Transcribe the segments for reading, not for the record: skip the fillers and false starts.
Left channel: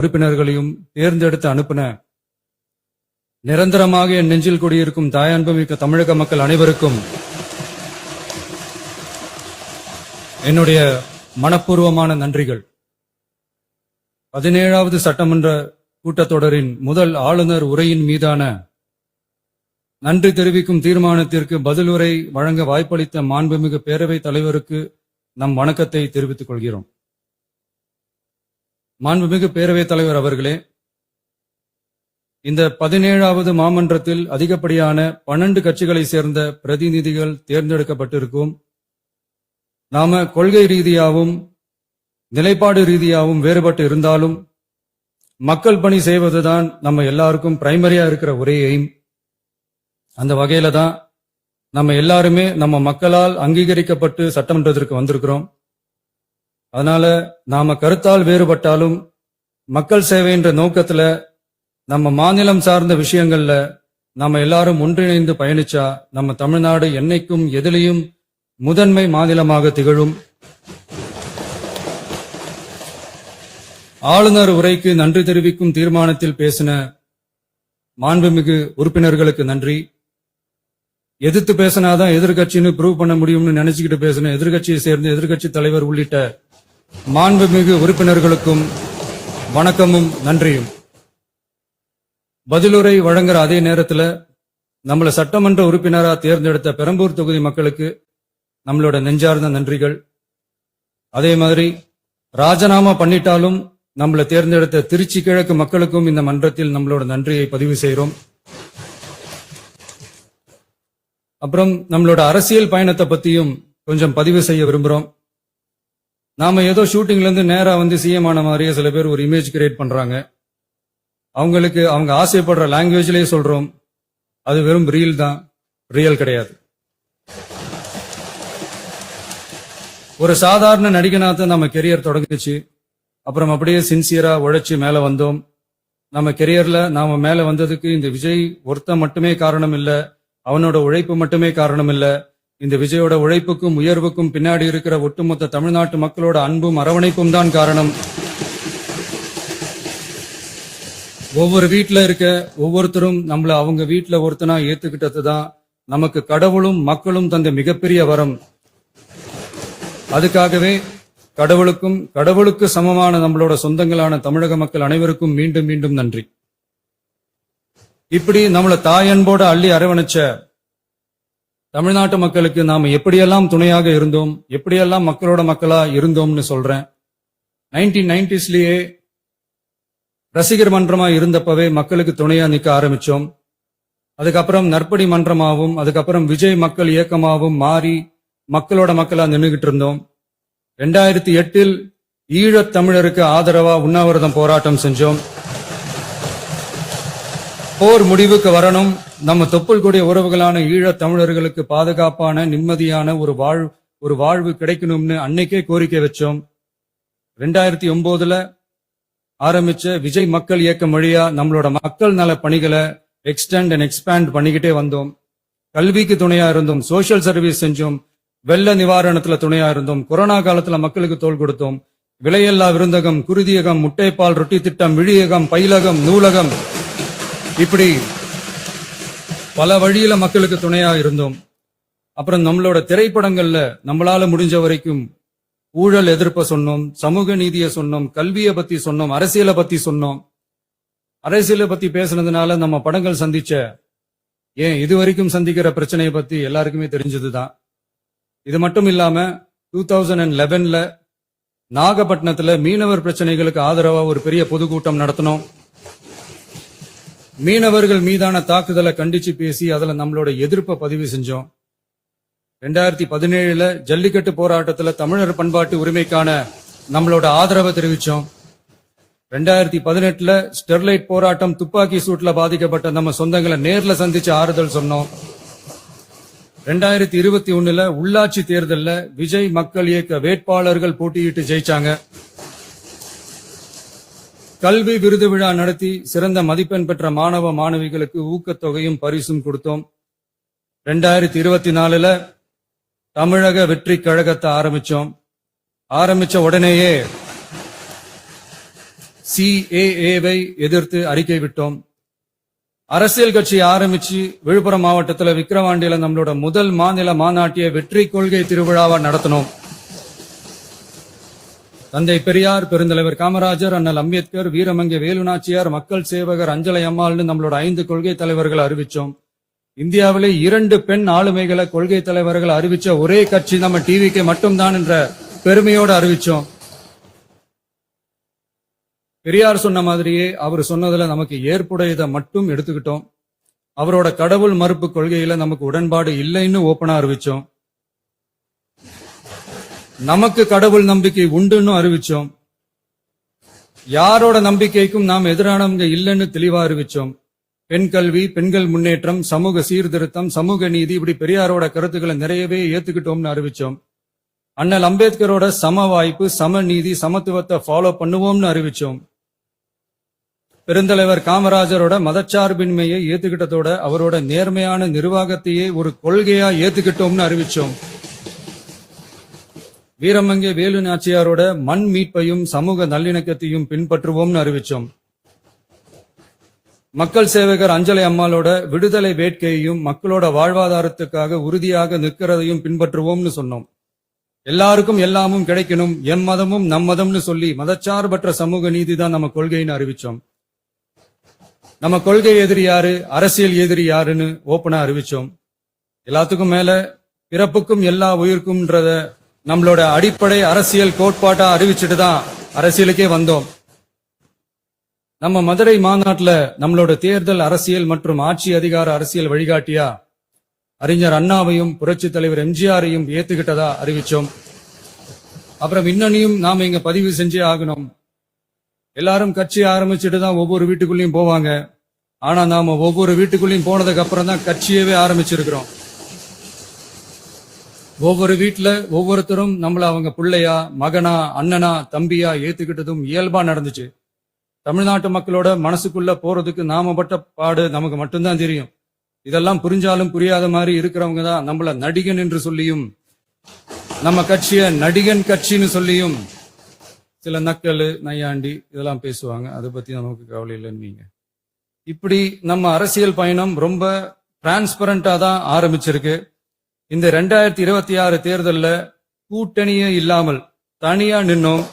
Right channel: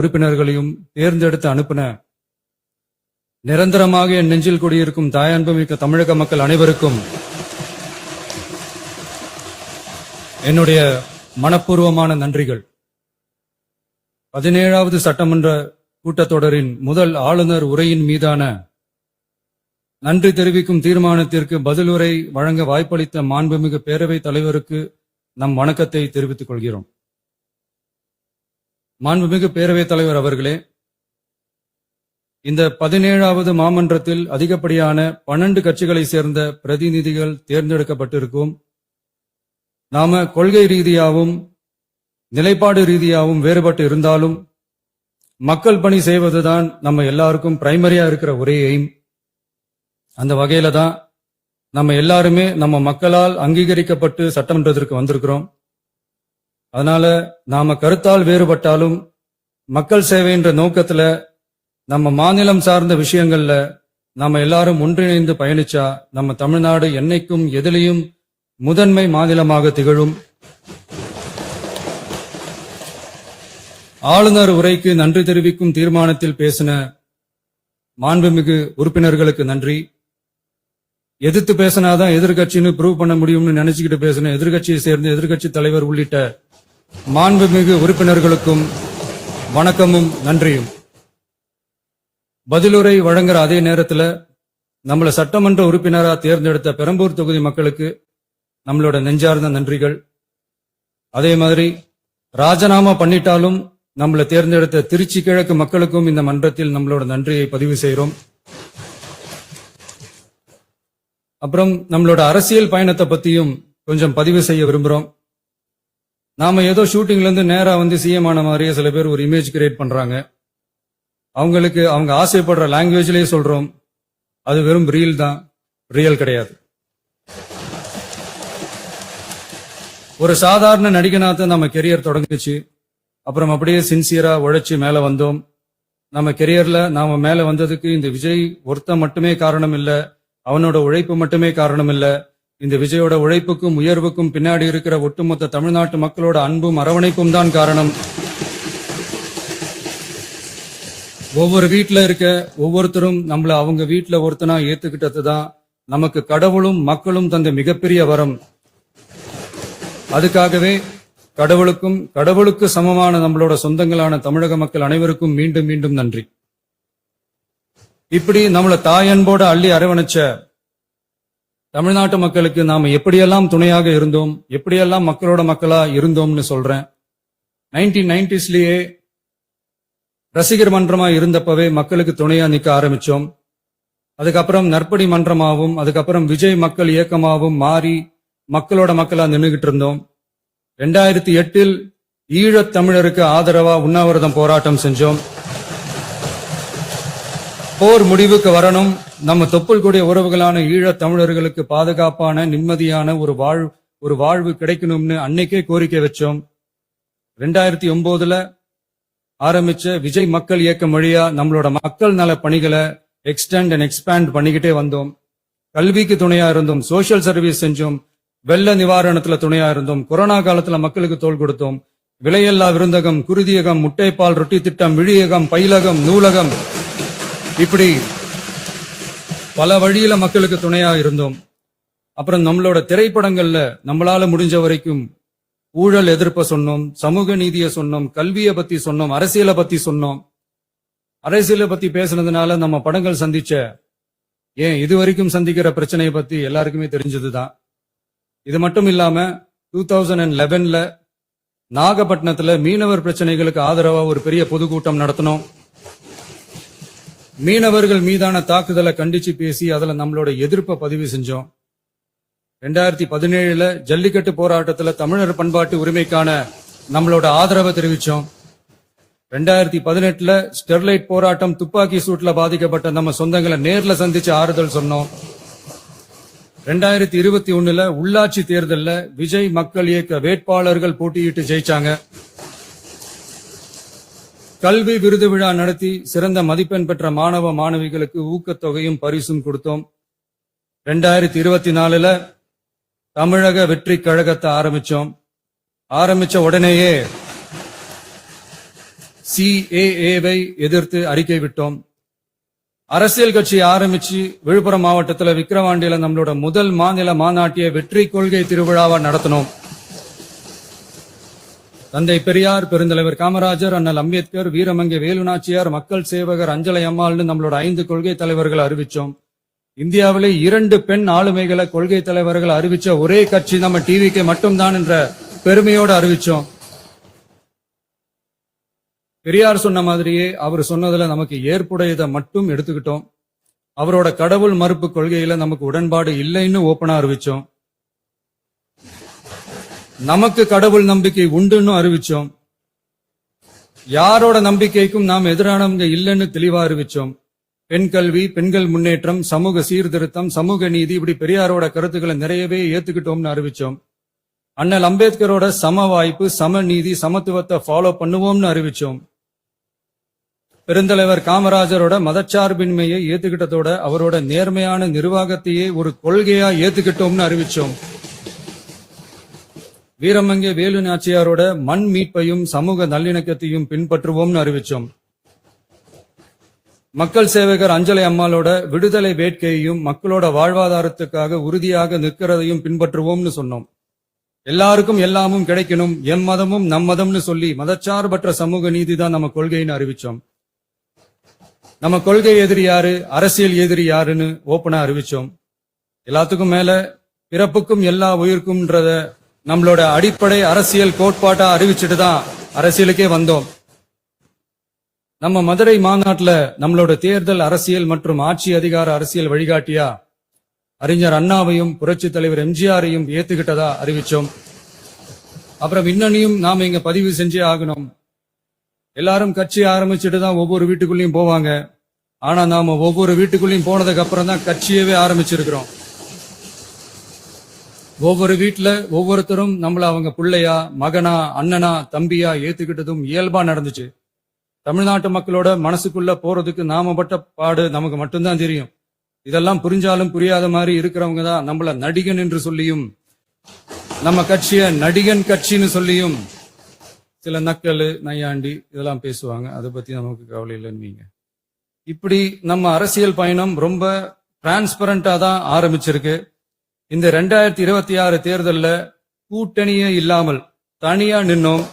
உறுப்பினர்களையும் தேர்ந்தெடுத்து அனுப்பின நிரந்தரமாக என் நெஞ்சில் குடியிருக்கும் தாயன்புமிக்க தமிழக மக்கள் அனைவருக்கும் என்னுடைய மனப்பூர்வமான நன்றிகள். 17வது சட்டமன்ற கூட்டத்தொடரின் முதல் ஆளுநர் உரையின் மீதான நன்றி தெரிவிக்கும் தீர்மானத்திற்கு பதிலுரை வழங்க வாய்ப்பளித்த மாண்புமிகு பேரவைத் தலைவருக்கு நம் வணக்கத்தை தெரிவித்துக் கொள்கிறோம். மாண்புமிகு பேரவைத் தலைவர் அவர்களே, இந்த 17வது மாமன்றத்தில் அதிகப்படியான 12 கட்சிகளை சேர்ந்த பிரதிநிதிகள் தேர்ந்தெடுக்கப்பட்டிருக்கும். நாம கொள்கை ரீதியாகவும் நிலைப்பாடு ரீதியாகவும் வேறுபட்டு இருந்தாலும் மக்கள் பணி செய்வதுதான் நம்ம எல்லாருக்கும் பிரைமரியா இருக்கிற ஒரே எய்ம். அந்த வகையில தான் நம்ம எல்லாருமே நம்ம மக்களால் அங்கீகரிக்கப்பட்டு சட்டமன்றத்திற்கு வந்திருக்கிறோம். அதனால நாம கருத்தால் வேறுபட்டாலும் மக்கள் சேவை என்ற நோக்கத்துல நம்ம மாநிலம் சார்ந்த விஷயங்கள்ல நம்ம எல்லாரும் ஒன்றிணைந்து பயணிச்சா நம்ம தமிழ்நாடு என்னைக்கும் எதிலையும் முதன்மை மாநிலமாக திகழும். ஆளுநர் உரைக்கு நன்றி தெரிவிக்கும் தீர்மானத்தில் பேசின மாண்புமிகு உறுப்பினர்களுக்கு நன்றி. எதிர்த்து பேசினாதான் எதிர்கட்சின்னு ப்ரூவ் பண்ண முடியும்னு நினைச்சுக்கிட்டு பேசின எதிர்கட்சியை சேர்ந்த எதிர்கட்சி தலைவர் உள்ளிட்ட மாண்புமிகு உறுப்பினர்களுக்கும் வணக்கமும் நன்றியும். பதிலுரை வழங்குற அதே நேரத்தில் நம்மள சட்டமன்ற உறுப்பினரா தேர்ந்தெடுத்த பெரம்பூர் தொகுதி மக்களுக்கு நம்மளோட நெஞ்சார்ந்த நன்றிகள். அதே மாதிரி ராஜினாமா பண்ணிட்டாலும் நம்மளை தேர்ந்தெடுத்த திருச்சி கிழக்கு மக்களுக்கும் இந்த மன்றத்தில் நம்மளோட நன்றியை பதிவு செய்கிறோம். அப்புறம் நம்மளோட அரசியல் பயணத்தை பத்தியும் கொஞ்சம் பதிவு செய்ய விரும்புறோம். நாம ஏதோ ஷூட்டிங்ல இருந்து நேரா வந்து சிஎம் ஆன மாதிரியே சில பேர் ஒரு இமேஜ் கிரியேட் பண்றாங்க. அவங்களுக்கு அவங்க ஆசைப்படுற லாங்குவேஜ்லயே சொல்றோம், அது வெறும் ரீல் தான், ரியல் கிடையாது. ஒரு சாதாரண நடிகனாத்தான் நம்ம கெரியர் தொடங்குச்சு. அப்புறம் அப்படியே சின்சியரா உழைச்சு மேல வந்தோம். நம்ம கெரியர்ல நாம மேல வந்ததுக்கு இந்த விஜய் ஒருத்தன் மட்டுமே காரணம் இல்ல, அவனோட உழைப்பு மட்டுமே காரணம் இல்ல. இந்த விஜயோட உழைப்புக்கும் உயர்வுக்கும் பின்னாடி இருக்கிற ஒட்டுமொத்த தமிழ்நாட்டு மக்களோட அன்பும் அரவணைப்பும் தான் காரணம். ஒவ்வொரு வீட்டுல இருக்க ஒவ்வொருத்தரும் நம்மள அவங்க வீட்டுல ஒருத்தனா ஏத்துக்கிட்டதுதான் நமக்கு கடவுளும் மக்களும் தந்த மிகப்பெரிய வரம். அதுக்காகவே கடவுளுக்கு சமமான நம்மளோட சொந்தங்களான தமிழக மக்கள் அனைவருக்கும் மீண்டும் மீண்டும் நன்றி. இப்படி நம்மள தாயன்போட அள்ளி அரவணைச்ச தமிழ்நாட்டு மக்களுக்கு நாம எப்படியெல்லாம் துணையாக இருந்தோம், எப்படியெல்லாம் மக்களோட மக்களா இருந்தோம்னு சொல்றேன். 1990ஸ்லயே ரசிகர் மன்றமா இருந்தப்பவே மக்களுக்கு துணையா நிக்க ஆரம்பிச்சோம். அதுக்கப்புறம் நற்படி மன்றமாவும் அதுக்கப்புறம் விஜய் மக்கள் இயக்கமாவும் மாறி மக்களோட மக்களா நின்றுகிட்டு இருந்தோம். 2008 ஈழத் தமிழருக்கு ஆதரவா உண்ணாவிரதம் போராட்டம் செஞ்சோம். போர் முடிவுக்கு வரணும், நம்ம தொப்புள் கூடிய உறவுகளான ஈழத் தமிழர்களுக்கு பாதுகாப்பான நிம்மதியான ஒரு வாழ்வு கிடைக்கணும்னு அன்னைக்கே கோரிக்கை வச்சோம். 2009 ஆரம்பிச்ச விஜய் மக்கள் இயக்கம் வழியா நம்மளோட மக்கள் நல பணிகளை எக்ஸ்டெண்ட் அண்ட் எக்ஸ்பேண்ட் பண்ணிக்கிட்டே வந்தோம். கல்விக்கு துணையா இருந்தோம், சோசியல் சர்வீஸ் செஞ்சோம், வெள்ள நிவாரணத்துல துணையா இருந்தோம், கொரோனா காலத்துல மக்களுக்கு தோள் கொடுத்தோம், விலையில்லா விருந்தகம், குருதியகம், முட்டைப்பால் ரொட்டி திட்டம், விழியகம், பயிலகம், நூலகம், இப்படி பல வழியில மக்களுக்கு துணையா இருந்தோம். அப்புறம் நம்மளோட திரைப்படங்கள்ல நம்மளால முடிஞ்ச வரைக்கும் ஊழல் எதிர்ப்ப சொன்னோம், சமூக நீதியை சொன்னோம், கல்வியை பத்தி சொன்னோம், அரசியலை பத்தி சொன்னோம். அரசியலை பத்தி பேசுனதுனால நம்ம படங்கள் சந்திச்ச இதுவரைக்கும் சந்திக்கிற பிரச்சனையை பத்தி எல்லாருக்குமே தெரிஞ்சதுதான். இது மட்டும் இல்லாம 2011 நாகப்பட்டினத்துல மீனவர் பிரச்சனைகளுக்கு ஆதரவா ஒரு பெரிய பொதுக்கூட்டம் நடத்தினோம். மீனவர்கள் மீதான தாக்குதலை கண்டிச்சு பேசி அதுல நம்மளோட எதிர்ப்பை பதிவு செஞ்சோம். 2017 ஜல்லிக்கட்டு போராட்டத்துல தமிழர் பண்பாட்டு உரிமைக்கான நம்மளோட ஆதரவை தெரிவிச்சோம். 2018 ஸ்டெர்லைட் போராட்டம், துப்பாக்கி சூட்ல பாதிக்கப்பட்ட நம்ம சொந்தங்களை நேர்ல சந்திச்சு ஆறுதல் சொன்னோம். 2021 உள்ளாட்சி தேர்தல்ல விஜய் மக்கள் இயக்க வேட்பாளர்கள் போட்டியிட்டு ஜெயிச்சாங்க. கல்வி விருது விழா நடத்தி சிறந்த மதிப்பெண் பெற்ற மாணவ மாணவிகளுக்கு ஊக்கத்தொகையும் பரிசும் கொடுத்தோம். 2024 தமிழக வெற்றி கழகத்தை ஆரம்பிச்ச உடனேயே CAA-வை எதிர்த்து அறிக்கை விட்டோம். அரசியல் கட்சி ஆரம்பிச்சு விழுப்புரம் மாவட்டத்துல விக்கிரவாண்டியில நம்மளோட முதல் மாநில மாநாட்டிய வெற்றி கொள்கை திருவிழாவை நடத்தினோம். தந்தை பெரியார், பெருந்தலைவர் காமராஜர், அண்ணல் அம்பேத்கர், வீரமங்கை வேலுநாச்சியார், மக்கள் சேவகர் அஞ்சலை அம்மாள்னு நம்மளோட 5 கொள்கை தலைவர்களை அறிவிச்சோம். இந்தியாவிலே 2 பெண் ஆளுமைகளை கொள்கை தலைவர்கள் அறிவிச்ச ஒரே கட்சி நம்ம டிவிக்கு மட்டும்தான் என்ற பெருமையோடு அறிவிச்சோம். பெரியார் சொன்ன மாதிரியே அவர் சொன்னதுல நமக்கு ஏற்புடையதை மட்டும் எடுத்துக்கிட்டோம். அவரோட கடவுள் மறுப்பு கொள்கையில நமக்கு உடன்பாடு இல்லைன்னு ஓப்பனா அறிவிச்சோம். நமக்கு கடவுள் நம்பிக்கை உண்டுன்னு அறிவிச்சோம். யாரோட நம்பிக்கைக்கும் நாம் எதிரானவங்க இல்லைன்னு தெளிவா அறிவிச்சோம். பெண் கல்வி, பெண்கள் முன்னேற்றம், சமூக சீர்திருத்தம், சமூக நீதி, இப்படி பெரியாரோட கருத்துக்களை நிறையவே ஏத்துக்கிட்டோம்னு அறிவிச்சோம். அண்ணல் அம்பேத்கரோட சம வாய்ப்பு, சம நீதி, சமத்துவத்தை ஃபாலோ பண்ணுவோம்னு அறிவிச்சோம். பெருந்தலைவர் காமராஜரோட மதச்சார்பின்மையை ஏத்துக்கிட்டதோட அவரோட நேர்மையான நிர்வாகத்தையே ஒரு கொள்கையா ஏத்துக்கிட்டோம்னு அறிவிச்சோம். வீரமங்கை வேலு நாச்சியாரோட மண் மீட்பையும் சமூக நல்லிணக்கத்தையும் பின்பற்றுவோம்னு அறிவிச்சோம். மக்கள் சேவகர் அஞ்சலை அம்மாளோட விடுதலை வேட்கையையும் மக்களோட வாழ்வாதாரத்துக்காக உறுதியாக நிற்கிறதையும் பின்பற்றுவோம்னு சொன்னோம். எல்லாருக்கும் எல்லாமும் கிடைக்கணும், எம் மதமும் நம் மதம்னு சொல்லி மதச்சார்பற்ற சமூக நீதி தான் நம்ம கொள்கைன்னு அறிவிச்சோம். நம்ம கொள்கை எதிரி யாரு, அரசியல் எதிரி யாருன்னு ஓப்பனா அறிவிச்சோம். எல்லாத்துக்கும் மேல பிறப்புக்கும் எல்லா உயிருக்கும்ன்றத நம்மளோட அடிப்படை அரசியல் கோட்பாட்டா அறிவிச்சுட்டு தான் அரசியலுக்கே வந்தோம். நம்ம மதுரை மாநாட்டுல நம்மளோட தேர்தல் அரசியல் மற்றும் ஆட்சி அதிகார அரசியல் வழிகாட்டியா அறிஞர் அண்ணாவையும் புரட்சி தலைவர் எம்ஜிஆரையும் ஏத்துக்கிட்டதா அறிவிச்சோம். அப்புறம் இன்னனையும் நாம இங்க பதிவு செஞ்சே ஆகணும். எல்லாரும் கட்சி ஆரம்பிச்சுட்டு தான் ஒவ்வொரு வீட்டுக்குள்ளேயும் போவாங்க. ஆனா நாம ஒவ்வொரு வீட்டுக்குள்ளேயும் போனதுக்கு அப்புறம் தான் கட்சியவே ஆரம்பிச்சிருக்கிறோம். ஒவ்வொரு வீட்டுல ஒவ்வொருத்தரும் நம்மள அவங்க பிள்ளையா, மகனா, அண்ணனா, தம்பியா ஏத்துக்கிட்டதும் இயல்பா நடந்துச்சு. தமிழ்நாட்டு மக்களோட மனசுக்குள்ள போறதுக்கு நாம பட்ட பாடு நமக்கு மட்டும்தான் தெரியும். இதெல்லாம் புரிஞ்சாலும் புரியாத மாதிரி இருக்கிறவங்க தான் நம்மள நடிகன் என்று சொல்லியும் நம்ம கட்சிய நடிகன் கட்சின்னு சொல்லியும் சில நக்கல், நையாண்டி இதெல்லாம் பேசுவாங்க. அதை பத்தி நமக்கு கவலை இல்லைன்னு. இப்படி நம்ம அரசியல் பயணம் ரொம்ப டிரான்ஸ்பரண்டா தான் ஆரம்பிச்சிருக்கு. இந்த 2026 தேர்தல்ல கூட்டணியே இல்லாமல் தனியா நின்னோம்.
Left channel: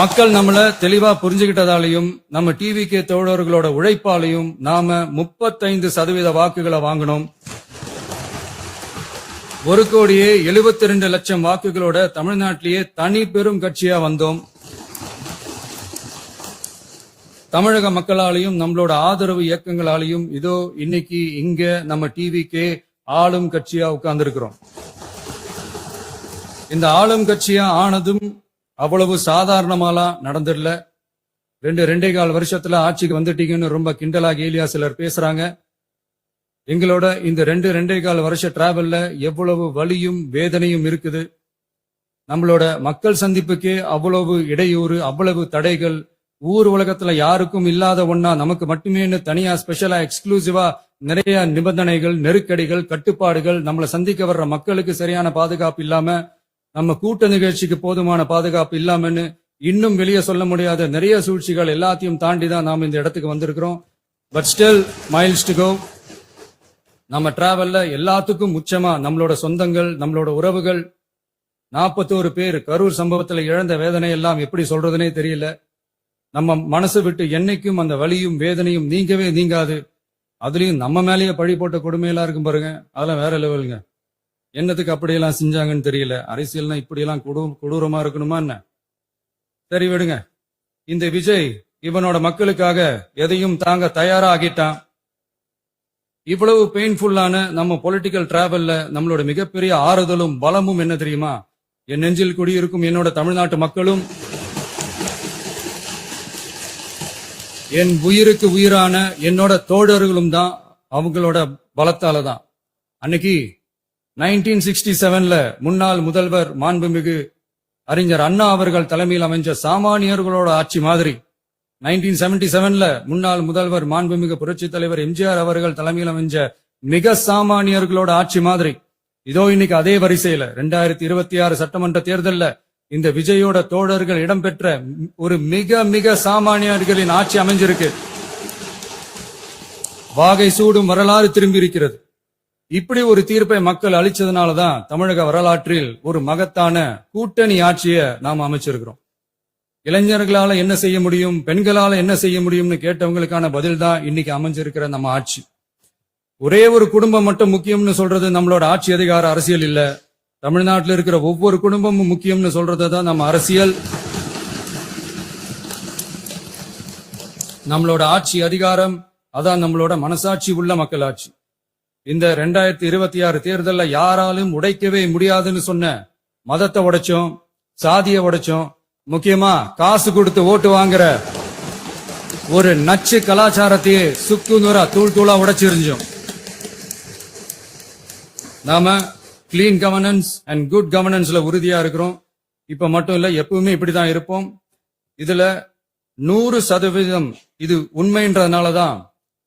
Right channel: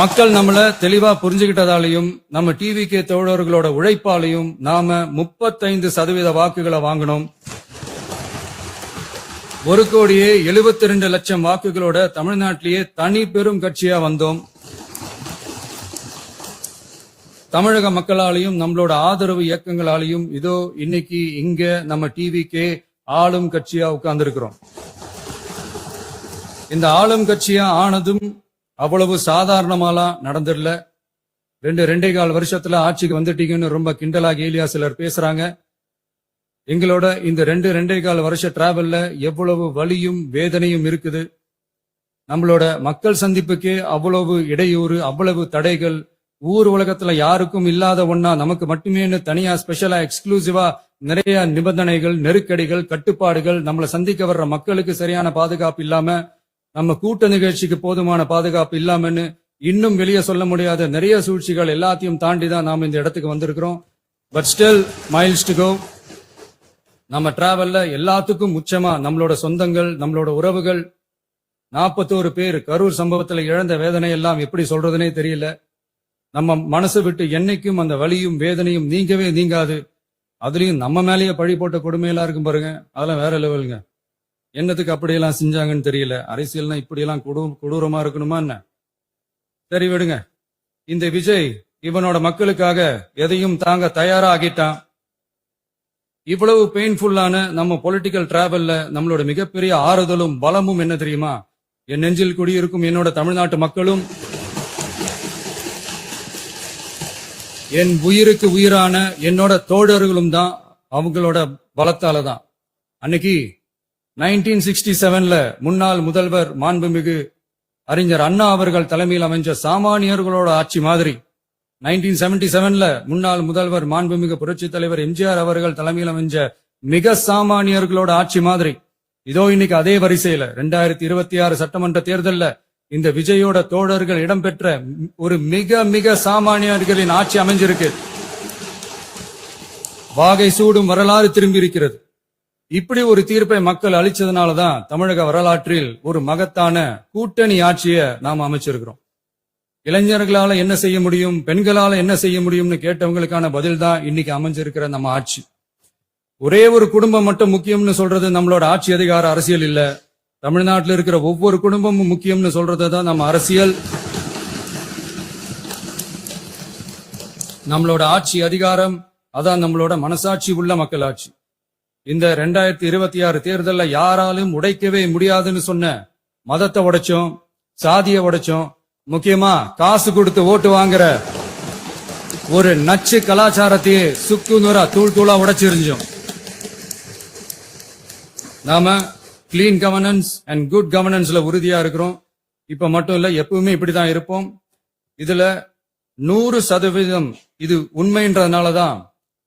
மக்கள் நம்மள தெளிவா புரிஞ்சுகிட்டதாலையும் நம்ம டிவிகே தோழர்களோட உழைப்பாலையும் நாம 35% வாக்குகளை வாங்கினோம். 1,72,00,000 வாக்குகளோட தமிழ்நாட்டிலேயே தனி பெரும் கட்சியா வந்தோம். தமிழக மக்களாலையும் நம்மளோட ஆதரவு இயக்கங்களாலையும் இதோ இன்னைக்கு இங்க நம்ம டிவிகே ஆளும் கட்சியா உட்கார்ந்திருக்கிறோம். இந்த ஆளும் கட்சியா ஆனதும் அவ்வளவு சாதாரணமாலாம் நடந்துடல. 2.25 வருஷத்துல ஆட்சிக்கு வந்துட்டீங்கன்னு ரொம்ப கிண்டலா கேலியா சிலர் பேசுறாங்க. எங்களோட இந்த 2.25 வருஷ டிராவல்ல எவ்வளவு வலியும் வேதனையும் இருக்குது. நம்மளோட மக்கள் சந்திப்புக்கே அவ்வளவு இடையூறு, அவ்வளவு தடைகள், ஊர் உலகத்துல யாருக்கும் இல்லாத ஒன்னா நமக்கு மட்டுமே தனியா ஸ்பெஷலா எக்ஸ்க்ளூசிவா நிறைய நிபந்தனைகள், நெருக்கடிகள், கட்டுப்பாடுகள், நம்மளை சந்திக்க வர்ற மக்களுக்கு சரியான பாதுகாப்பு இல்லாம, நம்ம கூட்ட நிகழ்ச்சிக்கு போதுமான பாதுகாப்பு இல்லாமன்னு இன்னும் வெளியே சொல்ல முடியாத நிறைய சூழ்ச்சிகள் எல்லாத்தையும் தாண்டி தான் நாம இந்த இடத்துக்கு வந்திருக்கிறோம். But still miles to go. நம்ம டிராவல்ல எல்லாத்துக்கும் முக்கியமா நம்மளோட சொந்தங்கள், நம்மளோட உறவுகள், 41 பேர் கரூர் சம்பவத்துல இழந்த வேதனை எல்லாம் எப்படி சொல்றதுனே தெரியல. நம்ம மனசு விட்டு என்னைக்கும் அந்த வலியும் வேதனையும் நீங்கவே நீங்காது. அதுலயும் நம்ம மேலேயே பழி போட்ட கொடுமையெல்லாம் இருக்கும் பாருங்க, அதெல்லாம் வேற லெவலுங்க. என்னத்துக்கு அப்படியெல்லாம் செஞ்சாங்கன்னு தெரியல. அரசியல்னா இப்படியெல்லாம் கொடூரமா இருக்கணுமா என்ன? சரி விடுங்க. இந்த விஜய் இவனோட மக்களுக்காக எதையும் தாங்க தயாரா ஆகிட்டான். இவ்வளவு பெயின்ஃபுல்லான நம்ம பொலிட்டிக்கல் டிராவல்ல நம்மளோட மிகப்பெரிய ஆறுதலும் பலமும் என்ன தெரியுமா? என் நெஞ்சில் குடியிருக்கும் என்னோட தமிழ்நாட்டு மக்களும், என் உயிருக்கு உயிரான என்னோட தோழர்களும் தான். அவங்களோட பலத்தால தான். அன்னைக்கு 1967ல முன்னாள் முதல்வர் மாண்புமிகு அறிஞர் அண்ணா அவர்கள் தலைமையில் அமைஞ்ச சாமானியர்களோட ஆட்சி மாதிரி, 1977ல முன்னாள் முதல்வர் மாண்புமிகு புரட்சி தலைவர் எம்ஜிஆர் அவர்கள் தலைமையில் அமைஞ்ச மிக சாமானியர்களோட ஆட்சி மாதிரி, இதோ இன்னைக்கு அதே வரிசையில 2026 சட்டமன்ற தேர்தல்ல இந்த விஜயோட தோழர்கள் இடம்பெற்ற ஒரு மிக மிக சாமானியர்களின் ஆட்சி அமைஞ்சிருக்கு. வாகை சூடும் வரலாறு திரும்பி இருக்கிறது. இப்படி ஒரு தீர்ப்பை மக்கள் அளிச்சதுனாலதான் தமிழக வரலாற்றில் ஒரு மகத்தான கூட்டணி ஆட்சியை நாம் அமைச்சிருக்கிறோம். இளைஞர்களால என்ன செய்ய முடியும், பெண்களால என்ன செய்ய முடியும்னு கேட்டவங்களுக்கான பதில் தான் இன்னைக்கு அமைஞ்சிருக்கிற நம்ம ஆட்சி. ஒரே ஒரு குடும்பம் மட்டும் முக்கியம்னு சொல்றது நம்மளோட ஆட்சி அதிகார அரசியல் இல்ல. தமிழ்நாட்டில் இருக்கிற ஒவ்வொரு குடும்பமும் முக்கியம்னு சொல்றதுதான் நம்ம அரசியல். நம்மளோட ஆட்சி அதிகாரம் அதான் நம்மளோட மனசாட்சி உள்ள மக்களாட்சி. இந்த 2026 தேர்தல்ல யாராலும் உடைக்கவே முடியாதுன்னு சொன்ன மதத்தை உடைச்சோம், சாதியை உடைச்சோம், முக்கியமா காசு கொடுத்து ஓட்டு வாங்குற ஒரு நச்சு கலாச்சாரத்தையே சுக்கு நூறா தூள் தூளா உடைச்சிருந்தோம். நாம கிளீன் கவர்னன்ஸ் அண்ட் குட் கவர்னன்ஸ்ல உறுதியா இருக்கிறோம். இப்ப மட்டும் இல்ல, எப்பவுமே இப்படிதான் இருப்போம். இதுல 100% இது உண்மைன்றதுனாலதான்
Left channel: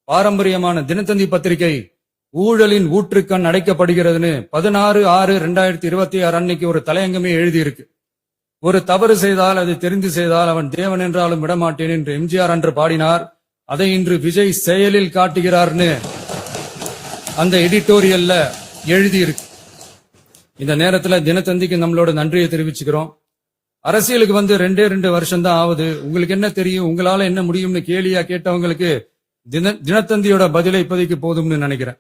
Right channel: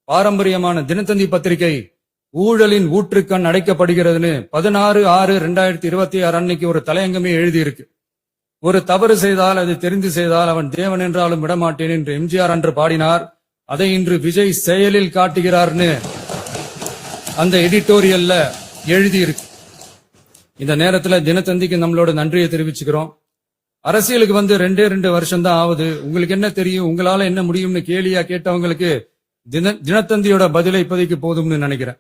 பாரம்பரியமான தினத்தந்தி பத்திரிகை ஊழலின் ஊற்றுக்கண் அடைக்கப்படுகிறதுன்னு 16/6/2026 அன்னைக்கு ஒரு தலையங்கமே எழுதியிருக்கு. ஒரு தவறு செய்தால் அது தெரிந்து செய்தால் அவன் தேவன் என்றாலும் விடமாட்டேன் என்று எம்ஜிஆர் அன்று பாடினார். அதை இன்று விஜய் செயலில் காட்டுகிறார்னு அந்த எடிட்டோரியல்ல எழுதியிருக்கு. இந்த நேரத்துல தினத்தந்திக்கு நம்மளோட நன்றியை தெரிவிச்சுக்கிறோம். அரசியலுக்கு வந்து 2 வருஷம் தான் ஆகுது. உங்களுக்கு என்ன தெரியும், உங்களால என்ன முடியும்னு கேலியா கேட்டவங்களுக்கு தினத்தந்தியோட பதிலை இப்போதைக்கு போதும்னு நினைக்கிறேன்.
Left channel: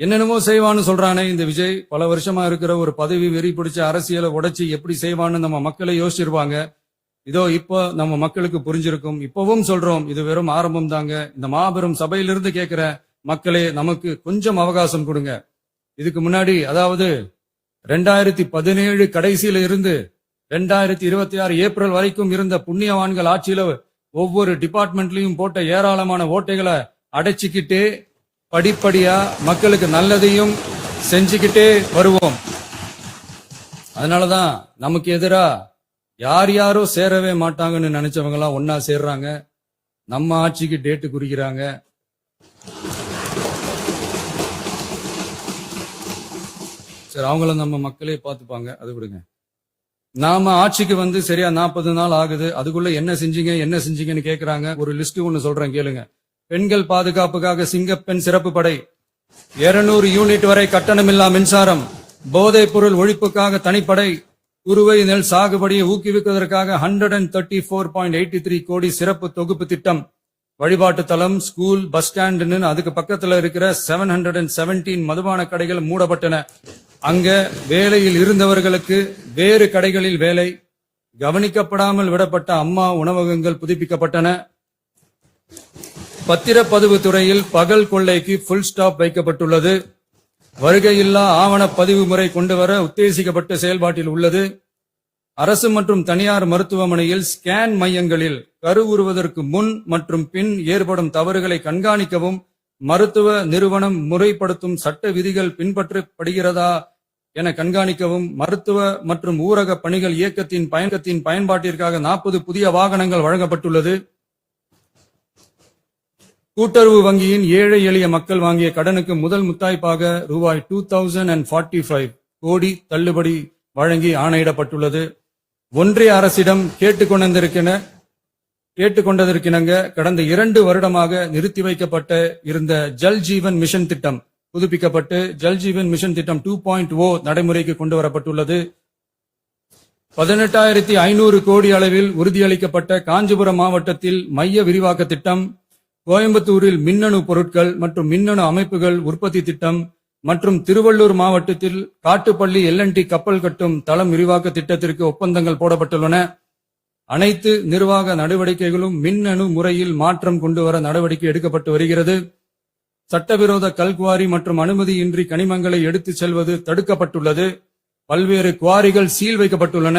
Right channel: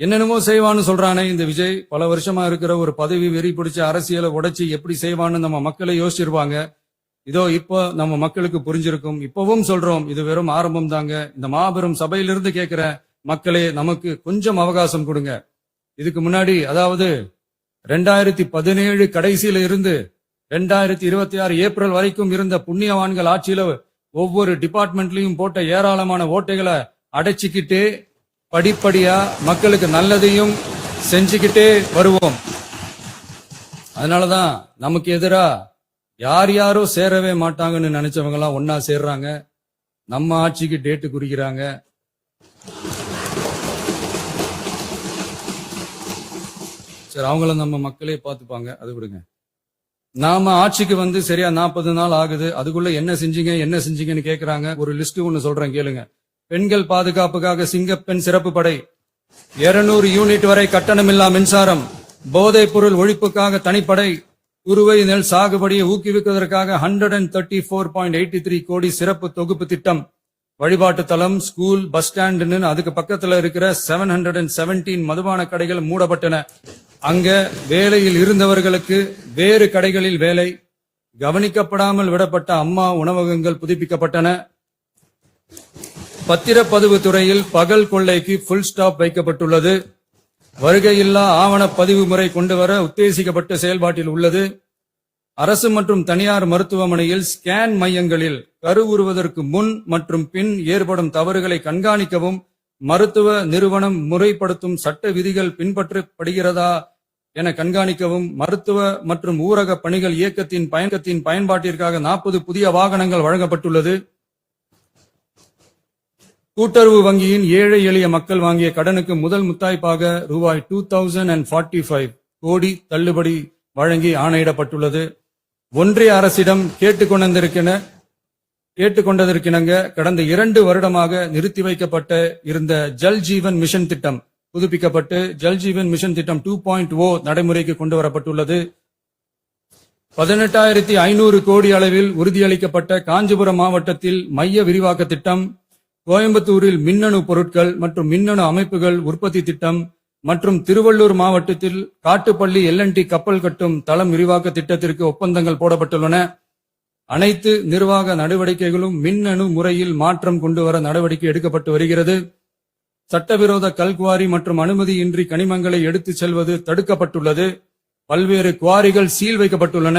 என்னென்னமோ செய்வான்னு சொல்றானே இந்த விஜய், பல வருஷமா இருக்கிற ஒரு பதவி வெறி பிடிச்ச அரசியலை உடைச்சு எப்படி செய்வான்னு நம்ம மக்களை யோசிச்சிருவாங்க. இதோ இப்போ நம்ம மக்களுக்கு புரிஞ்சிருக்கும். இப்பவும் சொல்றோம், இது வெறும் ஆரம்பம் தாங்க. இந்த மாபெரும் சபையிலிருந்து கேட்கிற மக்களே, நமக்கு கொஞ்சம் அவகாசம் கொடுங்க. இதுக்கு முன்னாடி, அதாவது 2017 கடைசியில இருந்து 2026 ஏப்ரல் வரைக்கும் இருந்த புண்ணியவான்கள் ஆட்சியில ஒவ்வொரு டிபார்ட்மெண்ட்லயும் போட்ட ஏராளமான ஓட்டைகளை அடைச்சிக்கிட்டே படிப்படியா மக்களுக்கு நல்லதையும் செஞ்சுக்கிட்டே வருவோம். அதனாலதான் நமக்கு எதிரா யார் யாரோ சேரவே மாட்டாங்கன்னு நினைச்சவங்க எல்லாம் ஒன்னா சேர்றாங்க. நம்ம ஆட்சிக்கு டேட்டு குறிக்கிறாங்க. சரி, அவங்கள நம்ம மக்களே பார்த்துப்பாங்க, அது விடுங்க. நாம ஆட்சிக்கு வந்து சரியா 40 நாள் ஆகுது. அதுக்குள்ள என்ன செஞ்சீங்கன்னு கேக்குறாங்க. ஒரு லிஸ்ட் ஒன்னு சொல்றேன் கேளுங்க. பெண்கள் பாதுகாப்புக்காக சிங்கப்பெண் சிறப்பு படை, 200 யூனிட் வரை கட்டணமில்லா மின்சாரம், போதைப் பொருள் ஒழிப்புக்காக தனிப்படை, குறுவை நெல் சாகுபடியை ஊக்குவிப்பதற்காக 134.83 கோடி சிறப்பு தொகுப்பு திட்டம், வழிபாட்டு தலம், ஸ்கூல், பஸ் ஸ்டாண்ட், அதுக்கு பக்கத்துல இருக்கிற 717 மதுபான கடைகள் மூடப்பட்டன. அங்க வேலையில் இருந்தவர்களுக்கு வேறு கடைகளில் வேலை, கவனிக்கப்படாமல் விடப்பட்ட அம்மா உணவகங்கள் புதுப்பிக்கப்பட்டன. பத்திரப்பதிவு துறையில் பகல் கொள்ளைக்கு புல் ஸ்டாப் வைக்கப்பட்டுள்ளது. வருகையில்லா ஆவண பதிவு முறை கொண்டுவர உத்தேசிக்கப்பட்ட செயல்பாட்டில் உள்ளது. அரசு மற்றும் தனியார் மருத்துவமனையில் ஸ்கேன் மையங்களில் கருவுறுவதற்கு முன் மற்றும் பின் ஏற்படும் தவறுகளை கண்காணிக்கவும் மருத்துவ நிறுவனம் முறைப்படுத்தும் சட்ட விதிகள் பின்பற்றப்படுகிறதா என கண்காணிக்கவும் மருத்துவ மற்றும் ஊரக பணிகள் இயக்கத்தின் பயன்பாட்டிற்காக 40 புதிய வாகனங்கள் வழங்கப்பட்டுள்ளது. கூட்டுறவு வங்கியின் ஏழை எளிய மக்கள் வாங்கிய கடனுக்கு முதல் முத்தாய்ப்பாக ரூபாய் 2045 கோடி தள்ளுபடி வழங்கி ஆணையிடப்பட்டுள்ளது. ஒன்றிய அரசிடம் கேட்டுக்கொண்டதற்கிணங்க கடந்த 2 வருடமாக நிறுத்தி வைக்கப்பட்ட இருந்த ஜல் ஜீவன் மிஷன் திட்டம் புதுப்பிக்கப்பட்டு ஜல் ஜீவன் மிஷன் திட்டம் 2.0 நடைமுறைக்கு கொண்டு வரப்பட்டுள்ளது. 18,500 கோடி அளவில் உறுதியளிக்கப்பட்ட காஞ்சிபுரம் மாவட்டத்தில் மைய விரிவாக்க திட்டம், கோயம்புத்தூரில் மின்னணு பொருட்கள் மற்றும் மின்னணு அமைப்புகள் உற்பத்தி திட்டம் மற்றும் திருவள்ளூர் மாவட்டத்தில் காட்டுப்பள்ளி LNT கப்பல் கட்டும் தளம் விரிவாக்க திட்டத்திற்கு ஒப்பந்தங்கள் போடப்பட்டுள்ளன. அனைத்து நிர்வாக நடவடிக்கைகளும் மின்னணு முறையில் மாற்றம் கொண்டுவர நடவடிக்கை எடுக்கப்பட்டு வருகிறது. சட்டவிரோத கல்குவாரி மற்றும் அனுமதியின்றி கனிமங்களை எடுத்துச் செல்வது தடுக்கப்பட்டுள்ளது. பல்வேறு குவாரிகள் சீல் வைக்கப்பட்டுள்ளன.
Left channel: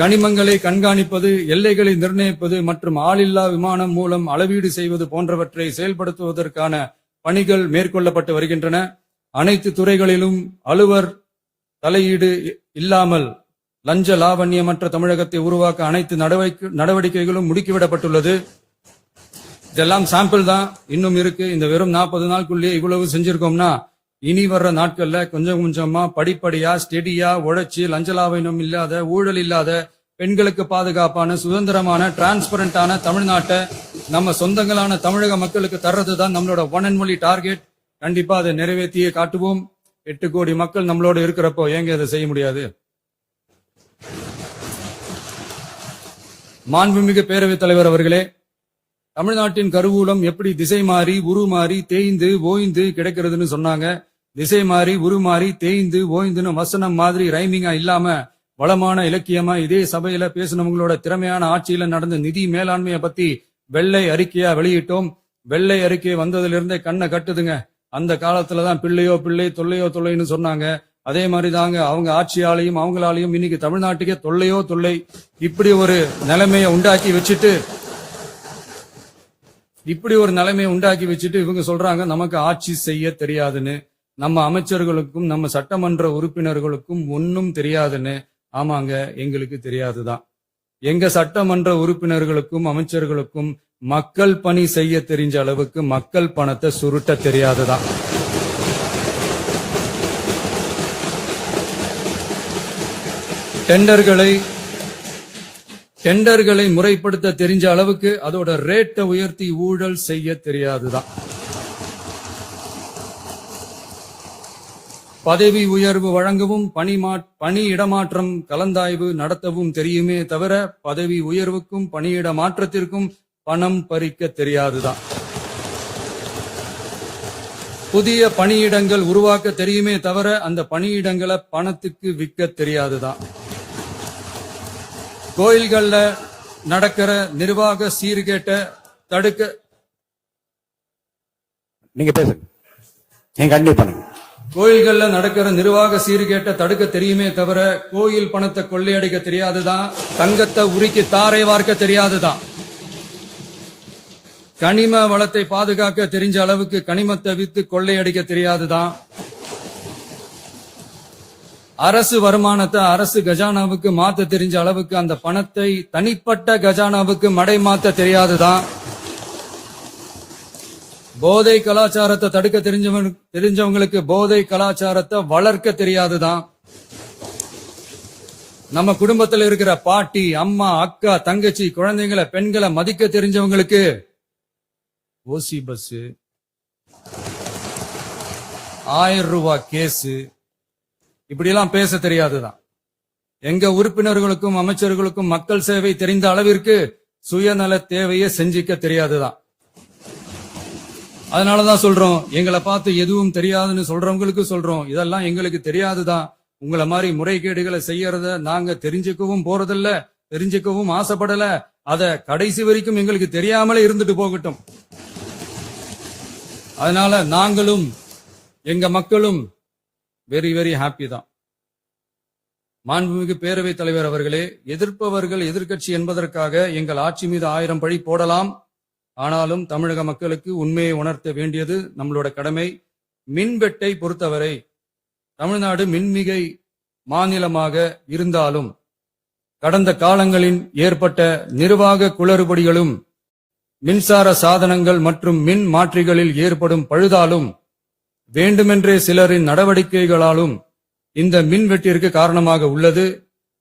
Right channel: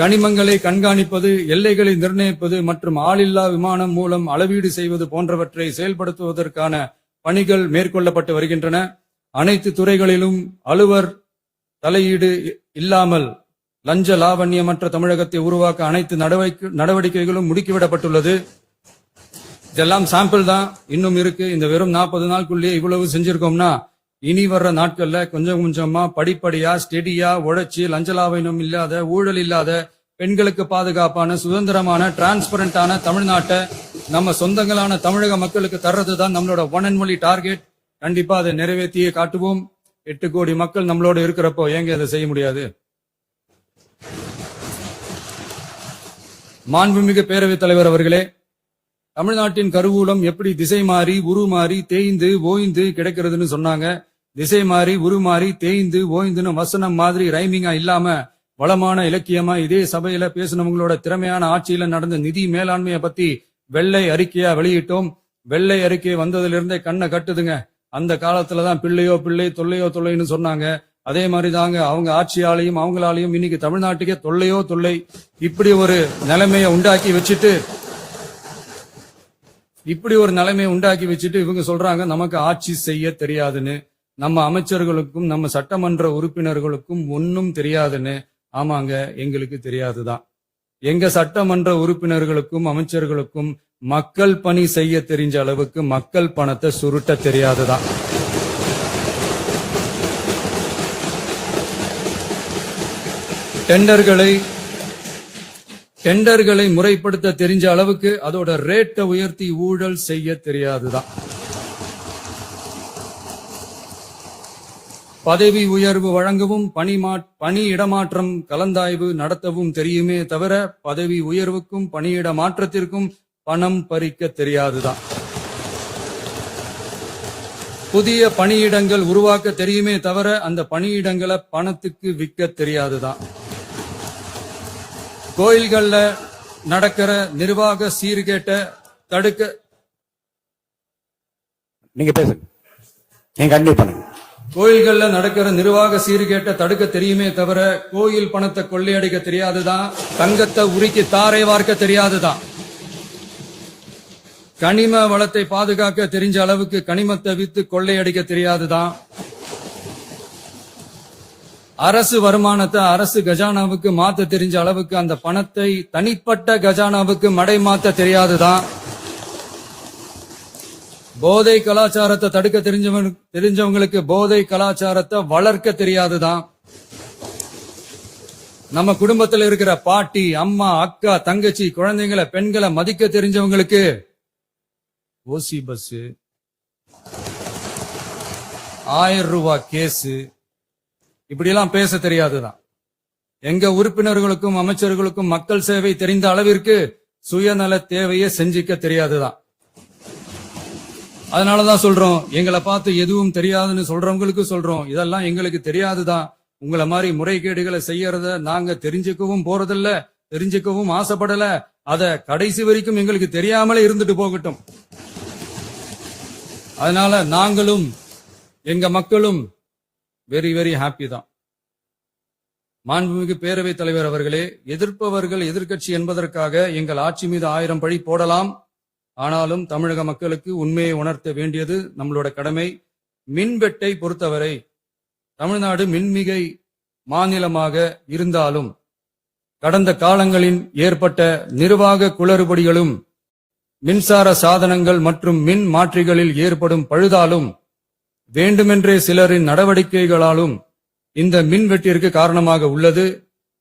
கனிமங்களை கண்காணிப்பது, எல்லைகளை நிர்ணயிப்பது மற்றும் ஆளில்லா விமானம் மூலம் அளவீடு செய்வது போன்றவற்றை செயல்படுத்துவதற்கான பணிகள் மேற்கொள்ளப்பட்டு வருகின்றன. அனைத்து துறைகளிலும் அலுவலர் தலையீடு இல்லாமல் லஞ்ச லாவண்யமற்ற தமிழகத்தை உருவாக்க அனைத்து நடவடிக்கைகளும் முடுக்கிவிடப்பட்டுள்ளது. இதெல்லாம் சாம்பிள் தான், இன்னும் இருக்கு. இந்த வெறும் 40 நாளுக்குள்ளேயே இவ்வளவு செஞ்சிருக்கோம்னா இனி வர்ற நாட்கள்ல கொஞ்சம் கொஞ்சமா படிப்படியா ஸ்டெடியா உழைச்சி லஞ்சலாவணம் இல்லாத ஊழல் இல்லாத பெண்களுக்கு பாதுகாப்பான சுதந்திரமான டிரான்ஸ்பரண்டான தமிழ்நாட்டை நம்ம சொந்தங்களான தமிழக மக்களுக்கு தர்றதுதான் நம்மளோட ஒன் அண்ட் ஒன்லி டார்கெட். கண்டிப்பா அதை நிறைவேற்றியே காட்டுவோம். 8 கோடி மக்கள் நம்மளோட இருக்கிறப்போ ஏங்க அதை செய்ய முடியாது? மாண்புமிகு பேரவைத் தலைவர் அவர்களே, தமிழ்நாட்டின் கருவூலம் எப்படி திசை மாறி உருமாறி தேய்ந்து ஓய்ந்து கிடைக்கிறதுன்னு சொன்னாங்க. திசை மாறி உருமாறி தேய்ந்து ஓய்ந்துன்னு வசனம் மாதிரி ரைமிங்கா இல்லாம வளமான இலக்கியமா இதே சபையில பேசினவங்களோட திறமையான ஆட்சியில நடந்த நிதி மேலாண்மையை பத்தி வெள்ளை அறிக்கையா வெளியிட்டோம். வெள்ளை அறிக்கை வந்ததிலிருந்தே கண்ணை கட்டுதுங்க. அந்த காலத்துலதான் பிள்ளையோ பிள்ளை தொல்லையோ தொல்லைன்னு சொன்னாங்க. அதே மாதிரி தாங்க அவங்க ஆட்சியாலையும் அவங்களாலையும் இன்னைக்கு தமிழ்நாட்டுக்கே தொல்லையோ தொல்லை. இப்படி ஒரு நிலைமையை உண்டாக்கி வச்சுட்டு இவங்க சொல்றாங்க நமக்கு ஆட்சி செய்ய தெரியாதுன்னு. நம்ம அமைச்சர்களுக்கும் நம்ம சட்டமன்ற உறுப்பினர்களுக்கும் ஒன்னும் தெரியாதுன்னு. ஆமாங்க, எங்களுக்கு தெரியாதுதான். எங்க சட்டமன்ற உறுப்பினர்களுக்கும் அமைச்சர்களுக்கும் மக்கள் பணி செய்ய தெரிஞ்ச அளவுக்கு மக்கள் பணத்தை சுருட்ட தெரியாதுதான். டெண்டர்களை முறைப்படுத்த தெரிஞ்ச அளவுக்கு அதோட ரேட்டை உயர்த்தி ஊழல் செய்ய தெரியாதுதான். பதவி உயர்வு வழங்கவும் பணி இடமாற்றம் கலந்தாய்வு நடத்தவும் தெரியுமே தவிர பதவி உயர்வுக்கும் பணியிட மாற்றத்திற்கும் பணம் பறிக்க தெரியாதுதான். புதிய பணியிடங்கள் உருவாக்க தெரியுமே தவிர அந்த பணியிடங்களை பணத்துக்கு விற்க தெரியாதுதான். கோயில்கள்ல நடக்கிற நிர்வாக சீர்கேட்டை தடுக்க நீங்க பேசுங்க. கோயில்கள்ல நடக்கிற நிர்வாக சீர்கேட்டை தடுக்க தெரியுமே தவிர கோயில் பணத்தை கொள்ளையடிக்க தெரியாதுதான். தங்கத்தை உருக்கி தாரை வார்க்க தெரியாதுதான். கனிம வளத்தை பாதுகாக்க தெரிஞ்ச அளவுக்கு கனிமத்தை வித்து கொள்ளையடிக்க தெரியாதுதான். அரசு வருமானத்தை அரசு கஜானாவுக்கு மாத்த தெரிஞ்ச அளவுக்கு அந்த பணத்தை தனிப்பட்ட கஜானாவுக்கு மடை மாத்த தெரியாதுதான். போதை கலாச்சாரத்தை தடுக்க தெரிஞ்சவங்களுக்கு போதை கலாச்சாரத்தை வளர்க்க தெரியாதுதான். நம்ம குடும்பத்துல இருக்கிற பாட்டி அம்மா அக்கா தங்கச்சி குழந்தைங்களை பெண்களை மதிக்க தெரிஞ்சவங்களுக்கு ஓசி பஸ் 1000 ரூபாய் கேஸ் இப்படி எல்லாம் பேச தெரியாதுதான். எங்க உறுப்பினர்களுக்கும் அமைச்சர்களுக்கும் மக்கள் சேவை தெரிந்த அளவிற்கு சுயநல தேவையை செஞ்சிக்க தெரியாதுதான். அதனாலதான் சொல்றோம், எங்களை பார்த்து எதுவும் தெரியாதுன்னு சொல்றவங்களுக்கு சொல்றோம், இதெல்லாம் எங்களுக்கு தெரியாதுதான். உங்களை மாதிரி முறைகேடுகளை செய்யறத நாங்க தெரிஞ்சுக்கவும் போறதில்ல, தெரிஞ்சுக்கவும் ஆசைப்படல. அத கடைசி வரைக்கும் எங்களுக்கு தெரியாமலே இருந்துட்டு போகட்டும். அதனால நாங்களும் எங்க மக்களும் வெரி வெரி ஹாப்பி தான். மாண்புமிகு பேரவைத் தலைவர் அவர்களே, எதிர்ப்பவர்கள் எதிர்க்கட்சி என்பதற்காக எங்கள் ஆட்சி மீது 1000 பழி போடலாம். ஆனாலும் தமிழக மக்களுக்கு உண்மையை உணர்த்த வேண்டியது நம்மளோட கடமை. மின்வெட்டை பொறுத்தவரை தமிழ்நாடு மின்மிகை மாநிலமாக இருந்தாலும் கடந்த காலங்களில் ஏற்பட்ட நிர்வாக குளறுபடிகளும் மின்சார சாதனங்கள் மற்றும் மின் மாற்றிகளில் ஏற்படும் பழுதாலும் வேண்டுமென்றே சிலரின் நடவடிக்கைகளாலும் இந்த மின்வெட்டிற்கு காரணமாக உள்ளது.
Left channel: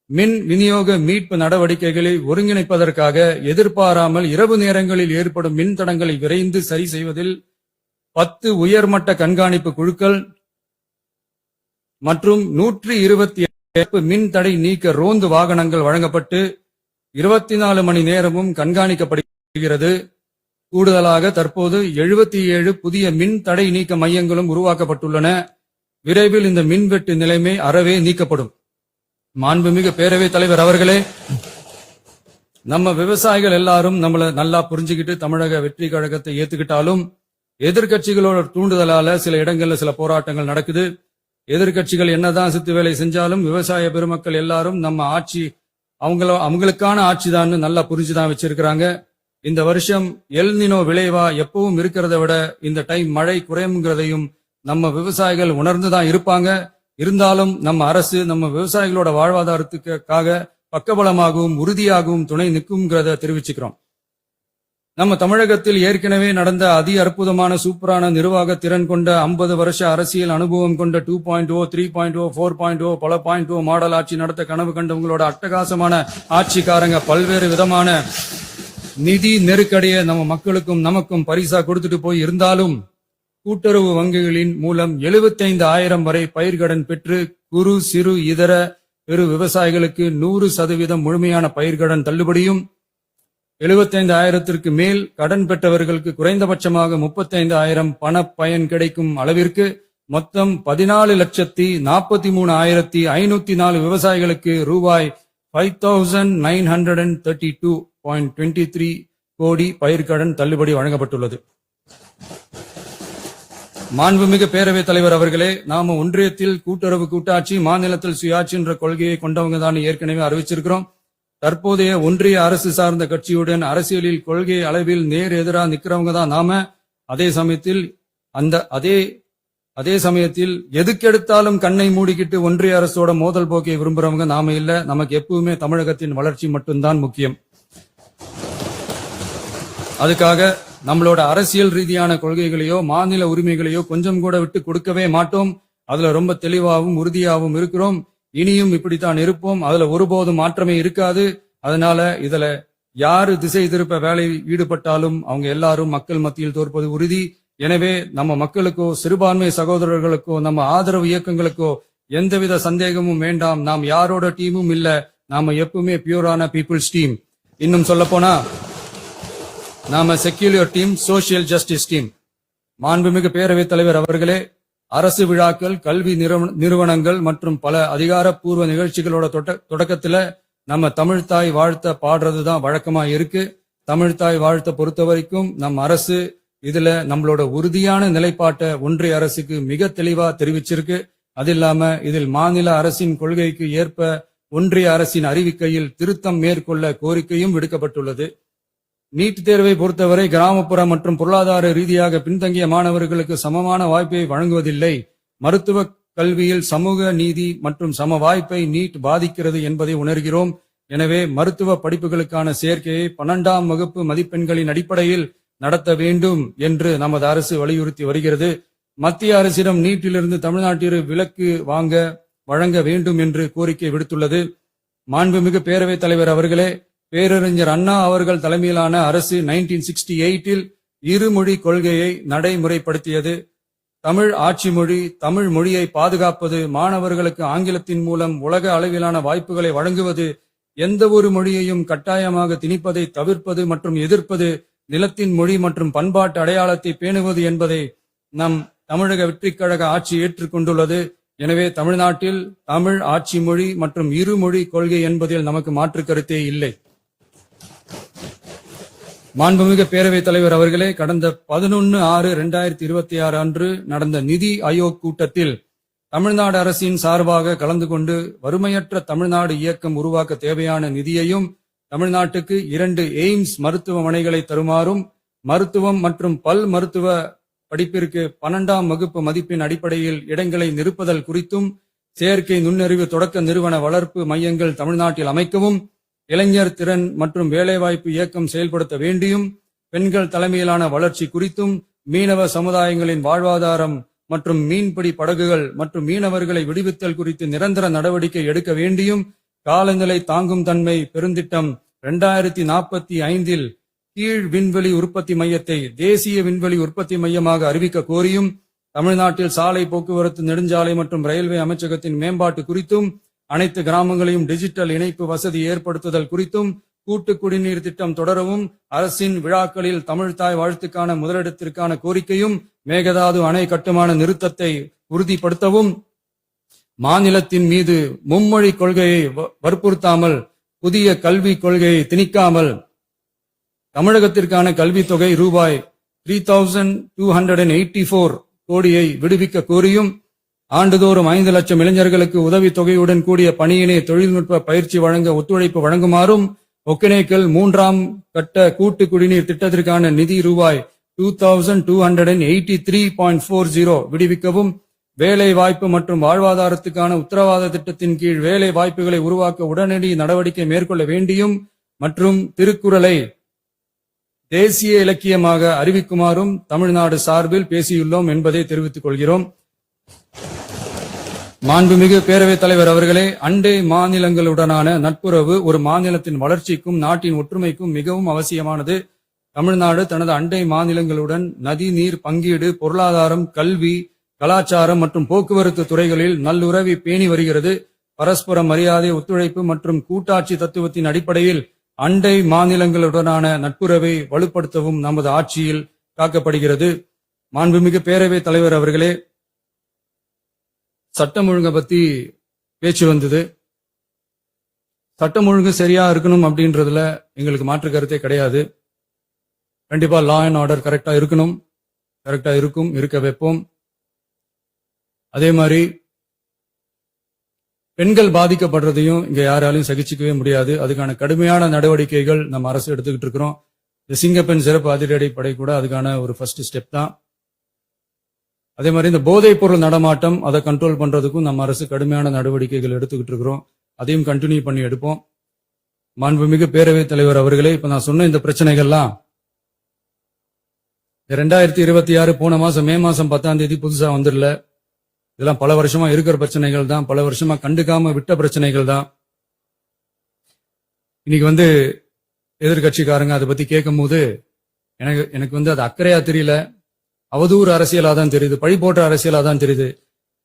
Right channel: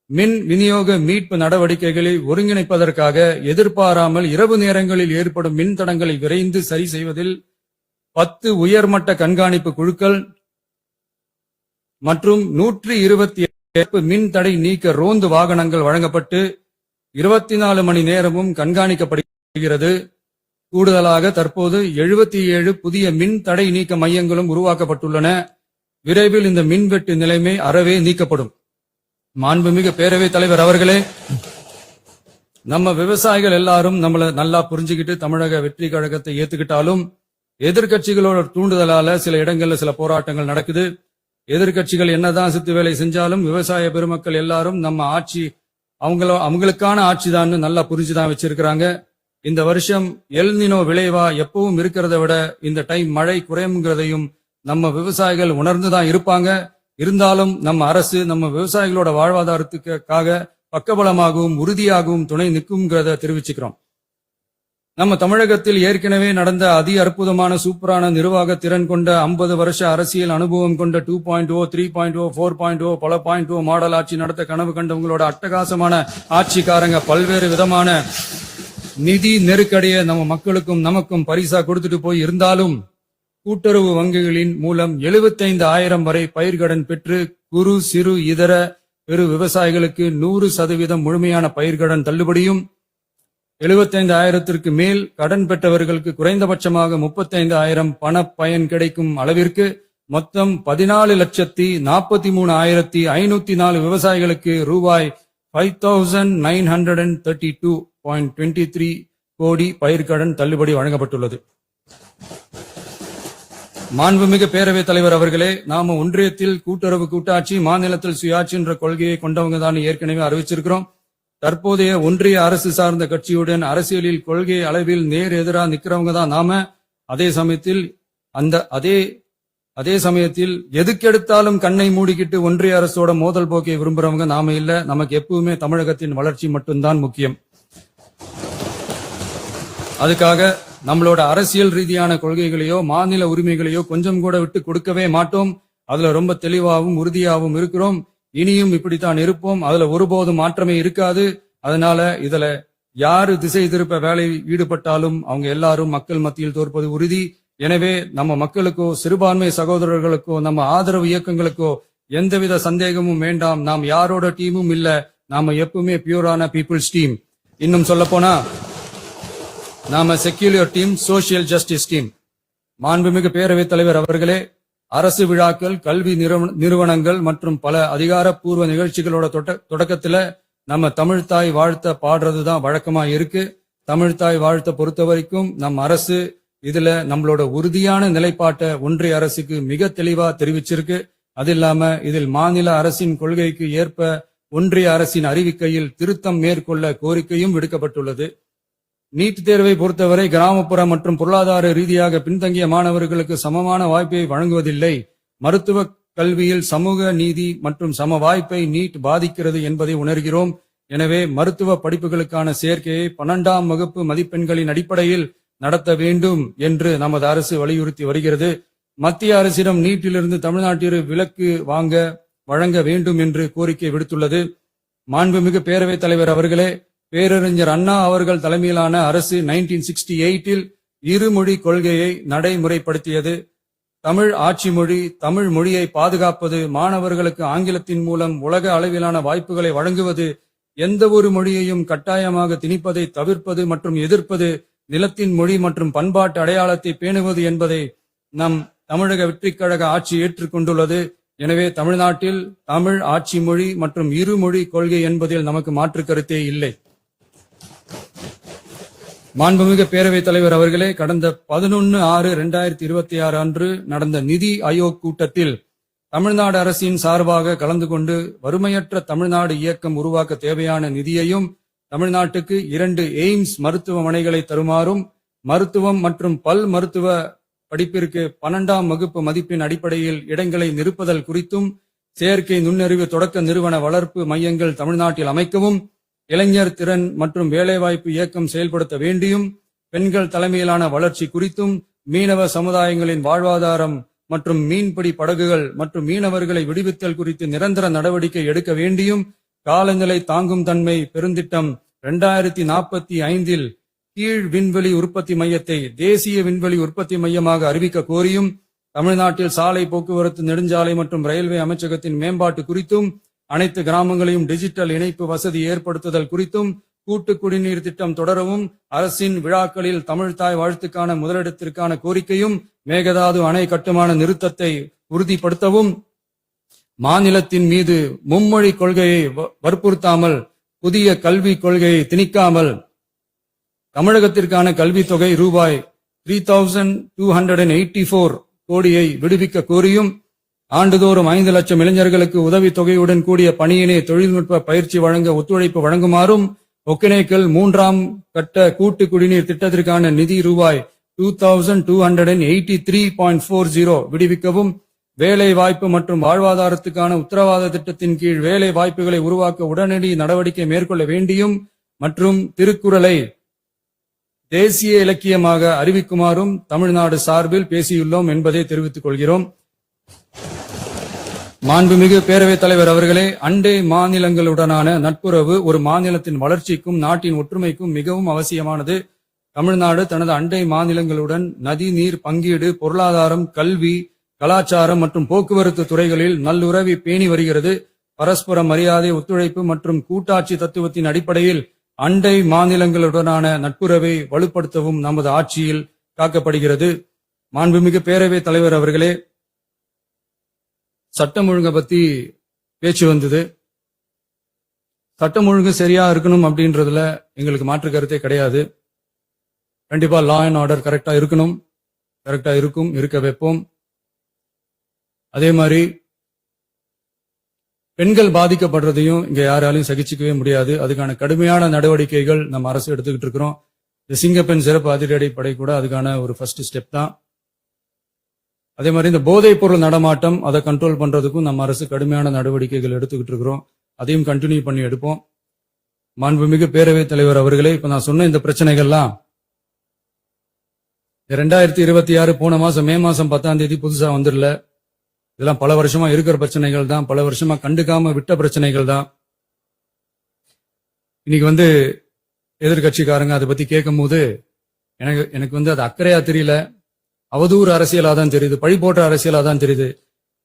மின் விநியோக மீட்பு நடவடிக்கைகளை ஒருங்கிணைப்பதற்காக எதிர்பாராமல் இரவு நேரங்களில் ஏற்படும் மின் தடங்களை விரைந்து சரி செய்வதில் 10 உயர்மட்ட கண்காணிப்பு குழுக்கள் மற்றும் 127 மின் தடை நீக்க ரோந்து வாகனங்கள் வழங்கப்பட்டு 24 மணி நேரமும் கண்காணிக்கப்படுகிறது. கூடுதலாக தற்போது 77 புதிய மின் தடை நீக்க மையங்களும் உருவாக்கப்பட்டுள்ளன. விரைவில் இந்த மின்வெட்டு நிலைமை அறவே நீக்கப்படும். மாண்புமிகு பேரவைத் தலைவர் அவர்களே, நம்ம விவசாயிகள் எல்லாரும் நம்மள நல்லா புரிஞ்சுக்கிட்டு தமிழக வெற்றி கழகத்தை ஏத்துக்கிட்டாலும் எதிர்கட்சிகளோட தூண்டுதலால சில இடங்கள்ல சில போராட்டங்கள் நடக்குது. எதிர்கட்சிகள் என்னதான் சித்து வேலை செஞ்சாலும் விவசாய பெருமக்கள் எல்லாரும் நம்ம ஆட்சி அவங்களுக்கான ஆட்சிதான் நல்லா புரிஞ்சுதான் வச்சிருக்கிறாங்க. இந்த வருஷம் எல்னினோ விளைவா எப்பவும் இருக்கிறத விட இந்த டைம் மழை குறையுங்கிறதையும் நம்ம விவசாயிகள் உணர்ந்துதான் இருப்பாங்க. இருந்தாலும் நம்ம அரசு நம்ம விவசாயிகளோட வாழ்வாதாரத்துக்காக பக்கபலமாகவும் உறுதியாகவும் துணை நிற்கும்ங்கிறத தெரிவிச்சுக்கிறோம். நம்ம தமிழகத்தில் ஏற்கனவே நடந்த அதி அற்புதமான சூப்பரான நிர்வாக திறன் கொண்ட 50 வருஷ அரசியல் அனுபவம் கொண்ட 2.0, 3.0, 4.0 பல 0 மாடல் ஆட்சி நடத்த கனவு கண்டவங்களோட அட்டகாசமான ஆட்சிக்காரங்க பல்வேறு விதமான நிதி நெருக்கடியை நம்ம மக்களுக்கும் நமக்கும் பரிசா கொடுத்துட்டு போய் இருந்தாலும் கூட்டுறவு வங்கிகளின் மூலம் 75,000 வரை பயிர்கடன் பெற்று குறு சிறு இதர பெரு விவசாயிகளுக்கு 100% முழுமையான பயிர்கடன் தள்ளுபடியும் 75,000ற்கு மேல் கடன் பெற்றவர்களுக்கு குறைந்தபட்சமாக 35,000 பண பயன் கிடைக்கும் அளவிற்கு மொத்தம் 14,43,504 விவசாயிகளுக்கு ரூபாய் 5,932.23 கோடி பயிர்க்கடன் தள்ளுபடி வழங்கப்பட்டுள்ளது. மாண்புமிகு பேரவைத் தலைவர் அவர்களே, நாம ஒன்றியத்தில் கூட்டுறவு கூட்டாட்சி, மாநிலத்தில் சுயாட்சி என்ற கொள்கையை கொண்டவங்க தான் ஏற்கனவே அறிவிச்சிருக்கிறோம். தற்போதைய ஒன்றிய அரசு சார்ந்த கட்சியுடன் அரசியலில் கொள்கை அளவில் நேர் எதிராக நிக்கிறவங்க தான் நாம. அதே சமயத்தில் எதுக்கெடுத்தாலும் கண்ணை மூடிக்கிட்டு ஒன்றிய அரசோட மோதல் போக்கை விரும்புறவங்க நாம இல்ல. நமக்கு எப்பவுமே தமிழகத்தின் வளர்ச்சி மட்டும்தான் முக்கியம். அதுக்காக நம்மளோட அரசியல் ரீதியான கொள்கைகளையோ மாநில உரிமைகளையோ கொஞ்சம் கூட விட்டு கொடுக்கவே மாட்டோம். அதுல ரொம்ப தெளிவாகவும் உறுதியாகவும் இருக்கிறோம். இனியும் இப்படித்தான் இருப்போம். அதுல ஒருபோதும் மாற்றமே இருக்காது. அதனால இதுல யாரு திசை திருப்ப வேலையில் ஈடுபட்டாலும் அவங்க எல்லாரும் மக்கள் மத்தியில் தோற்பது உறுதி. எனவே நம்ம மக்களுக்கோ சிறுபான்மை சகோதரர்களுக்கோ நம்ம ஆதரவு இயக்கங்களுக்கோ எந்தவித சந்தேகமும் வேண்டாம். நாம் யாரோட டீமும் இல்ல. நாம எப்பவுமே பியூரான பீப்புள்ஸ் டீம். இன்னும் சொல்ல போனா நாம secular team, social justice team. மாண்புமிகு பேரவைத் தலைவர் அவர்களே, அரசு விழாக்கள், கல்வி நிறுவனங்கள் மற்றும் பல அதிகாரப்பூர்வ நிகழ்ச்சிகளோட தொடக்கத்துல நம்ம தமிழ்தாய் வாழ்த்த பாடுறதுதான் வழக்கமா இருக்கு. தமிழ்தாய் வாழ்த்த பொறுத்த வரைக்கும் நம் அரசு இதுல நம்மளோட உறுதியான நிலைப்பாட்டை ஒன்றிய அரசுக்கு மிக தெளிவா தெரிவிச்சிருக்கு. அது இல்லாம இதில் மாநில அரசின் கொள்கைக்கு ஏற்ப ஒன்றிய அரசின் அறிவிக்கையில் திருத்தம் மேற்கொள்ள கோரிக்கையும் விடுக்கப்பட்டுள்ளது. நீட் தேர்வை பொறுத்தவரை கிராமப்புற மற்றும் பொருளாதார ரீதியாக பின்தங்கிய மாணவர்களுக்கு சமமான வாய்ப்பை வழங்குவதில்லை. மருத்துவ கல்வியில் சமூக நீதி மற்றும் சம வாய்ப்பை நீட் பாதிக்கிறது என்பதை உணர்கிறோம். எனவே மருத்துவ படிப்புகளுக்கான சேர்க்கையை 12ஆம் வகுப்பு மதிப்பெண்களின் அடிப்படையில் நடத்த வேண்டும் என்று நமது அரசு வலியுறுத்தி வருகிறது. மத்திய அரசிடம் நீட்டிலிருந்து தமிழ்நாட்டிற்கு விலக்கு வழங்க வேண்டும் என்று கோரிக்கை விடுத்துள்ளது. மாண்புமிகு பேரவைத் தலைவர் அவர்களே, பேரறிஞர் அண்ணா அவர்கள் தலைமையிலான அரசு 1968 இருமொழி கொள்கையை நடைமுறைப்படுத்தியது. தமிழ் ஆட்சி மொழி, தமிழ் மொழியை பாதுகாப்பது, மாணவர்களுக்கு ஆங்கிலத்தின் மூலம் உலக அளவிலான வாய்ப்புகளை வழங்குவது, எந்த ஒரு மொழியையும் கட்டாயமாக திணிப்பதை தவிர்ப்பது மற்றும் எதிர்ப்பது, நிலத்தின் மொழி மற்றும் பண்பாட்டு அடையாளத்தை பேணுவது என்பதை நம் தமிழக வெற்றிக் கழக ஆட்சி ஏற்றுக்கொண்டுள்ளது. எனவே தமிழ்நாட்டில் தமிழ் ஆட்சி மொழி மற்றும் இருமொழி கொள்கை என்பதில் நமக்கு மாற்று கருத்தே இல்லை. மாண்புமிகு பேரவைத் தலைவர் அவர்களே, கடந்த 11/6/2026 அன்று நடந்த நிதி ஆயோக் கூட்டத்தில் தமிழ்நாடு அரசின் சார்பாக கலந்து கொண்டு வறுமையற்ற தமிழ்நாடு இயக்கம் உருவாக்க தேவையான நிதியையும், தமிழ்நாட்டுக்கு 2 எய்ம்ஸ் மருத்துவமனைகளை தருமாறும், மருத்துவம் மற்றும் பல் மருத்துவ படிப்பிற்கு 12ஆம் வகுப்பு மதிப்பின் அடிப்படையில் இடங்களை நிரப்புதல் குறித்தும், செயற்கை நுண்ணறிவு தொடக்க நிறுவன வளர்ப்பு மையங்கள் தமிழ்நாட்டில் அமைக்கவும், இளைஞர் திறன் மற்றும் வேலைவாய்ப்பு இயக்கம் செயல்படுத்த வேண்டியும், பெண்கள் தலைமையிலான வளர்ச்சி குறித்தும், மீனவ சமுதாயங்களின் வாழ்வாதாரம் மற்றும் மீன்பிடி படகுகள் மற்றும் மீனவர்களை விடுவித்தல் குறித்து நிரந்தர நடவடிக்கை எடுக்க வேண்டியும், காலநிலை தாங்கும் தன்மை பெருந்திட்டம் 2045 கீழ் விண்வெளி உற்பத்தி மையத்தை தேசிய விண்வெளி உற்பத்தி மையமாக அறிவிக்க கோரியும், தமிழ்நாட்டில் சாலை போக்குவரத்து, நெடுஞ்சாலை மற்றும் ரயில்வே அமைச்சகத்தின் மேம்பாட்டு குறித்தும், அனைத்து கிராமங்களையும் டிஜிட்டல் இணைப்பு வசதி ஏற்படுத்துதல் குறித்தும், கூட்டு குடிநீர் திட்டம் தொடரவும், அரசின் விழாக்களில் தமிழ்தாய் வாழ்த்துக்கான முதலிடத்திற்கான கோரிக்கையும், மேகதாது அணை கட்டுமான நிறுத்தத்தை உறுதிப்படுத்தவும், மாநிலத்தின் மீது மும்மொழி கொள்கையை வற்புறுத்தாமல் புதிய கல்விக் கொள்கையை திணிக்காமல் தமிழகத்திற்கான கல்வித் தொகை ரூபாய் 3,284 கோடியை விடுவிக்க கோரியும், ஆண்டுதோறும் 5 லட்சம் இளைஞர்களுக்கு உதவித் தொகையுடன் கூடிய பணியினை தொழில்நுட்ப பயிற்சி வழங்க ஒத்துழைப்பு வழங்குமாறும், ஒகேனக்கல் 3ஆம் கட்ட கூட்டு குடிநீர் திட்டத்திற்கான நிதி ரூபாய் 2,283.40 விடுவிக்கவும், வேலை வாய்ப்பு மற்றும் வாழ்வாதாரத்துக்கான உத்தரவாத திட்டத்தின் கீழ் வேலை வாய்ப்புகளை உருவாக்க உடனடி நடவடிக்கை மேற்கொள்ள வேண்டியும் மற்றும் திருக்குறளை தேசிய இலக்கியமாக அறிவிக்குமாறும் தமிழ்நாடு சார்பில் பேசியுள்ளோம் என்பதை தெரிவித்துக் கொள்கிறோம். மாண்புமிகு பேரவைத் தலைவர் அவர்களே, அண்டை மாநிலங்களுடனான நட்புறவு ஒரு மாநிலத்தின் வளர்ச்சிக்கும் நாட்டின் ஒற்றுமைக்கும் மிகவும் அவசியமானது. தமிழ்நாடு தனது அண்டை மாநிலங்களுடன் நதி நீர் பங்கீடு, பொருளாதாரம், கல்வி, கலாச்சாரம் மற்றும் போக்குவரத்து துறைகளில் நல்லுறவை பேணி வருகிறது. பரஸ்பர மரியாதை, ஒத்துழைப்பு மற்றும் கூட்டாட்சி தத்துவத்தின் அடிப்படையில் அண்டை மாநிலங்களுடனான நட்புறவை வலுப்படுத்தவும் நமது ஆட்சியில் காக்கப்படுகிறது. மாண்புமிகு பேரவைத் தலைவர் அவர்களே, சட்டம் ஒழுங்கை பத்தி பேச்சு வந்தது. சட்டம் ஒழுங்கு சரியா இருக்கணும் அப்படின்றதுல எங்களுக்கு மாற்று கருத்தே கிடையாது. கண்டிப்பா லா அண்ட் ஆர்டர் கரெக்டா இருக்கணும், கரெக்டா இருக்கும், இருக்க வைப்போம். அதே மாதிரி பெண்கள் பாதிக்கப்படுறதையும் இங்க யாராலையும் சகிச்சுக்கவே முடியாது. அதுக்கான கடுமையான நடவடிக்கைகள் நம்ம அரசு எடுத்துக்கிட்டு இருக்கிறோம். இந்த சிங்கப்பெண் சிறப்பு அதிரடி படை கூட அதுக்கான ஒரு ஃபர்ஸ்ட் ஸ்டெப் தான். அதே மாதிரி இந்த போதைப் பொருள் நடமாட்டம் அதை கண்ட்ரோல் பண்றதுக்கும் நம்ம அரசு கடுமையான நடவடிக்கைகள் எடுத்துக்கிட்டு இருக்கிறோம். அதையும் கண்டினியூ பண்ணி எடுப்போம். மாண்புமிகு பேரவைத் தலைவர் அவர்களே, இப்ப நான் சொன்ன இந்த பிரச்சனைகள்லாம் 2026 போன மாசம் மே மாசம் 10ஆம் தேதி புதுசா வந்துடல. இதெல்லாம் பல வருஷமா இருக்கிற பிரச்சனைகள் தான், பல வருஷமா கண்டுக்காம விட்ட பிரச்சனைகள் தான். இன்னைக்கு எதிர்கட்சிக்காரங்க அதை பத்தி கேட்கும் போது எனக்கு அது அக்கறையா தெரியல, அவதூறு அரசியலா தான் தெரியுது, பழி போடுற அரசியலா தான் தெரியுது.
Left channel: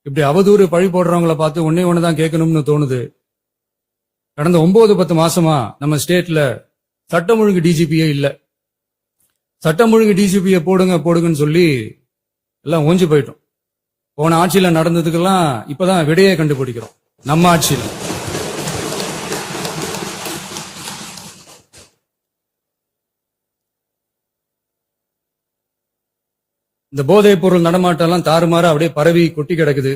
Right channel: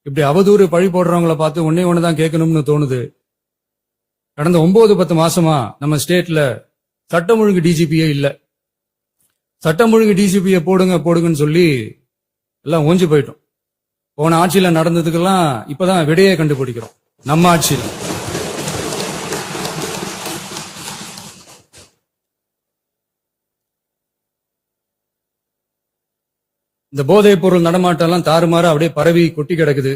இப்படி அவதூறு பழி போடுறவங்களை பார்த்து ஒன்னே ஒண்ணுதான் கேட்கணும்னு தோணுது. கடந்த 9-10 மாசமா நம்ம ஸ்டேட்ல சட்டம் ஒழுங்கு டிஜிபியே இல்ல. சட்டம் ஒழுங்கு டிஜிபியை போடுங்கன்னு சொல்லி எல்லாம் ஓஞ்சு போயிட்டோம். போன ஆட்சியில நடந்ததுக்கெல்லாம் இப்பதான் விடையே கண்டுபிடிக்கிறோம் நம்ம ஆட்சியில். இந்த போதைப் பொருள் நடமாட்டம் எல்லாம் தாறுமாறா அப்படியே பரவி கொட்டி கிடக்குது.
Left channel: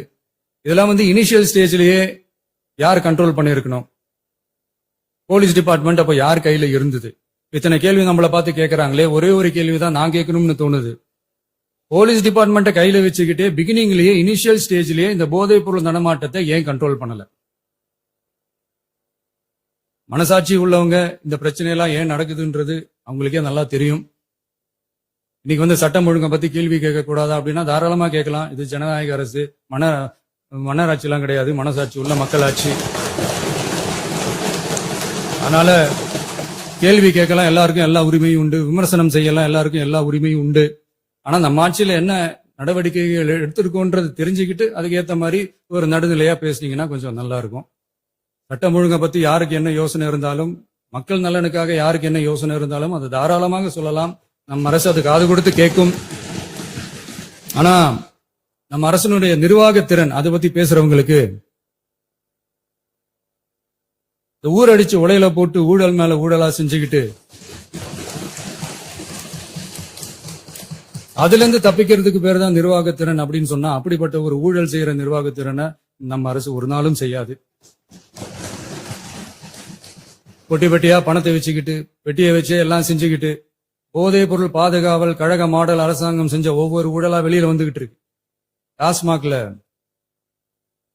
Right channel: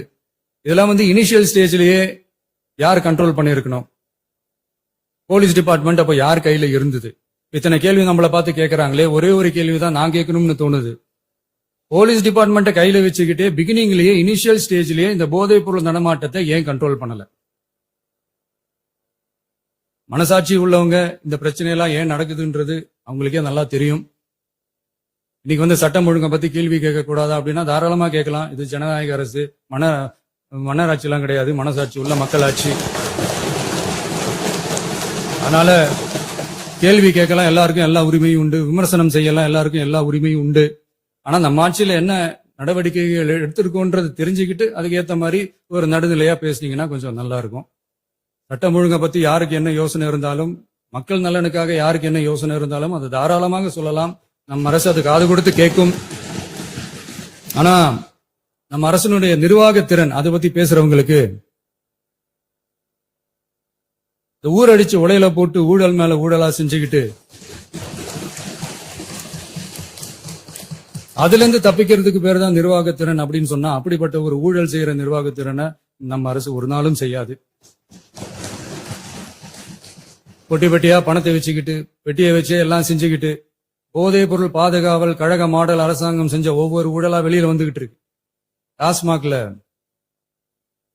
இதெல்லாம் இனிஷியல் ஸ்டேஜ்லயே யார் கண்ட்ரோல் பண்ணிருக்கணும்? போலீஸ் டிபார்ட்மெண்ட் அப்ப யார் கையில இருந்தது? இத்தனை கேள்வி நம்மளை பார்த்து கேட்கறாங்களே, ஒரே ஒரு கேள்விதான் நான் கேட்கணும்னு தோணுது. போலீஸ் டிபார்ட்மெண்ட்டை கையில வச்சுக்கிட்டே பிகினிங்லயே இனிஷியல் ஸ்டேஜ்லயே இந்த போதைப் பொருள் நடமாட்டத்தை ஏன் கண்ட்ரோல் பண்ணல? மனசாட்சி உள்ளவங்க இந்த பிரச்சனையெல்லாம் ஏன் நடக்குதுன்றது அவங்களுக்கே நல்லா தெரியும். இன்னைக்கு சட்டம் ஒழுங்கை பத்தி கேள்வி கேட்க கூடாதா அப்படின்னா தாராளமா கேட்கலாம். இது ஜனநாயக அரசு, மன்னராட்சி எல்லாம் கிடையாது, மனசாட்சி உள்ள மக்களாட்சி. அதனால கேள்வி கேட்கலாம், எல்லாருக்கும் எல்லா உரிமையும் உண்டு. விமர்சனம் செய்யலாம், எல்லாருக்கும் எல்லா உரிமையும் உண்டு. ஆனா நம்ம ஆட்சியில என்ன நடவடிக்கைகள் எடுத்திருக்கோன்றது தெரிஞ்சுக்கிட்டு அதுக்கு ஏத்த மாதிரி ஒரு நடுநிலையா பேசுனீங்கன்னா கொஞ்சம் நல்லா இருக்கும். சட்டம் ஒழுங்கை பத்தி யாருக்கு என்ன யோசனை இருந்தாலும், மக்கள் நலனுக்காக யாருக்கு என்ன யோசனை இருந்தாலும் அது தாராளமாக சொல்லலாம். நம்ம அரசு அது காது கொடுத்து கேட்கும். ஆனா நம்ம அரசனுடைய நிர்வாகத்திறன் அதை பத்தி பேசுறவங்களுக்கு ஊரடிச்சு உலையில போட்டு ஊழல் மேல ஊழலா செஞ்சுக்கிட்டு அதுல இருந்து தப்பிக்கிறதுக்கு பேர் தான் நிர்வாகத்திறன் அப்படின்னு சொன்னா, அப்படிப்பட்ட ஒரு ஊழல் செய்யற நிர்வாகத்திறனை நம்ம அரசு ஒரு நாளும் செய்யாது. பொட்டி பெட்டியா பணத்தை வச்சுக்கிட்டு, பெட்டியை வச்சு எல்லாம் செஞ்சுக்கிட்டு, போதைப் பொருள் பாதுகாவல் கழக மாடல் அரசாங்கம் செஞ்ச ஒவ்வொரு ஊழலா வெளியில வந்துகிட்டு இருக்கு. டாஸ்மாக்ல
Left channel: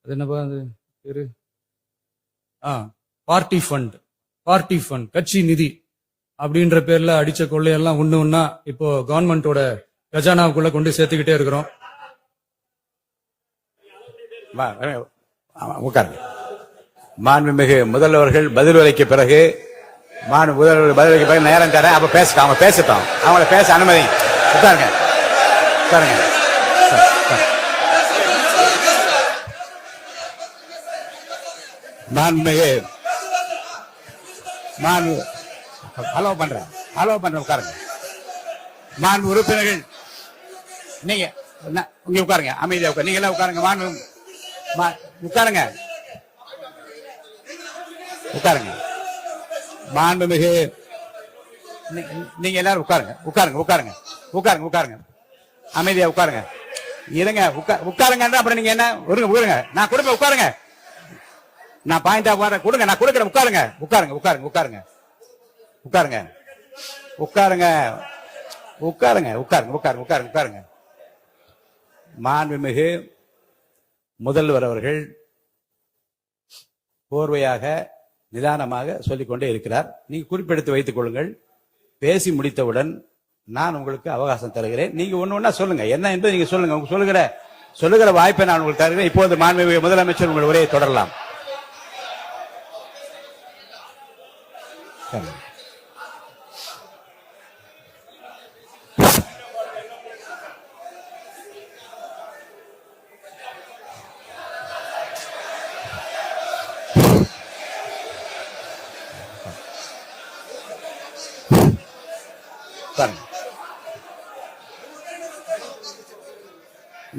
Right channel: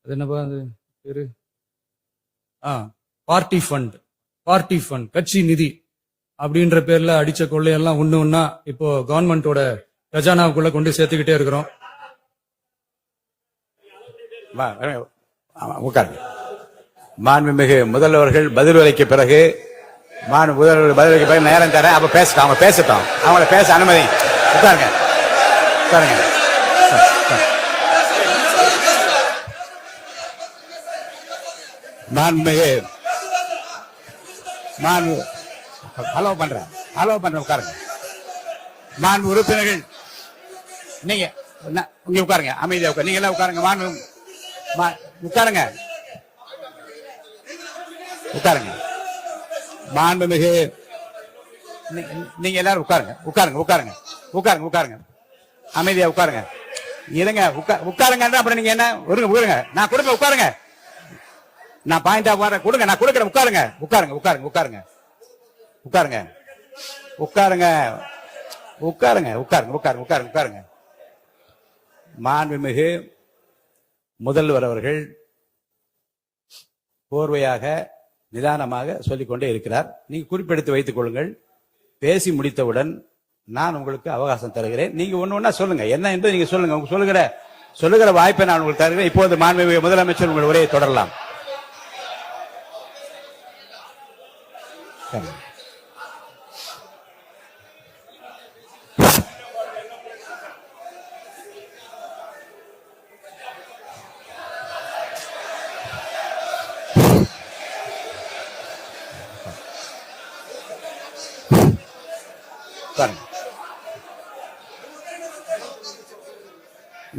அது என்னப்பா அது பேரு, பார்ட்டி ஃபண்ட், கட்சி நிதி அப்படின்ற பேர்ல அடிச்ச கொள்ளையெல்லாம் ஒண்ணா இப்போ கவர்மெண்டோட கஜானாவுக்குள்ள கொண்டு சேர்த்துக்கிட்டே இருக்கிறோம். மாண்புமிகு முதல்வர்கள் பதில் அளிக்க பிறகு முதல்வர் பதிலளிக்க பிறகு நேரம் தர அப்ப அவங்க பேசட்டும். அவங்கள பேச அனுமதி. உட்காருங்க. மாண்புமிகு ஹலோ பண்றேன் உட்காருங்க. மாண்பு உறுப்பினர்கள் நீங்க இங்க உட்காருங்க, அமைதியா உட்காரு. நீங்க எல்லாம் உட்காருங்க. உட்காருங்க. மாண்புமிகு நீங்க எல்லாரும் உட்காருங்க. அமைதியா உட்காருங்க. இருங்க, உட்காருங்க. அப்புறம் நீங்க என்ன உட்காருங்க. நான் கொடுங்க, உட்காருங்க. நான் பாயிண்ட் ஆஃப் வார கொடுங்க, நான் கொடுக்குறேன். உட்காருங்க. மாண்புமிகு முதல்வர் அவர்கள் கோர்வையாக நிதானமாக சொல்லிக்கொண்டே இருக்கிறார். நீங்க குறிப்பெடுத்து வைத்துக் கொள்ளுங்கள். பேசி முடித்தவுடன் நான் உங்களுக்கு அவகாசம் தருகிறேன். நீங்க ஒண்ணு சொல்லுங்க, என்ன என்று நீங்க சொல்லுங்க. உங்க சொல்லுகிற வாய்ப்பை நான் உங்களுக்கு தருகிறேன். இப்போது மாண்புமிகு முதலமைச்சர் உங்கள் உரையை தொடரலாம்.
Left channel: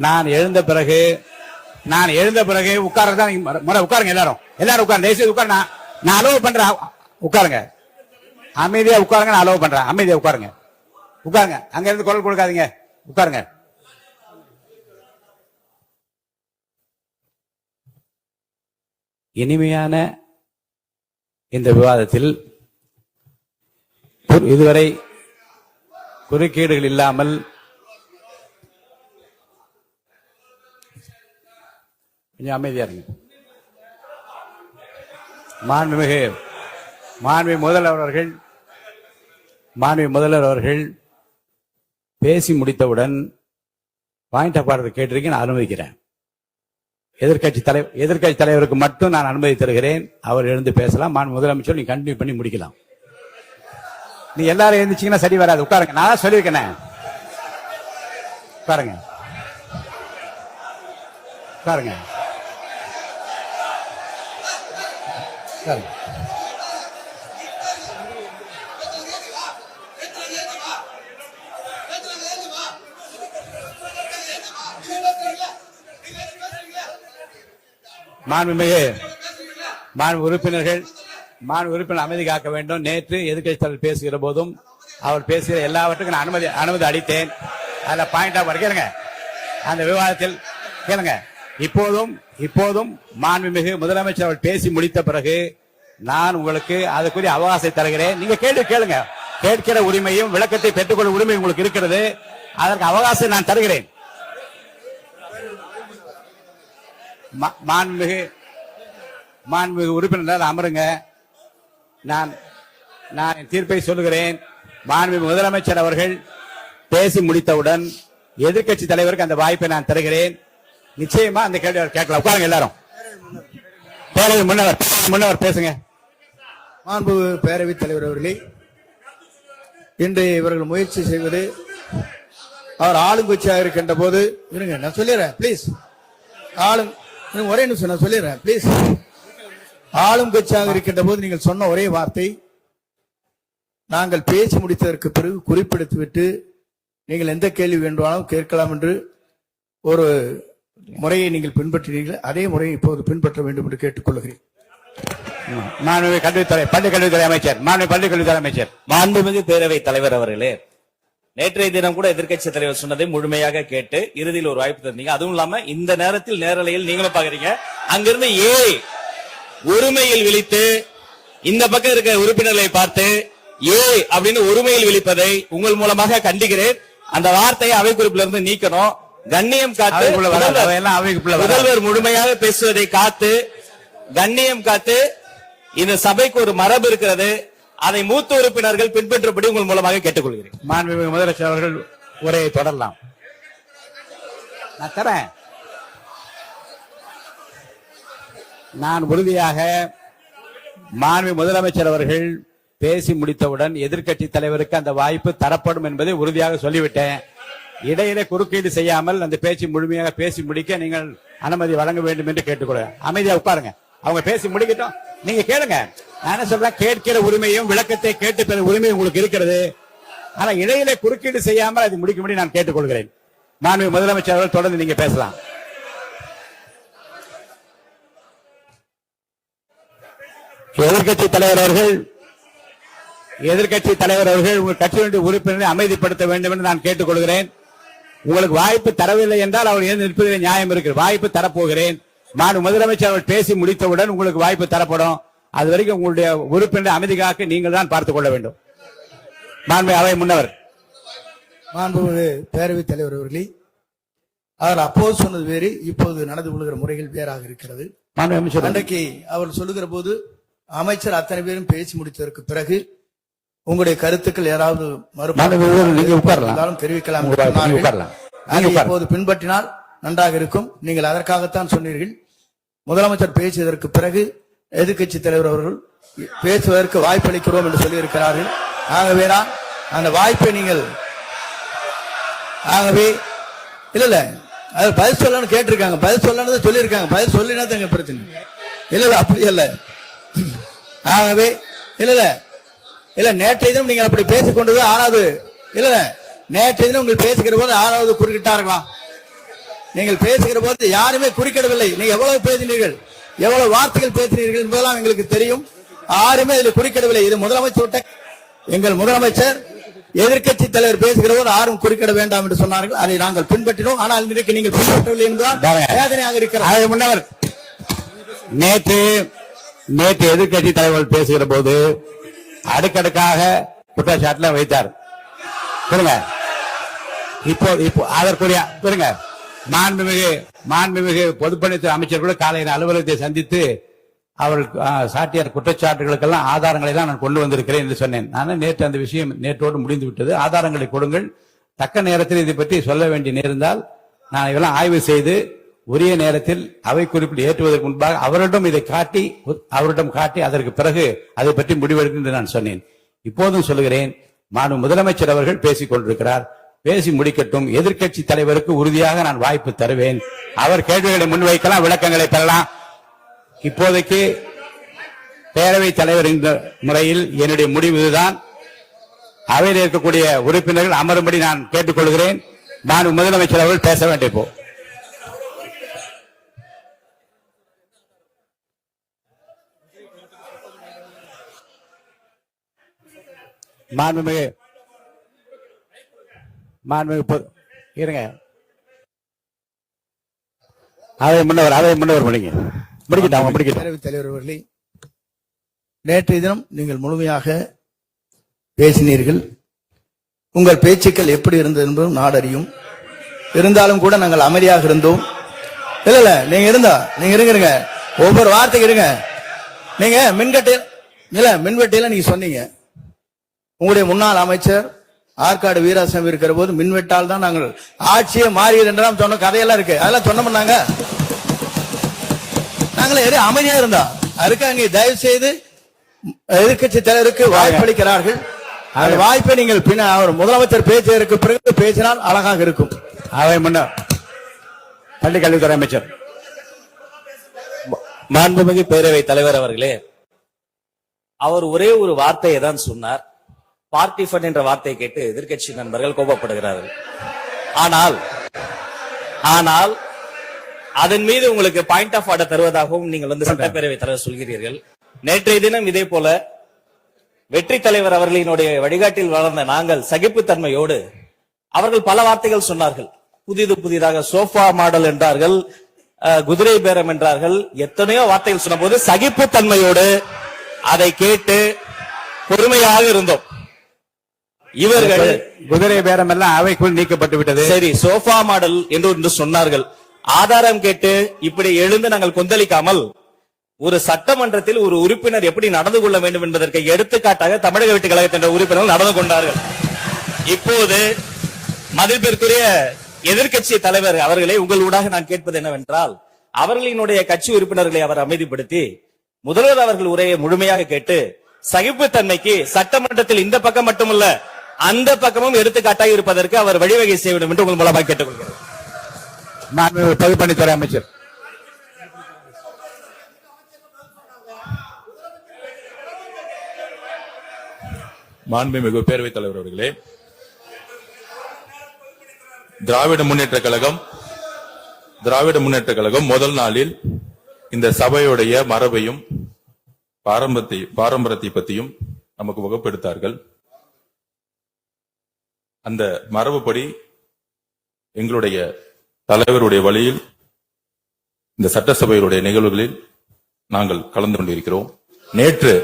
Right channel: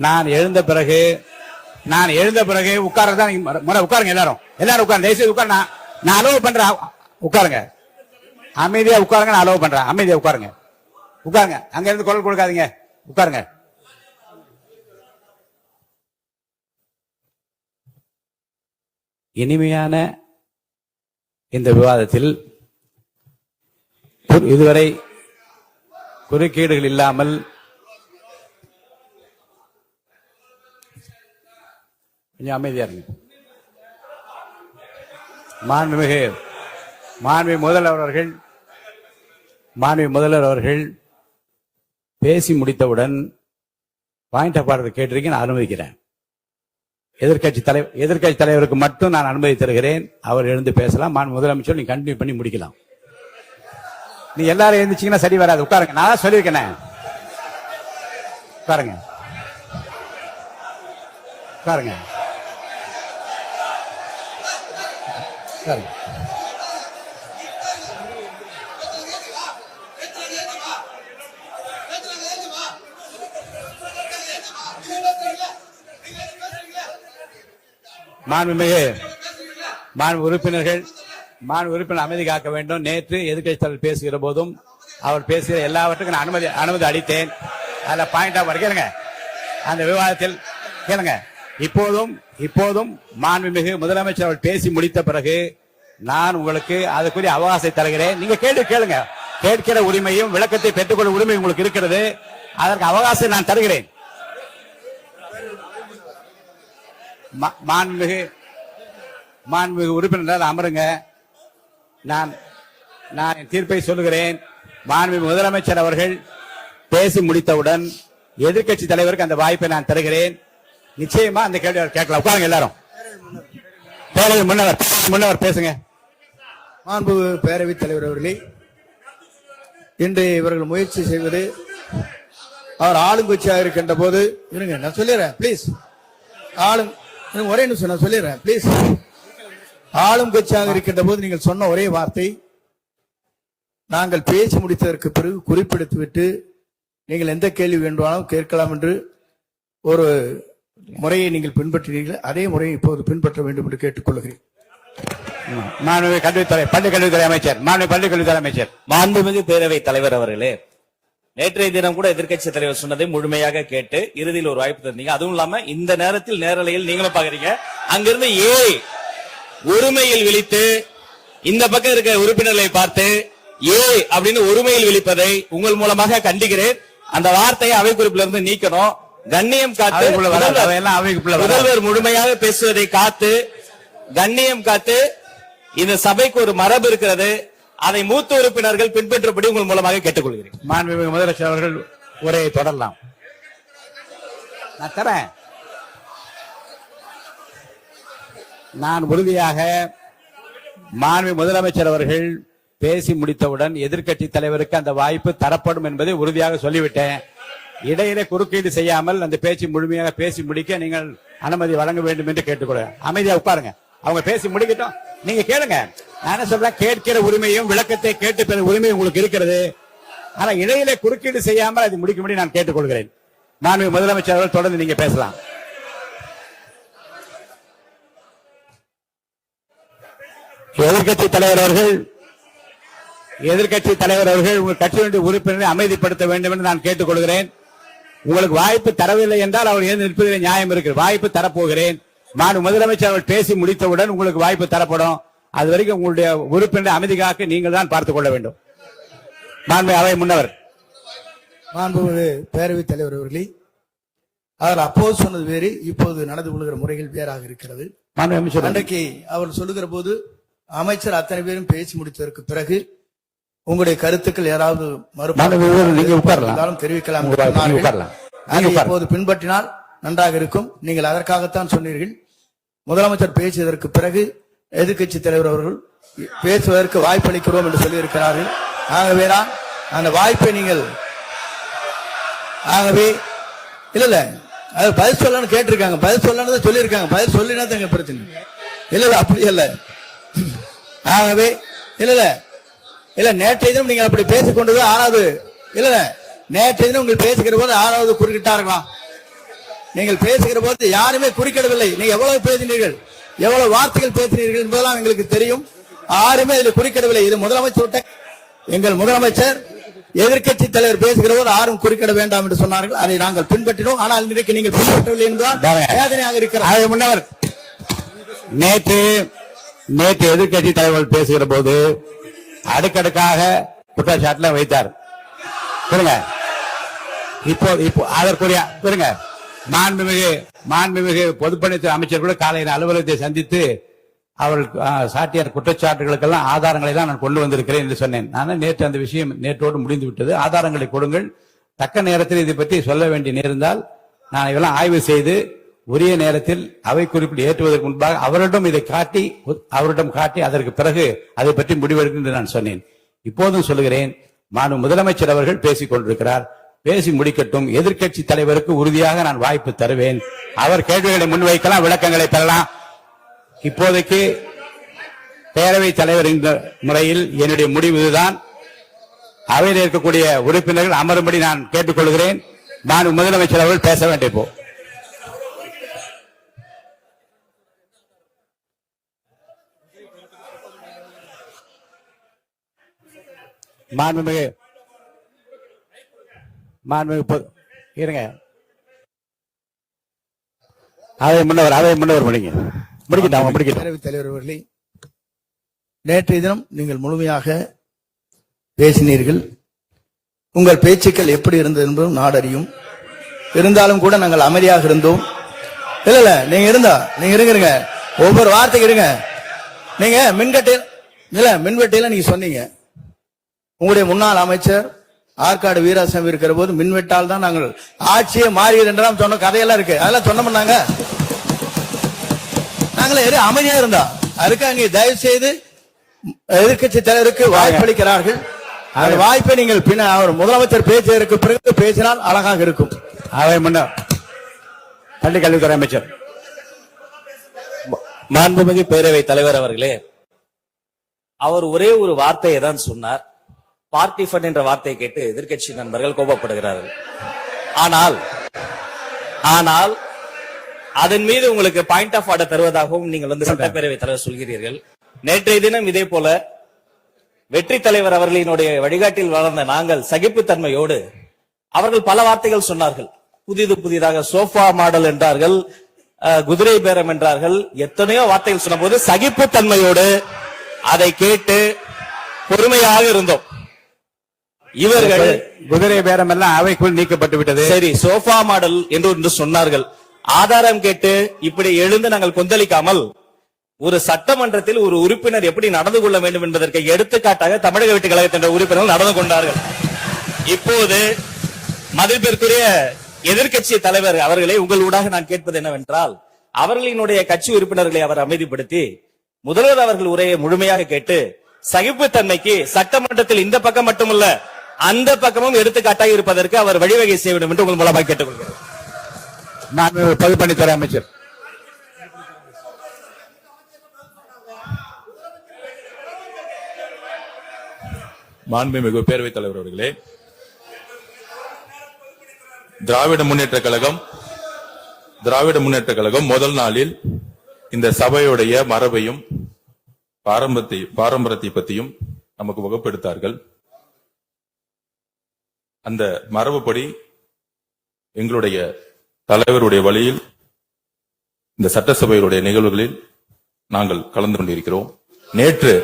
நான் எழுந்த பிறகு உட்கார்றதான் உட்காருங்க. எல்லாரும் உட்காருங்க. தேசிய உட்கார். நான் அலோவ் பண்றேன். உட்காருங்க. அமைதியா உட்காருங்க. நான் அலோவ் பண்றேன். அமைதியா உட்காருங்க. அங்க இருந்து குரல் கொடுக்காதீங்க. உட்காருங்க. இனிமையான இந்த விவாதத்தில் இதுவரை குறுக்கீடுகள் இல்லாமல் கொஞ்சம் அமைதியா இருங்க. மாண்புமிகு முதல்வர் அவர்கள் பேசி முடித்தவுடன் பாயிண்ட் ஆஃப் ஆர்டர் கேட்டிருக்கேன். நான் அனுமதிக்கிறேன். எதிர்க்கட்சி தலைவருக்கு மட்டும் நான் அனுமதி தருகிறேன். அவர் எழுந்து பேசலாம். முதலமைச்சர் நீங்க கண்டினியூ பண்ணி முடிக்கலாம். நீ எல்லாரும் எழுந்துச்சீங்கன்னா சரி வராது. உட்காருங்க. நான் சொல்லியிருக்கேன். உட்காருங்க. உறுப்பினர் அமைதி காக்க வேண்டும். நேற்று எதிர்க்கட்சி தலைவர் பேசுகிற போதும் அவர் பேசுகிற எல்லாவற்றுக்கும் நான் அனுமதி அளித்தேன். அதுல பாயிண்ட் ஆஃப் கேளுங்க. அந்த விவாதத்தில் கேளுங்க. இப்போதும் மாண்புமிகு முதலமைச்சர் அவர் பேசி முடித்த பிறகு நான் உங்களுக்கு அதுக்குரிய அவகாசம் தருகிறேன். நீங்க கேளுங்க. கேட்கிற உரிமையும் விளக்கத்தை பெற்றுக்கொள்ளும் உரிமை உங்களுக்கு இருக்கிறது. அதற்கு அவகாசம் நான் தருகிறேன். மாண்புமிகு உறுப்பினர் அமருங்க. நான் தீர்ப்பை சொல்லுகிறேன். மாண்புமிகு முதலமைச்சர் அவர்கள் பேசி முடித்தவுடன் எதிர்க்கட்சி தலைவருக்கு அந்த வாய்ப்பை நான் தருகிறேன். நிச்சயமா அந்த கேள்வி கேட்கலாம். உட்காருங்க. எல்லாரும் முன்னவர் பேசுங்க. மாண்பு பேரவைத் தலைவர் அவர்களே, இன்று இவர்கள் முயற்சி செய்வது அவர் ஆளுங்கட்சியாக இருக்கின்ற போது இருங்க, நான் சொல்லிடுறேன் பிளீஸ். ஒரே நிமிஷம் நான் சொல்லிடுறேன் பிளீஸ். ஆளும் கட்சியாக இருக்கின்ற போது நீங்கள் சொன்ன ஒரே வார்த்தை, நாங்கள் பேசி முடித்ததற்கு பிறகு குறிப்பிடுத்துவிட்டு நீங்கள் எந்த கேள்வி வேண்டுமானாலும் கேட்கலாம் என்று ஒரு முறையை நீங்கள் பின்பற்றினீர்கள். அதே முறையை இப்போது பின்பற்ற வேண்டும் என்று கேட்டுக்கொள்கிறேன். பள்ளிக்கல்வித்துறை அமைச்சர். மாண்புமிகு பேரவைத் தலைவர் அவர்களே, நேற்றைய தினம் கூட எதிர்க்கட்சி தலைவர் சொன்னதை முழுமையாக கேட்டு இறுதியில் ஒரு வாய்ப்பு தந்தீங்க. அதுவும் இல்லாம இந்த நேரத்தில் நேரலையில் நீங்களும் பாக்குறீங்க. அங்கிருந்து ஒருமையில் விழித்து இந்த பக்கம் இருக்கிற உறுப்பினர்களை பார்த்து அப்படின்னு ஒருமையில் விழிப்பதை உங்கள் மூலமாக கண்டிக்கிறேன். அந்த வார்த்தையை அவை குறிப்பிலிருந்து நீக்கணும். கண்ணியம் காத்து முதல்வர் முழுமையாக பேசுவதை காத்து கண்ணியம் காத்து இந்த சபைக்கு ஒரு மரபு இருக்கிறது. அதை மூத்த உறுப்பினர்கள் பின்பற்றபடி உங்கள் மூலமாக கேட்டுக்கொள்கிறேன். மாண்புமிகு முதலமைச்சர் அவர்கள் உரையை தொடரலாம். நான் தரேன். நான் உறுதியாக மாண்புமிகு முதலமைச்சர் அவர்கள் பேசி முடித்தவுடன் எதிர்க்கட்சி தலைவருக்கு அந்த வாய்ப்பு தரப்படும் என்பதை உறுதியாக சொல்லிவிட்டேன். இடையிலே குறுக்கீடு செய்யாமல் அந்த பேச்சு முழுமையாக பேசி முடிக்க நீங்கள் அனுமதி வழங்க வேண்டும் என்று கேட்டுக்கொள்கிறேன். அமைதியா உட்காருங்க. அவங்க பேசி முடிக்கட்டும். நீங்க கேளுங்க. நான் என்ன சொல்றேன், கேட்கிற உரிமையும் விளக்கத்தை கேட்டு பெறும் உரிமை உங்களுக்கு இருக்கிறது. ஆனா இடையிலே குறுக்கீடு செய்யாமல் அது முடிக்கும்படி நான் கேட்டுக்கொள்கிறேன். மாண்புமிகு முதலமைச்சர் அவர்கள் தொடர்ந்து நீங்க பேசலாம். எதிர்க்கட்சி தலைவர் அவர்கள் உங்கள் கட்சியினுடைய உறுப்பினரை அமைதிப்படுத்த வேண்டும் என்று நான் கேட்டுக்கொள்கிறேன். உங்களுக்கு வாய்ப்பு தரவில்லை என்றால் அவர் ஏன் நிற்பதில் நியாயம் இருக்கு. வாய்ப்பு தரப்போகிறேன். நான் முதலமைச்சர் அவர் பேசி முடித்தவுடன் உங்களுக்கு வாய்ப்பு தரப்படும். அது வரைக்கும் உங்களுடைய உறுப்பினர் அமைதி காக்க நீங்கள் தான் பார்த்துக் கொள்ள வேண்டும். அவை முன்னவர். மாண்புமிகு பேரவைத் தலைவர் அவர்களே, அவர் அப்போது சொன்னது வேறு, இப்போது நடந்து கொள்கிற முறைகள் வேறாக இருக்கிறது. அன்றைக்கு அவர் சொல்லுகிற போது அமைச்சர் அத்தனை பேரும் பேசி முடித்ததற்கு பிறகு உங்களுடைய கருத்துக்கள் ஏதாவது நீங்க உட்காரலாம். இருந்தாலும் தெரிவிக்கலாம் நீங்க என்று சொன்னார்கள். உட்காரலாம். அதை நீங்க இப்போது பின்பற்றினால் நன்றாக இருக்கும். நீங்கள் அதற்காகத்தான் சொன்னீர்கள். முதலமைச்சர் பேசியதற்கு பிறகு எதிர்க்கட்சி தலைவர் அவர்கள் பேசுவதற்கு வாய்ப்பளிக்கிறோம் என்று சொல்லியிருக்கிறார்கள். ஆகவேதான் அந்த வாய்ப்பை நீங்கள் ஆகவே இல்ல அது பதில் சொல்லணும்னு கேட்டிருக்காங்க. பதில் சொல்லணும் சொல்லியிருக்காங்க. பதில் சொல்லினா தான் எங்க பிரச்சனை. இல்ல அப்படி இல்ல. ஆகவே இல்ல நேற்றைய தினம் நீங்கள் அப்படி பேசிக் கொண்டது ஆறாவது இல்ல நேற்றைய தினம் உங்கள் பேசுகிற போது ஆறாவது குறுக்கிட்டார்களா? நீங்கள் பேசுகிற போது யாருமே குறுக்கிடவில்லை. நீங்க எவ்வளவு பேசினீர்கள், எவ்வளவு வார்த்தைகள் பேசினீர்கள் என்பதெல்லாம் எங்களுக்கு தெரியும். யாருமே இதில் குறுக்கிடவில்லை. இது முதலமைச்சர் எங்கள் முதலமைச்சர் எதிர்க்கட்சி தலைவர் பேசுகிற போது யாரும் குறுக்கிட வேண்டாம் என்று சொன்னார்கள். அதை நாங்கள் பின்பற்றினோம். ஆனால் இன்றைக்கு நீங்கள் பின்பற்றவில்லை என்றால் வேதனையாக இருக்கிறார். முன்னவர் நேற்று எதிர்க்கட்சி தலைவர் பேசுகிற போது அடுக்கடுக்காக குற்றச்சாட்டுல வைத்தார். இப்போ அதற்குரிய மாண்புமிகு பொதுப்பணித்துறை அமைச்சர் கூட காலையில் அலுவலகத்தை சந்தித்து அவர் சாட்டிய குற்றச்சாட்டுகளுக்கெல்லாம் ஆதாரங்களை தான் நான் கொண்டு வந்திருக்கிறேன் என்று சொன்னேன். நான் நேற்று அந்த விஷயம் நேற்றோடு முடிந்து விட்டது. ஆதாரங்களை கொடுங்கள். தக்க நேரத்தில் இதை பற்றி சொல்ல வேண்டிய நேர்ந்தால் நான் இதெல்லாம் ஆய்வு செய்து உரிய நேரத்தில் அவை குறிப்பிட்டு ஏற்றுவதற்கு முன்பாக அவரிடம் காட்டி அதற்கு பிறகு அதை பற்றி முடிவெடுக்கும் என்று நான் சொன்னேன். இப்போதும் சொல்லுகிறேன், மாண்பு முதலமைச்சர் அவர்கள் பேசிக் கொண்டிருக்கிறார். பேசி முடிக்கட்டும். எதிர்க்கட்சி தலைவருக்கு உறுதியாக நான் வாய்ப்பு தருவேன். அவர் கேள்விகளை முன்வைக்கலாம், விளக்கங்களை பெறலாம். இப்போதைக்கு பேரவைத் தலைவர் என்ற முறையில் என்னுடைய முடிவு இதுதான். அவையில் இருக்கக்கூடிய உறுப்பினர்கள் அமரும்படி நான் கேட்டுக்கொள்கிறேன். நான் முதலமைச்சர் அவர்கள் பேச வேண்டிய போ மாண்புமிகு இருங்க. அதை முன்னவர் பேரவைத் தலைவர் அவர்களே, நேற்றைய தினம் நீங்கள் முழுமையாக பேசினீர்கள். உங்கள் பேச்சுக்கள் எப்படி இருந்தது என்பதும் நாடறியும். இருந்தாலும் கூட நாங்கள் அமைதியாக இருந்தோம். இல்ல நீங்க இருங்க. ஒவ்வொரு வார்த்தைக்கு இருங்க. நீங்க மின்வெட்டையில நீங்க சொன்னீங்க. உங்களுடைய முன்னாள் அமைச்சர் ஆற்காடு வீராசாமி இருக்கிற போது மின்வெட்டால் தான் நாங்கள் ஆட்சியை மாறியது என்றெல்லாம் சொன்ன கதையெல்லாம் இருக்கு. அதெல்லாம் சொன்னோம். நாங்களே அமைதியா இருந்தா அதுக்கு அங்கே தயவு செய்து எதிர்க்கட்சி தலைவருக்கு வாய்ப்பளிக்கிறார்கள். அந்த வாய்ப்பை நீங்கள் முதலமைச்சர் பேசியதற்கு பிறகு பேசினால் அழகாக இருக்கும். அதை முன்ன பள்ளி கல்வித்துறை அமைச்சர் மாண்புமிகு பேரவைத் தலைவர் அவர்களே, அவர் ஒரே ஒரு வார்த்தையை தான் சொன்னார். பார்ட்டி ஃபண்ட் என்ற வார்த்தையை கேட்டு எதிர்க்கட்சி நண்பர்கள் கோபப்படுகிறார்கள். ஆனால் அதன் மீது உங்களுக்கு பாயிண்ட் ஆஃப் ஆர்டர் தருவதாகவும் நீங்கள் சட்டப்பேரவைத் தலைவர் சொல்கிறீர்கள். நேற்றைய தினம் இதே போல வெற்றி தலைவர் அவர்களினுடைய வழிகாட்டில் வளர்ந்த நாங்கள் சகிப்புத்தன்மையோடு அவர்கள் பல வார்த்தைகள் சொன்னார்கள். புதிதாக சோஃபா மாடல் என்றார்கள், குதிரை பேரம் என்றார்கள், எத்தனையோ வார்த்தைகள் சொன்ன போது சகிப்புத்தன்மையோடு அதை கேட்டு பொறுமையாக இருந்தோம். இவர்கள் குதிரை பேரம் எல்லாம் அவைக்குள் நீக்கப்பட்டு விட்டது. சரி, சோஃபா மாடல் என்று சொன்னார்கள். ஆதாரம் கேட்டு இப்படி எழுந்து நாங்கள் கொந்தளிக்காமல் ஒரு சட்டமன்றத்தில் ஒரு உறுப்பினர் எப்படி நடந்து கொள்ள வேண்டும் என்பதற்கு எடுத்துக்காட்டாக தமிழக வெற்றி கழகத்தின் உறுப்பினர்கள் நடந்து கொண்டார்கள். இப்போது மதிப்பிற்குரிய எதிர்க்கட்சி தலைவர் அவர்களை உங்களூடாக நான் கேட்பது என்னவென்றால், அவர்களினுடைய கட்சி உறுப்பினர்களை அவர் அமைதிப்படுத்தி முதல்வர் அவர்கள் உரையை முழுமையாக கேட்டு சகிப்புத்தன்மைக்கு சட்டமன்றத்தில் இந்த பக்கம் மட்டுமல்ல அந்த பக்கமும் எடுத்துக்காட்டாக இருப்பதற்கு அவர் வழிவகை செய்ய வேண்டும் என்று உங்கள் மூலமாக கேட்டுக்கொள்கிறேன். நான் பொதுப்பணித்துறை அமைச்சர். மாண்புமிகு பேரவைத் தலைவர் அவர்களே, திராவிட முன்னேற்ற கழகம் முதல் நாளில் இந்த சபையுடைய மரபையும் பாரம்பரியத்தை பற்றியும் நமக்கு வகுப்பெடுத்தார்கள். அந்த மரபுப்படி எங்களுடைய தலைவருடைய வழியில் இந்த சட்டசபையுடைய நிகழ்வுகளில் நாங்கள் கலந்து கொண்டிருக்கிறோம். நேற்றைய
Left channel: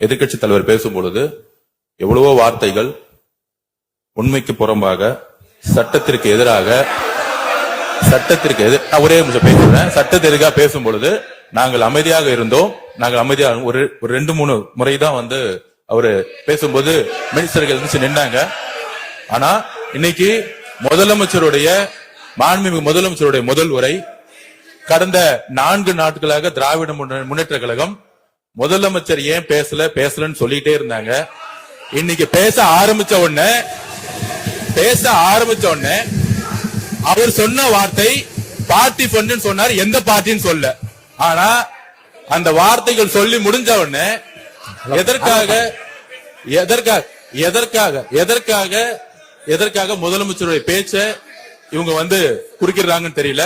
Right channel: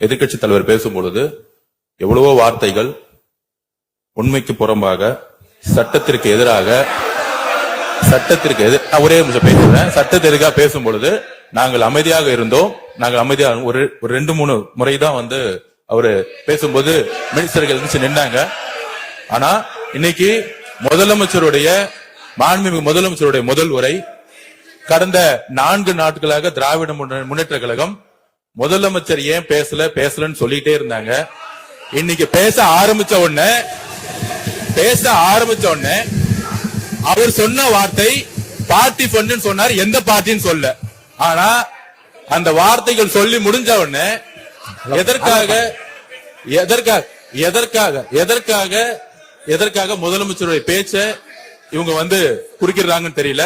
எதிர்க்கட்சி தலைவர் பேசும் பொழுது எவ்வளவோ வார்த்தைகள் உண்மைக்கு புறம்பாக சட்டத்திற்கு எதிராக ஒரே நிமிஷம் பேசுறேன். சட்டத்திற்காக பேசும் பொழுது நாங்கள் அமைதியாக இருந்தோம். நாங்கள் அமைதியாக ஒரு 2-3 முறை தான் வந்து அவரு பேசும்போது மினிஸ்டர்கள் இருந்துச்சு நின்னாங்க. ஆனா இன்னைக்கு மாண்புமிகு முதலமைச்சருடைய முதல் உரை கடந்த 4 நாட்களாக திராவிட முன்னேற்ற கழகம் முதலமைச்சர் ஏன் பேசலன்னு சொல்லிட்டே இருந்தாங்க. இன்னைக்கு பேச ஆரம்பிச்ச உடனே அவர் சொன்ன வார்த்தை பார்ட்டி ஃபண்ட் சொன்னார். எந்த பார்ட்டின்னு சொல்ல. ஆனா அந்த வார்த்தைகள் சொல்லி முடிஞ்ச உடனே எதற்காக முதலமைச்சருடைய பேச்ச இவங்க வந்து குறுக்கிறாங்கன்னு தெரியல.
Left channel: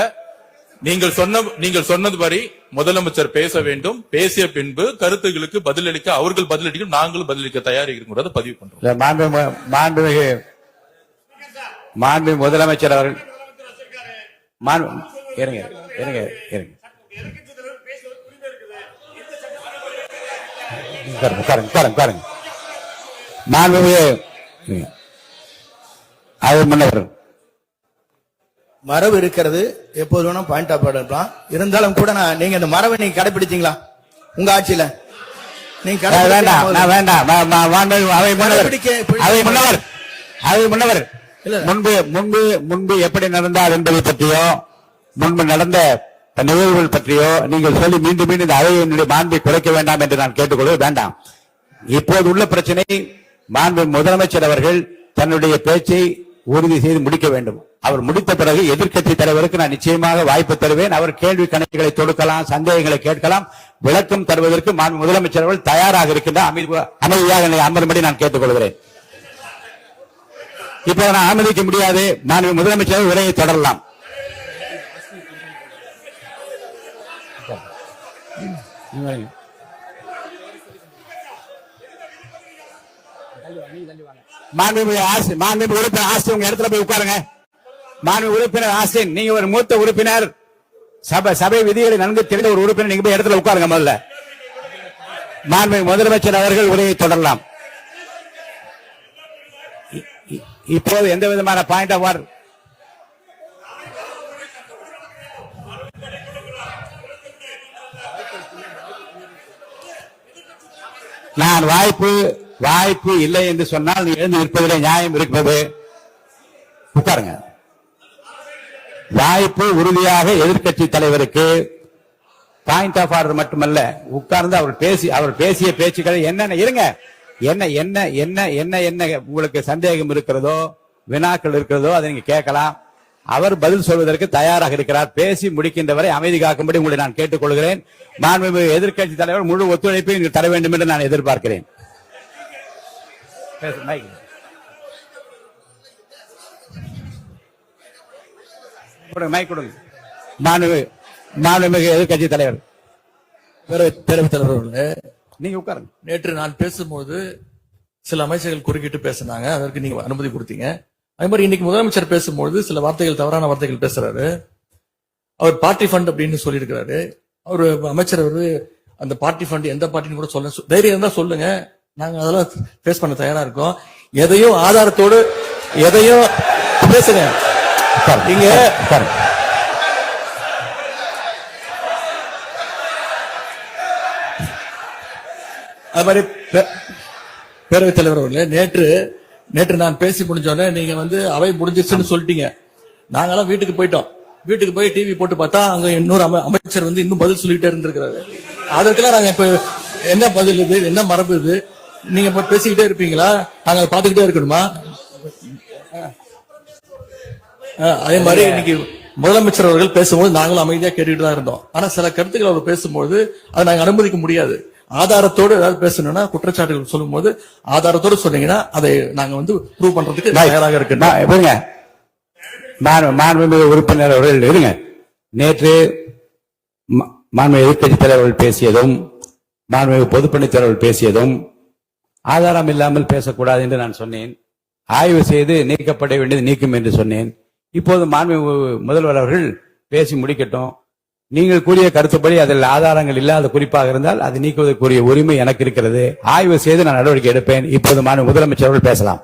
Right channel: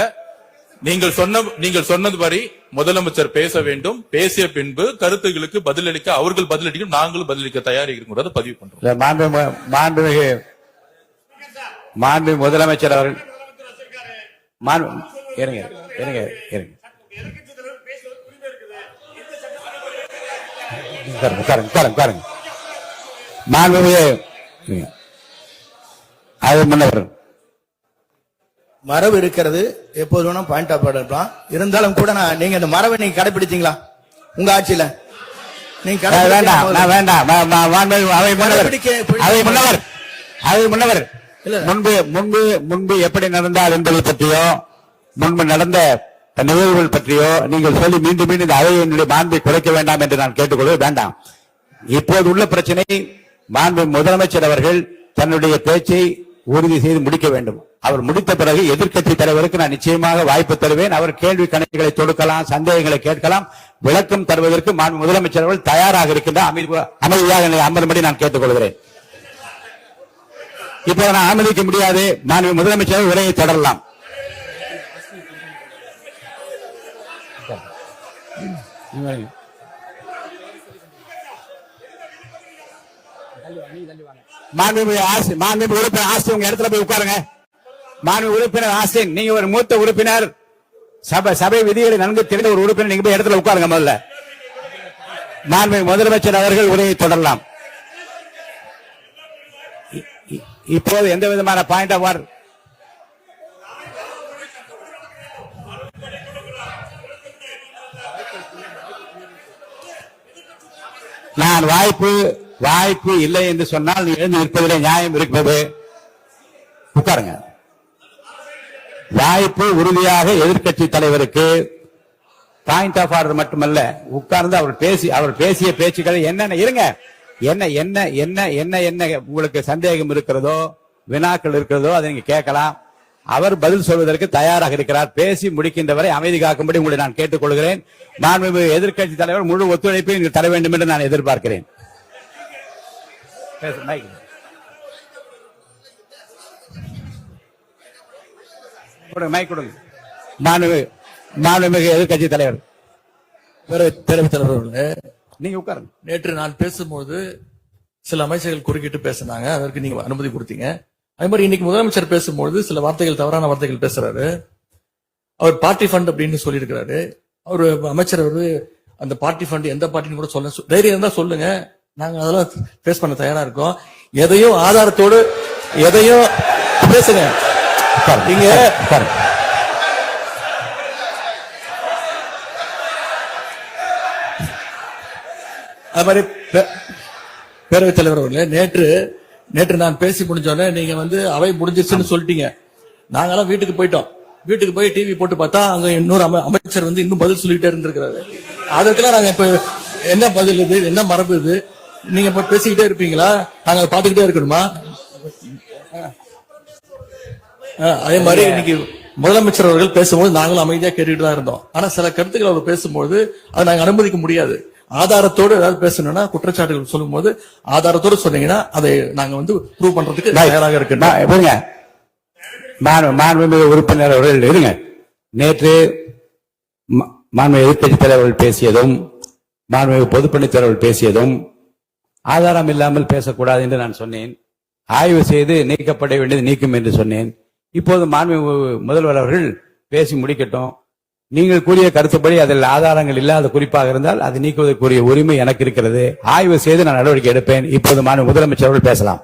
நீங்கள் சொன்னதுபடி முதலமைச்சர் பேச வேண்டும். பேசிய பின்பு கருத்துகளுக்கு பதிலளிக்க அவர்கள் பதிலளிக்கும், நாங்களும் பதிலளிக்க தயாரிக்கிறோம் பதிவு பண்றோம். மாண்புமிகு முதலமைச்சர் அவர்கள் மரபு இருக்கிறது, எப்போது வேணா பாயிண்ட் ஆஃப் ஆர்டர் இருக்கலாம். இருந்தாலும் கூட நீங்க இந்த மரபை நீங்க கடைபிடித்தீங்களா உங்க ஆட்சியில? நீங்க முன்பு எப்படி நடந்தால் என்பதை பற்றியோ முன்பு நடந்த நிகழ்வுகள் பற்றியோ நீங்கள் சொல்லி மீண்டும் இந்த அவையினுடைய மாண்பை குறைக்க வேண்டாம் என்று நான் கேட்டுக்கொள்ள வேண்டாம். இப்போது உள்ள பிரச்சனை மாண்பு முதலமைச்சர் அவர்கள் தன்னுடைய பேச்சை உறுதி செய்து முடிக்க வேண்டும். அவர் முடித்த பிறகு எதிர்க்கட்சி தலைவருக்கு நான் நிச்சயமாக வாய்ப்பு தருவேன். அவர் கேள்வி கணக்குகளை தொடுக்கலாம், சந்தேகங்களை கேட்கலாம், விளக்கம் தருவதற்கு மாண்பு முதலமைச்சர் அவர்கள் தயாராக இருக்கின்ற அமைதியாக அமரும்படி நான் கேட்டுக்கொள்கிறேன். இப்ப நான் அனுமதிக்க முடியாது. நான் முதலமைச்சர் உரையை தொடரலாம். மாண்புமிகு உறுப்பினர் ஆஸ்தின் உங்க இடத்துல போய் உட்காருங்க. மாண்புமிகு உறுப்பினர் ஆஸ்தின், நீங்க ஒரு மூத்த உறுப்பினர், சபை விதிகளை நன்கு தெரிந்த ஒரு உறுப்பினர், நீங்க போய் இடத்துல உட்காருங்க. முதல்ல மாண்புமிகு முதலமைச்சர் அவர்கள் உரையை தொடரலாம். இப்போது எந்த விதமான பாயிண்ட் ஆஃப் ஆர்டர் நான் வாய்ப்பு இல்லை என்று சொன்னால் நீ எழுந்து நிற்பதிலே நியாயம் இருக்கிறது. உட்காருங்க. வாய்ப்பு உறுதியாக எதிர்க்கட்சி தலைவருக்கு பாயிண்ட் ஆஃப் ஆர்டர் மட்டுமல்ல, உட்கார்ந்து அவர் பேசிய பேச்சுக்களை என்னென்ன இருங்க என்ன உங்களுக்கு சந்தேகம் இருக்கிறதோ, வினாக்கள் இருக்கிறதோ அதை நீங்க கேட்கலாம். அவர் பதில் சொல்வதற்கு தயாராக இருக்கிறார். பேசி முடிக்கின்ற வரை அமைதி காக்கும்படி உங்களை நான் கேட்டுக்கொள்கிறேன். நான் எதிர்க்கட்சி தலைவர் முழு ஒத்துழைப்பை நீங்கள் தர வேண்டும் என்று நான் எதிர்பார்க்கிறேன். மாண்புமிகு எதிர்க்கட்சி தலைவர் பேரவைத் தலைவர், நீங்க உட்காருங்க. நேற்று நான் பேசும்போது சில அமைச்சர்கள் குறுக்கிட்டு பேசினாங்க, அதற்கு நீங்க அனுமதி கொடுத்தீங்க. அதே மாதிரி இன்னைக்கு முதலமைச்சர் பேசும்போது சில வார்த்தைகள், தவறான வார்த்தைகள் பேசுறாரு. அவர் பார்ட்டி ஃபண்ட் அப்படின்னு சொல்லியிருக்கிறாரு. அவரு அமைச்சர் அந்த பார்ட்டி ஃபண்ட் எந்த பார்ட்டின்னு கூட சொல்ல தைரியம் இருந்தா சொல்லுங்க, நாங்க அதெல்லாம் பேஸ் பண்ண தயாரா இருக்கோம். எதையும் ஆதாரத்தோடு எதையும் பேசுங்க. நீங்க அது மாதிரி பேரவைத் தலைவர் அவர்களே, நேற்று நான் பேசி முடிஞ்சோடனே நீங்க அவை முடிஞ்சிருச்சுன்னு சொல்லிட்டீங்க. நாங்கெல்லாம் வீட்டுக்கு போயிட்டோம். வீட்டுக்கு போய் டிவி போட்டு பார்த்தா அங்க இன்னொரு அமைச்சர் இன்னும் பதில் சொல்லிட்டே இருந்திருக்கிறாரு. அதுக்கெல்லாம் நாங்க இப்ப என்ன பதில் இது, என்ன மரபு இது? நீங்க இப்ப பேசிக்கிட்டே இருப்பீங்களா? நாங்க பாத்துக்கிட்டே இருக்கணுமா? அதே மாதிரி இன்னைக்கு முதலமைச்சர் அவர்கள் பேசும்போது நாங்களும் அமைதியா கேட்டுட்டு தான் இருந்தோம். ஆனா சில கருத்துக்கள் அவர் பேசும்போது அதை நாங்க அனுமதிக்க முடியாது. ஆதாரத்தோடு ஏதாவது பேசணும்னா, குற்றச்சாட்டுகள் சொல்லும் போது ஆதாரத்தோடு சொன்னீங்கன்னா அதை நாங்க ப்ரூவ் பண்றதுக்கு தயாராக இருக்கு. மாண்புமிகு உறுப்பினர் அவர்கள் இருங்க. நேற்று மாண்புமிகு எதிர்க்கட்சி தலைவர்கள் பேசியதும், மாண்புமிகு பொதுப்பணித்தலைவர்கள் பேசியதும் ஆதாரம் இல்லாமல் பேசக்கூடாது என்று நான் சொன்னேன். ஆய்வு செய்து நீக்கப்பட வேண்டியது நீக்கும் என்று சொன்னேன். இப்போது மாண்புமிகு முதல்வர் அவர்கள் பேசி முடிக்கட்டும். நீங்கள் கூறிய கருத்துப்படி அதில் ஆதாரங்கள் இல்லாத குறிப்பாக இருந்தால் அதை நீக்குவதற்குரிய உரிமை எனக்கு இருக்கிறது. ஆய்வு செய்து நான் நடவடிக்கை எடுப்பேன். இப்போது மாண்புமிகு முதலமைச்சர் அவர்கள் பேசலாம்.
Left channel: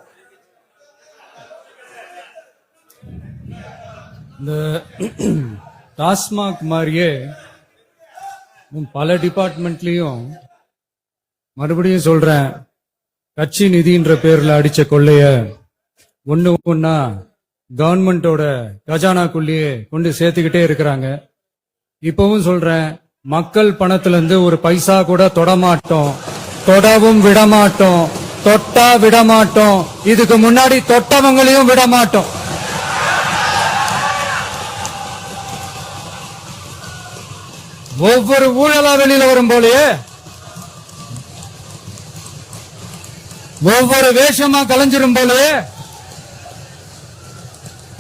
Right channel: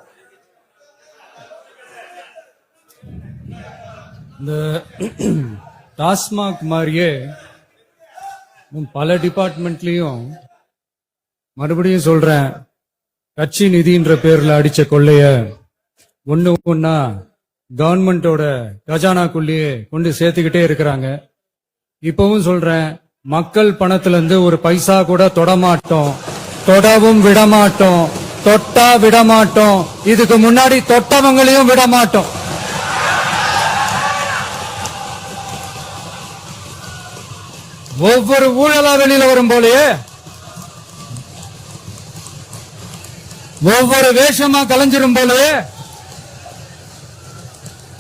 இந்த டாஸ்மாக் மாதிரியே இன்னும் பல டிபார்ட்மெண்ட்லயும் மறுபடியும் சொல்றேன், கட்சி நிதின்ற பேர்ல அடிச்ச கொள்ளைய ஒண்ணா கவர்மெண்டோட கஜானாக்குள்ளேயே கொண்டு சேர்த்துக்கிட்டே இருக்கிறாங்க. இப்பவும் சொல்றேன், மக்கள் பணத்துல இருந்து ஒரு பைசா கூட தொடமாட்டோம், தொடவும் விடமாட்டோம், தொட்டா விடமாட்டோம், இதுக்கு முன்னாடி தொட்டவங்களையும் விடமாட்டோம். ஒவ்வொரு ஊழலா வெளியில வரும் போலயே ஒவ்வொரு வேஷமா கலைஞ்சிரும் போலயே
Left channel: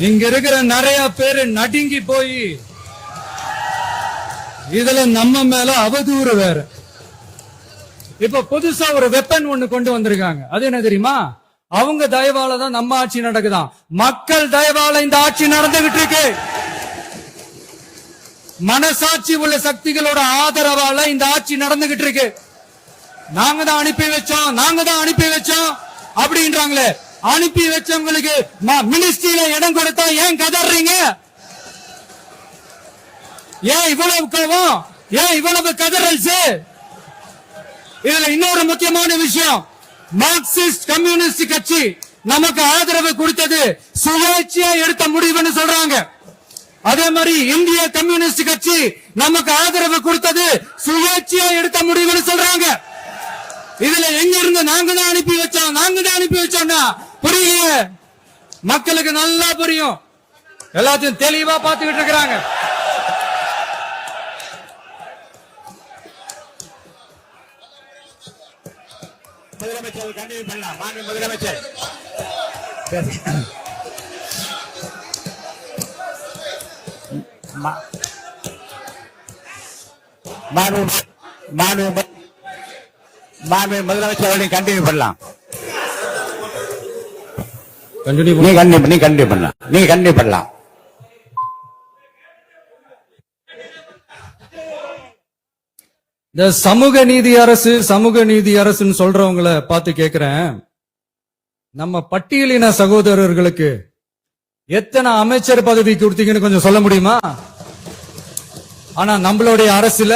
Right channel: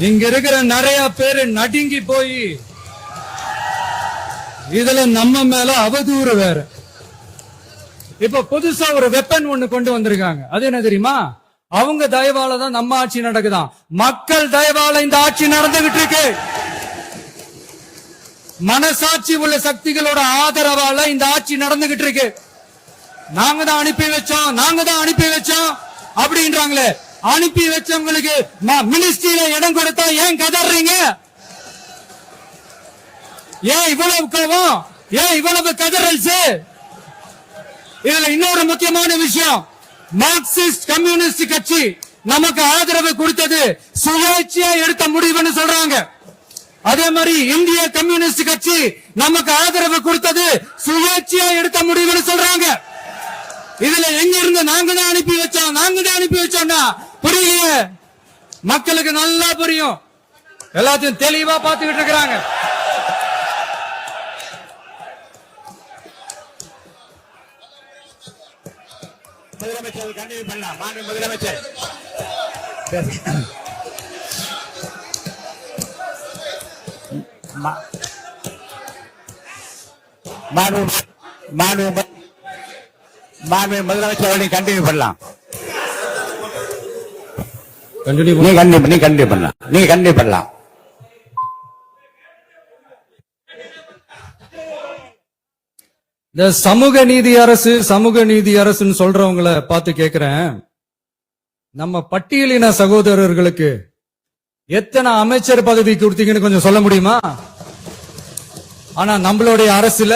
இங்க இருக்கிற நிறைய பேரு நடுங்கி போய் இதுல நம்ம மேல அவதூறு வேற. இப்ப புதுசா ஒரு வெப்பன் ஒண்ணு கொண்டு வந்திருக்காங்க. அது என்ன தெரியுமா? அவங்க தயவால தான் நம்ம ஆட்சி நடக்குதாம். மக்கள் தயவால இந்த ஆட்சி நடந்துகிட்டு இருக்கு. மனசாட்சி உள்ள சக்திகளோட ஆதரவால இந்த ஆட்சி நடந்துகிட்டு இருக்கு. நாங்க தான் அனுப்பி வச்சோம் அப்படின்றாங்களே. அனுப்பி வச்சவங்களுக்கு மினிஸ்ட்ரியில இடம் கொடுத்தா ஏன் கதறீங்க? ஏன் இவ்வளவு கோவம்? ஏன் இவ்வளவு கதறல்? இதுல இன்னொரு முக்கியமான விஷயம், மார்க்சிஸ்ட் கம்யூனிஸ்ட் கட்சி நமக்கு ஆதரவு கொடுத்தது சுயேட்சையா எடுத்த முடிவுன்னு சொல்றாங்க. அதே மாதிரி இந்திய கம்யூனிஸ்ட் கட்சி நமக்கு ஆதரவு கொடுத்தது சுயேட்சையா எடுத்த முடிவுன்னு சொல்றாங்க. இதுல எங்க இருந்து நாங்க தான் அனுப்பி வச்சோம்னா புரியல. மக்களுக்கு நல்லா புரியும். எல்லாத்தையும் தெளிவா பார்த்துக்கிட்டு இருக்கிறாங்க. முதலமைச்சர் கண்டினியூ பண்ணலாம். மாண்பு முதலமைச்சர் முதலமைச்சர் அவர்களை கண்டினியூ பண்ணலாம். நீ கண்டினியூ பண்ணலாம். இந்த சமூக நீதி அரசுன்னு சொல்றவங்களை பார்த்து கேக்குறேன், நம்ம பட்டியலின சகோதரர்களுக்கு எத்தனை அமைச்சர் பதவி கொடுத்தீங்கன்னு கொஞ்சம் சொல்ல முடியுமா? ஆனா நம்மளுடைய அரசுல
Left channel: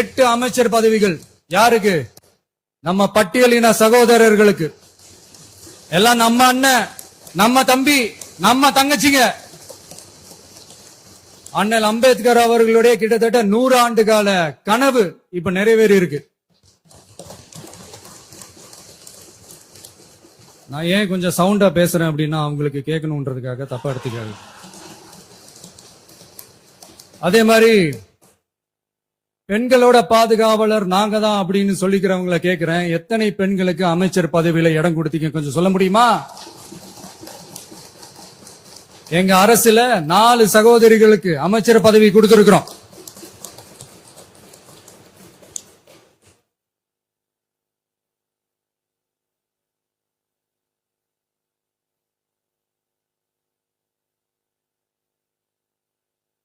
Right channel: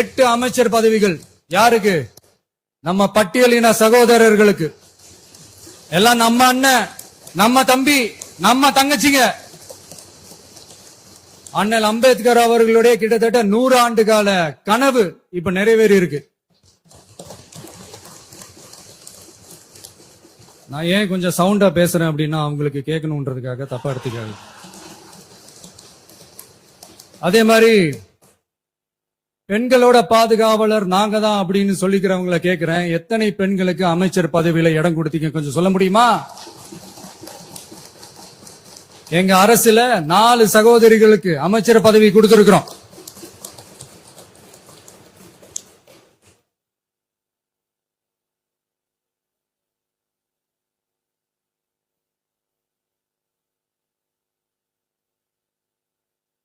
8 அமைச்சர் பதவிகள் யாருக்கு? நம்ம பட்டியலின சகோதரர்களுக்கு. எல்லாம் நம்ம அண்ணன், நம்ம தம்பி, நம்ம தங்கச்சிங்க. அண்ணல் அம்பேத்கர் அவர்களுடைய கிட்டத்தட்ட 100 ஆண்டு கால கனவு இப்ப நிறைவேறி இருக்கு. நான் ஏன் கொஞ்சம் சவுண்டா பேசுறேன் அப்படின்னா அவங்களுக்கு கேட்கணும்ன்றதுக்காக தப்பா எடுத்துக்காது. அதே மாதிரி பெண்களோட பாதுகாவலர் நாங்க தான் அப்படின்னு சொல்லிக்கிறவங்களை கேட்கிறேன், எத்தனை பெண்களுக்கு அமைச்சர் பதவியில இடம் கொடுத்தீங்க கொஞ்சம் சொல்ல முடியுமா? எங்க அரசுல 4 சகோதரிகளுக்கு அமைச்சர் பதவி கொடுத்திருக்கிறோம்.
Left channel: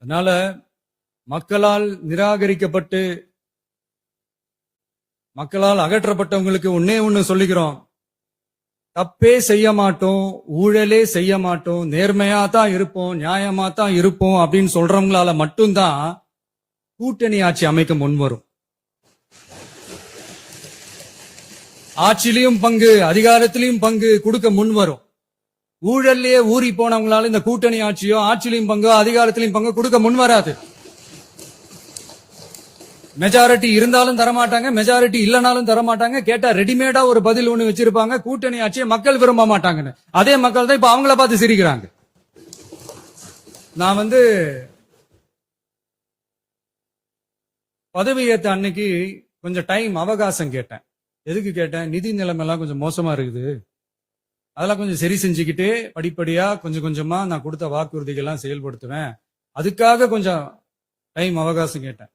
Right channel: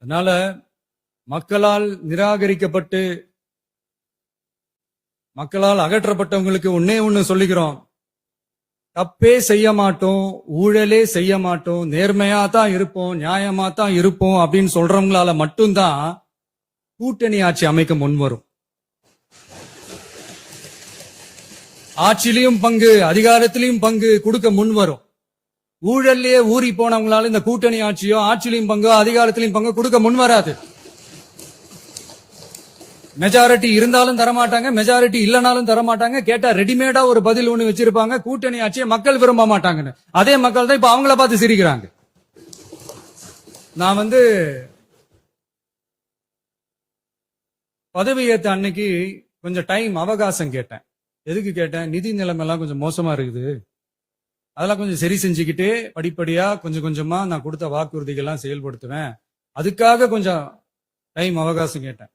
அதனால மக்களால் நிராகரிக்கப்பட்டு மக்களால் அகற்றப்பட்டவங்களுக்கு ஒண்ணு சொல்லிக்கிறோம், தப்பே செய்ய மாட்டோம், ஊழலே செய்ய மாட்டோம், நேர்மையா தான் இருப்போம், நியாயமா தான் இருப்போம் அப்படின்னு சொல்றவங்களால மட்டும்தான் கூட்டணி ஆட்சி அமைக்க முன்வரும். ஆட்சியிலையும் பங்கு, அதிகாரத்திலையும் பங்கு கொடுக்க முன்வரும். ஊழல்லையே ஊறி போனவங்களால இந்த கூட்டணி ஆட்சியோ ஆட்சியிலையும் பங்கு அதிகாரத்திலையும் பங்கு கொடுக்க முன்வராது. மெஜாரிட்டி இருந்தாலும் தரமாட்டாங்க, மெஜாரிட்டி இல்லனாலும் தரமாட்டாங்க. கேட்டா ரெடிமேடா ஒரு பதில் ஒண்ணு வச்சிருப்பாங்க, கூட்டணி ஆட்சியை மக்கள் விரும்ப மாட்டாங்கன்னு. அதே மக்கள் தான் இப்ப அவங்கள பார்த்து சிரிக்கிறாங்க. நான் பதவி ஏத்த அன்னைக்கு கொஞ்சம் டைம் அவகாசம் கேட்டேன். எதுக்கு கேட்டேன்? நிதி நிலைமை எல்லாம் கொஞ்சம் மோசமா இருக்குது, அதெல்லாம் கொஞ்சம் சரி செஞ்சுக்கிட்டே படிப்படியா கொஞ்சம் கொஞ்சமா நான் கொடுத்த வாக்குறுதிகள்லாம் செயல்படுத்துவேன், அதுக்காக கொஞ்சம் டைம் அவகாசம் கேட்டேன்.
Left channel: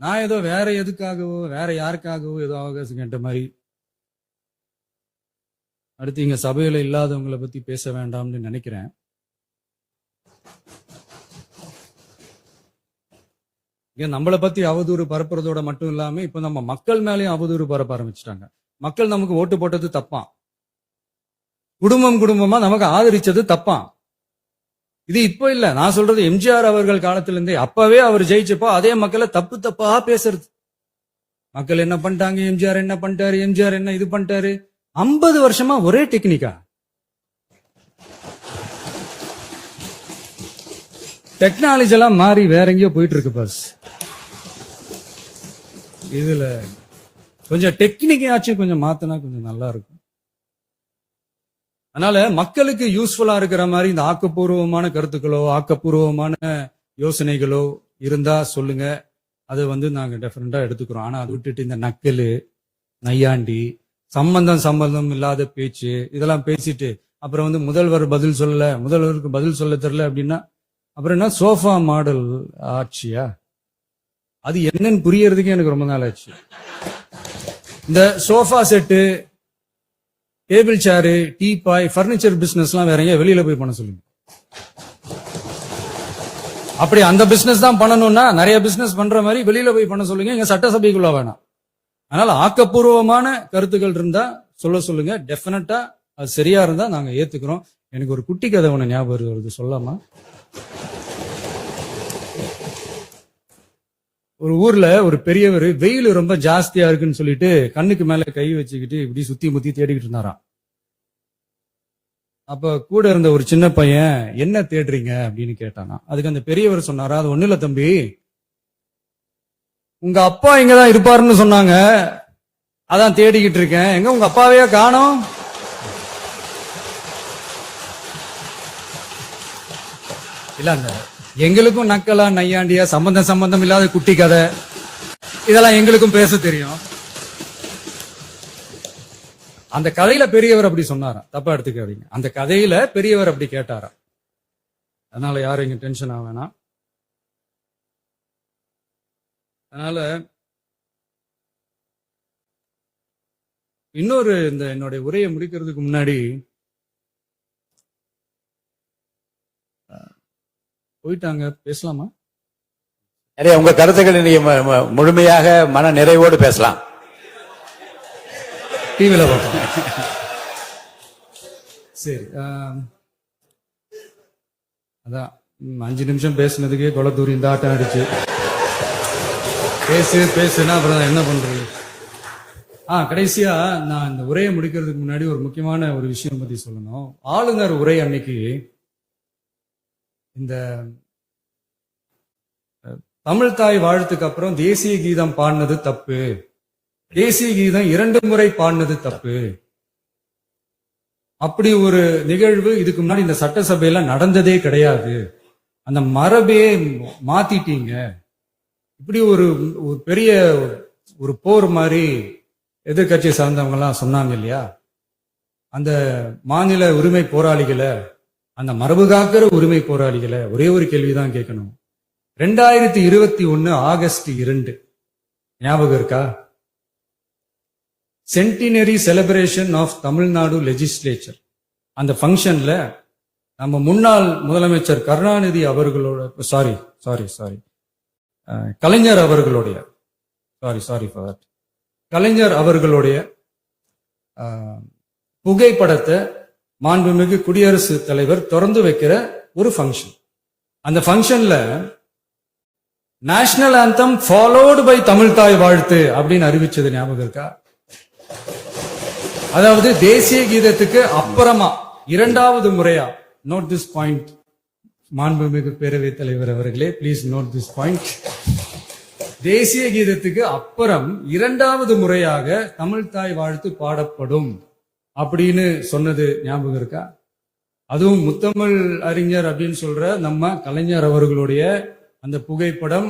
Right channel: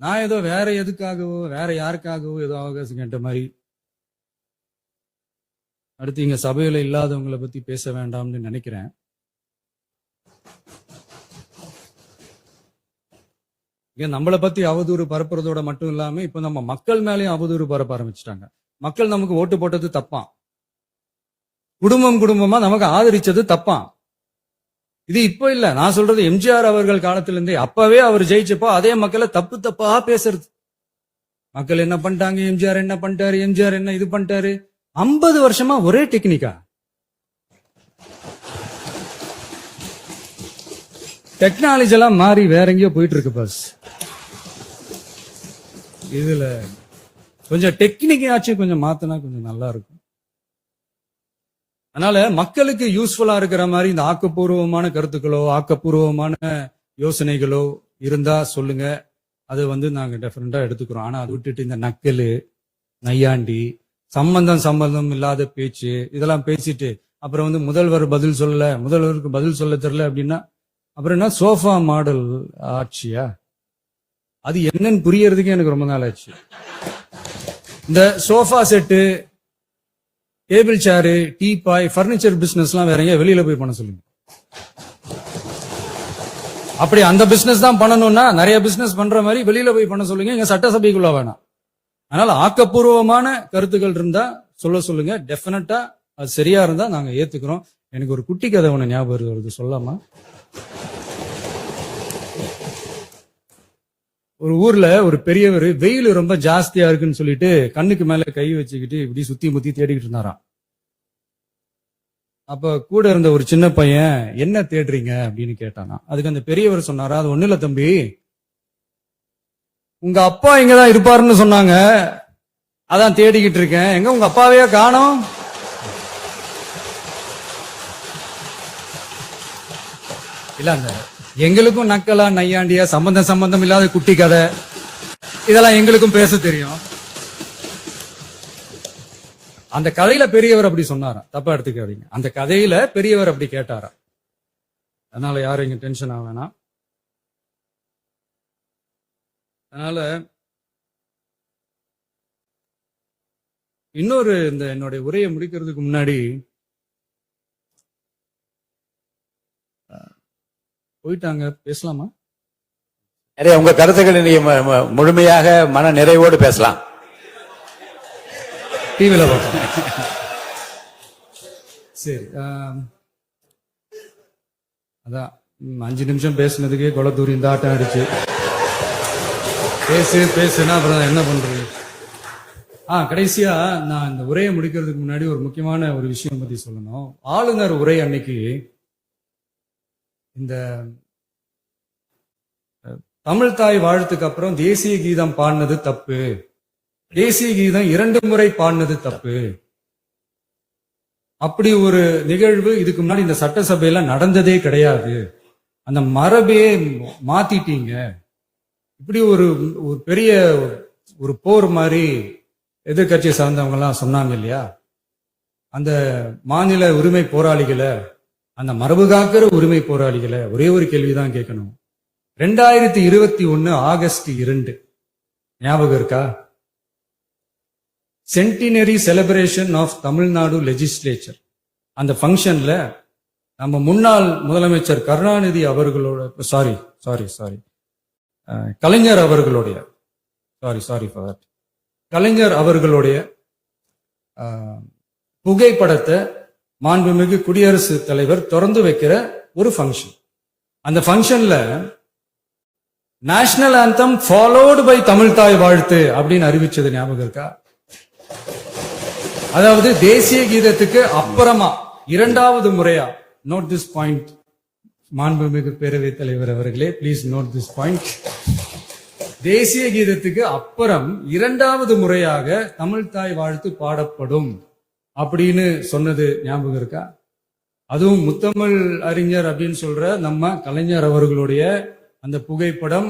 நான் ஏதோ வேற எதுக்காகவோ வேற யாருக்காகவோ ஏதோ அவகாசம் கேட்ட மாதிரி. அடுத்து இங்க சபையில இல்லாதவங்களை பத்தி பேச வேண்டாம்னு நினைக்கிறேன். இங்க நம்மளை பத்தி அவதூறு பரப்புறதோட மட்டும் இல்லாம இப்ப நம்ம மக்கள் மேலயும் அவதூறு பரப்ப ஆரம்பிச்சுட்டாங்க. மக்கள் நமக்கு ஓட்டு போட்டது தப்பான், குடும்பமா நமக்கு ஆதரிச்சது தப்பான். இது இப்ப இல்ல, நான் சொல்றது எம்ஜிஆர் அவர்கள் காலத்திலிருந்தே. அப்பவே அவர் ஜெயிச்சப்போ அதே மக்களை தப்பு தப்பா பேசுறது. மக்கள் என்ன பண்ணிட்டாங்க, எம்ஜிஆர் என்ன பண்ணிட்டாரு, எம்ஜிஆர் என்ன இது பண்ணிட்டாரு. 50 வருஷமா ஒரே டெக்னிக்கா. டெக்னாலஜி எல்லாம் மாறி வேற எங்கேயோ போயிட்டு இருக்கு பஸ். இதுல கொஞ்சம் டெக்னிக்காச்சும் கொஞ்சம் மாத்தினா கொஞ்சம் நல்லா இருக்கும். அதனால மக்களுக்கு யூஸ்ஃபுல்லா இருக்கிற மாதிரி இந்த ஆக்கப்பூர்வமான கருத்துக்களோ ஆக்கப்பூர்வமான யோசனைகளோ இருந்தா சொல்லுங்க. அதை நாங்க டெஃபரெண்டா எடுத்துக்கிறோம். ஆனா அதை விட்டுட்டு இந்த நக்கலு, நையாண்டி, சம்பந்தம் இல்லாத பேச்சு இதெல்லாம் பேசிட்டு அப்புறம் முதல்வர் பதில் சொல்லல, முதல்வருக்கு பதில் சொல்ல தெரியல அப்படின்னா அப்புறம் என்ன சோஃபா மாடல் ஆட்சியா? அது என்னன்னு புரியறதுக்கு எனக்கு ரொம்ப நாள் ஆச்சு. இந்த சோஃபா செட்டு, டேபிள் சேரு, டீபாய், பர்னிச்சர் பிசினஸ் எல்லாம் வேற வெளியில போய் பண்ண சொல்லுங்க. அப்படி அந்த பிசினஸ் தான் பண்ணணும்னா நிறைய பிசினஸ் பண்ற மாதிரி வெளியில போய் பண்ண சொல்லுங்க. இங்க சட்டசபைக்குள்ள வேணாம். அதனால ஆக்கப்பூர்வமான கருத்துக்கள் இருந்தா சொல்லுங்க. டெஃபினட்டா அது சரியா இருந்தா நாங்க ஏத்துக்கிறோம். எனக்கு ஒரு குட்டி கதை ஒண்ணு ஞாபகம் வருது, சொல்லாமா? ஒரு ஊர்ல ஒரு பெரியவர் வெயில் ரொம்ப ஜாஸ்தியா இருக்குன்னு சொல்லிட்டு கண்ணுக்கு மேல கை வச்சுக்கிட்டு இப்படி சுத்தி முத்தி தேடிக்கிட்டு இருந்தாராம். அப்ப கூட இருந்த ஒரு சின்ன பையன் என்ன தேடுறீங்க அப்படின்னு கேட்டானா. அதுக்கு அந்த பெரியவர் சொன்னாரா, அது ஒண்ணு இல்ல தம்பி, உங்க அப்பா இங்கதான் இருப்பாருன்னு சொன்னாங்க, அதான் தேடிக்கிட்டு இருக்கேன். எங்க உங்க அப்பாவையா காணோம்? இல்ல எங்களுக்கும் நக்கலா நையாண்டியா சம்பந்தம் இல்லாத குட்டி கதை இதெல்லாம் எங்களுக்கும் பேச தெரியும். அந்த கதையில பெரியவர் அப்படி சொன்னாராம், தப்பா எடுத்துக்காதீங்க. அந்த கதையில பெரியவர் அப்படி கேட்டாராம். அதனால யாரும் இங்க டென்ஷன் ஆகலனா. அதனால இன்னொரு இந்த என்னுடைய உரையை முடிக்கிறதுக்கு முன்னாடி போயிட்டாங்க, பேசலாமா? நிறைய உங்க கருத்துக்களை நீங்க முழுமையாக மன நிறைவோடு பேசலாம். டிவில பார்ப்போம். சரி, அதான் 5 நிமிஷம் பேசுனதுக்கே கொலத்தூரி இந்த ஆட்டம் ஆயிடுச்சு. பேசுனா அப்புறம் என்ன பண்றது? கடைசியா நான் இந்த உரையை முடிக்கிறதுக்கு முன்னாடி ஒரு முக்கியமான ஒரு விஷயம் பத்தி சொல்லணும். ஆளுநர் உரை அன்னைக்கு இந்த தமிழ் தாய் வாழ்த்துக்கு அப்புறம் தேசிய கீதம் பாடினது தப்பு, தேசிய கீதம் 2 முறை பாடினது தப்பு, அப்படி ஒரு நிகழ்வு இதுக்கு முன்னாடி இந்த சட்டசபையில நடந்ததே கிடையாது, அந்த மரபே மாத்திட்டீங்க, இப்படி ஒரு பெரிய ஒரு போர் மாதிரி எதிர்கட்சியை சார்ந்தவங்க எல்லாம் சொன்னாங்க இல்லையா? அந்த மாநில உரிமை போராளிகளை, அந்த மரபு காக்கிற உரிமை போராளிகளை ஒரே ஒரு கேள்விதான் கேட்கணும். 2021 ஆகஸ்ட் 2 ஞாபகம் இருக்கா? Centenary celebration of Tamil Nadu legislature. அந்த பங்கன்ல நம்ம முன்னாள் முதலமைச்சர் கருணாநிதி அவர்களோட கலைஞர் அவர்களுடைய கலைஞர் அவர்களுடைய புகைப்படத்தை மாண்புமிகு குடியரசுத் தலைவர் திறந்து வைக்கிற ஒரு பங்கன். அந்த பங்கன்ல national anthem followed by Tamil தாய் வாழ்த்து அப்படின்னு அறிவிச்சது ஞாபகம் இருக்கா? அதாவது தேசிய கீதத்துக்கு அப்புறமா 2வது முறையா, நோட் திஸ் பாயிண்ட் மாண்புமிகு பேரவைத் தலைவர் அவர்களே, பிளீஸ் நோட் திஸ் பாயிண்ட். தேசிய கீதத்துக்கு அப்புறம் 2வது முறையாக தமிழ் தாய் வாழ்த்து பாடப்படும் அப்படின்னு சொன்னது ஞாபகம் இருக்கா? அதுவும் முத்தமிழ் அறிஞர் அப்படின்னு சொல்ற நம்ம கலைஞர் அவர்களுடைய அந்த புகைப்படம்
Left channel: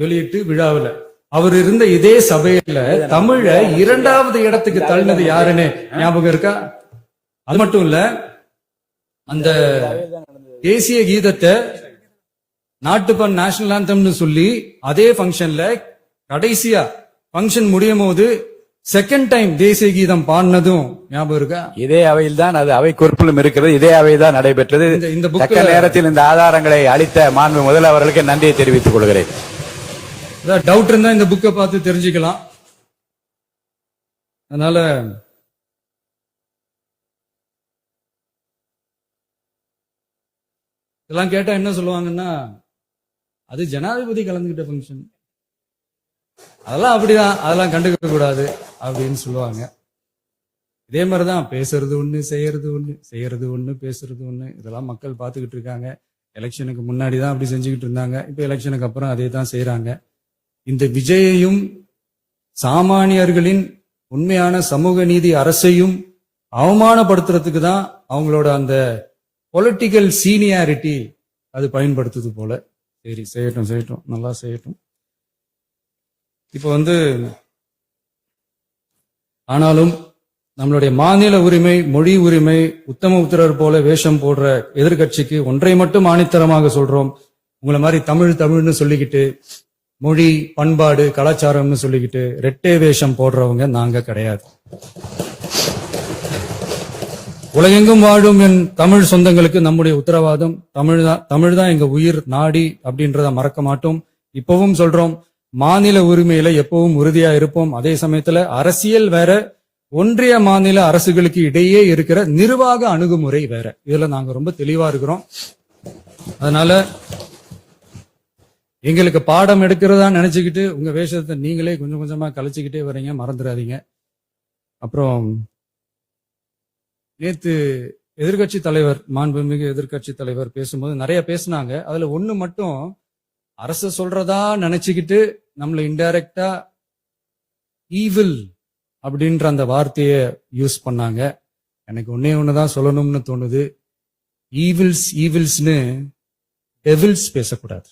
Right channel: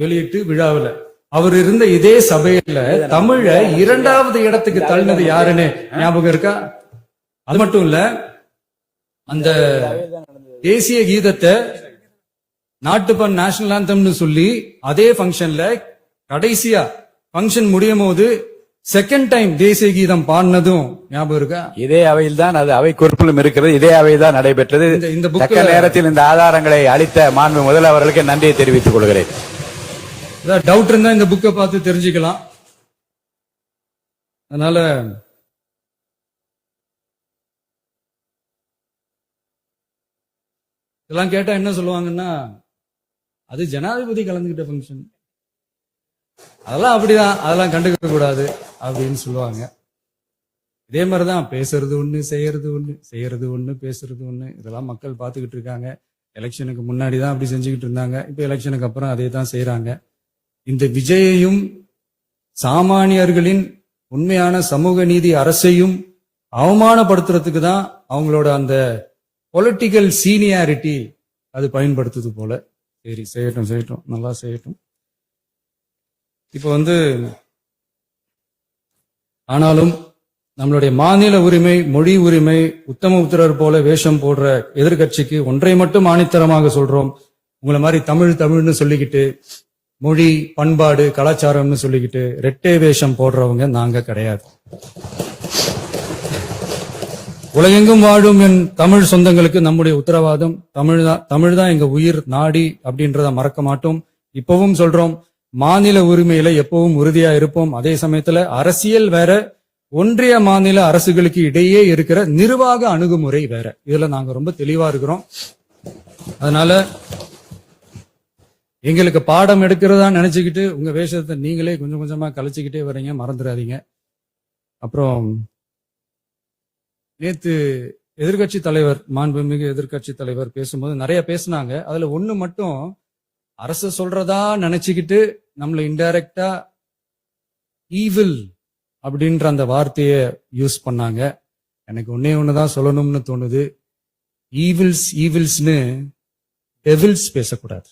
வெளியிட்டு விழாவில் அவர் இருந்த இதே சபையில தமிழ 2வது இடத்துக்கு தள்ளினது யாருன்னு ஞாபகம் இருக்கா? அது மட்டும் இல்ல, அந்த தேசிய கீதத்தை நாட்டுப்பண் நேஷனல் ஆந்தம்னு சொல்லி அதே பங்கன்ல கடைசியா பங்கன் முடியும் போது செகண்ட் டைம் தேசிய கீதம் பாடினதும் ஞாபகம் இருக்கா? இதே அவையில் தான், அது அவை குறிப்பிலும் இருக்கிறது, இதே அவை தான் நடைபெற்றது. இந்த தக்க நேரத்தில் இந்த ஆதாரங்களை அளித்த மாண்பு முதல்வர்களுக்கு நன்றியை தெரிவித்துக் கொள்கிறேன். டவுட் இருந்தா இந்த புக்கை பார்த்து தெரிஞ்சுக்கலாம். அதனால இதெல்லாம் கேட்டா என்ன சொல்லுவாங்கன்னா, அது ஜனாதிபதி கலந்துகிட்ட ஃபங்க்ஷன், அதெல்லாம் அப்படிதான், அதெல்லாம் கண்டுக்க கூடாது அப்படின்னு சொல்லுவாங்க. இதே மாதிரிதான் பேசுறது ஒண்ணு, செய்யறது ஒண்ணு, செய்யறது ஒண்ணு, பேசுறது ஒண்ணு. இதெல்லாம் மக்கள் பார்த்துக்கிட்டு இருக்காங்க. எலெக்ஷனுக்கு முன்னாடி தான் அப்படி செஞ்சுக்கிட்டு இருந்தாங்க. இப்ப எலெக்ஷனுக்கு அப்புறம் அதே தான் செய்யறாங்க. இந்த விஜயையும் சாமானியர்களின் உண்மையான சமூக நீதி அரசையும் அவமானப்படுத்துறதுக்கு தான் அவங்களோட அந்த பொலிட்டிக்கல் சீனியாரிட்டி அது பயன்படுத்துது போல. சரி, செய்யட்டும் செய்யட்டும், நல்லா செய்யட்டும். இப்போ ஆனாலும் நம்மளுடைய மாநில உரிமை, மொழி உரிமை, உத்தம உத்தரர் போல வேஷம் போடுற எதிர்கட்சிக்கு ஒன்றை மட்டும் ஆணித்தரமாக சொல்றோம். உங்களை மாதிரி தமிழ் தமிழ்னு சொல்லிக்கிட்டு, மொழி, பண்பாடு, கலாச்சாரம்னு சொல்லிக்கிட்டு ரெட்டை வேஷம் போடுறவங்க நாங்க கிடையாது. உலகெங்கும் வாழும் என் தமிழ் சொந்தங்களுக்கு நம்முடைய உத்தரவாதம் தமிழ் தான் எங்க உயிர் நாடி அப்படின்றத மறக்க மாட்டோம். இப்பவும் சொல்றோம், மாநில உரிமையில எப்பவும் உறுதியா இருப்போம். அதே சமயத்துல அரசியல் வேற, ஒன்றிய மாநில அரசுகளுக்கு இடையே இருக்கிற நிர்வாக அணுகுமுறை வேற. இதுல நாங்க ரொம்ப தெளிவா இருக்கிறோம். அதனால எங்களுக்கு பாடம் எடுக்கிறதா நினைச்சுக்கிட்டு உங்க வேஷத்தை நீங்களே கொஞ்சம் கொஞ்சமா கலைச்சுக்கிட்டே வர்றீங்க, மறந்துடாதீங்க. அப்புறம் நேத்து எதிர்கட்சி தலைவர், மாண்புமிகு எதிர்கட்சி தலைவர் பேசும்போது நிறைய பேசினாங்க. அதுல ஒண்ணு மட்டும் அரசு சொல்றதா நினைச்சுக்கிட்டு நம்மள இன்டைரக்டா ஈவில் அப்படின்ற அந்த வார்த்தையை யூஸ் பண்ணாங்க. எனக்கு ஒன்னே ஒண்ணுதான் சொல்லணும்னு தோணுது. ஈவில்ஸ்னு டெவில்ஸ் பேசக்கூடாது.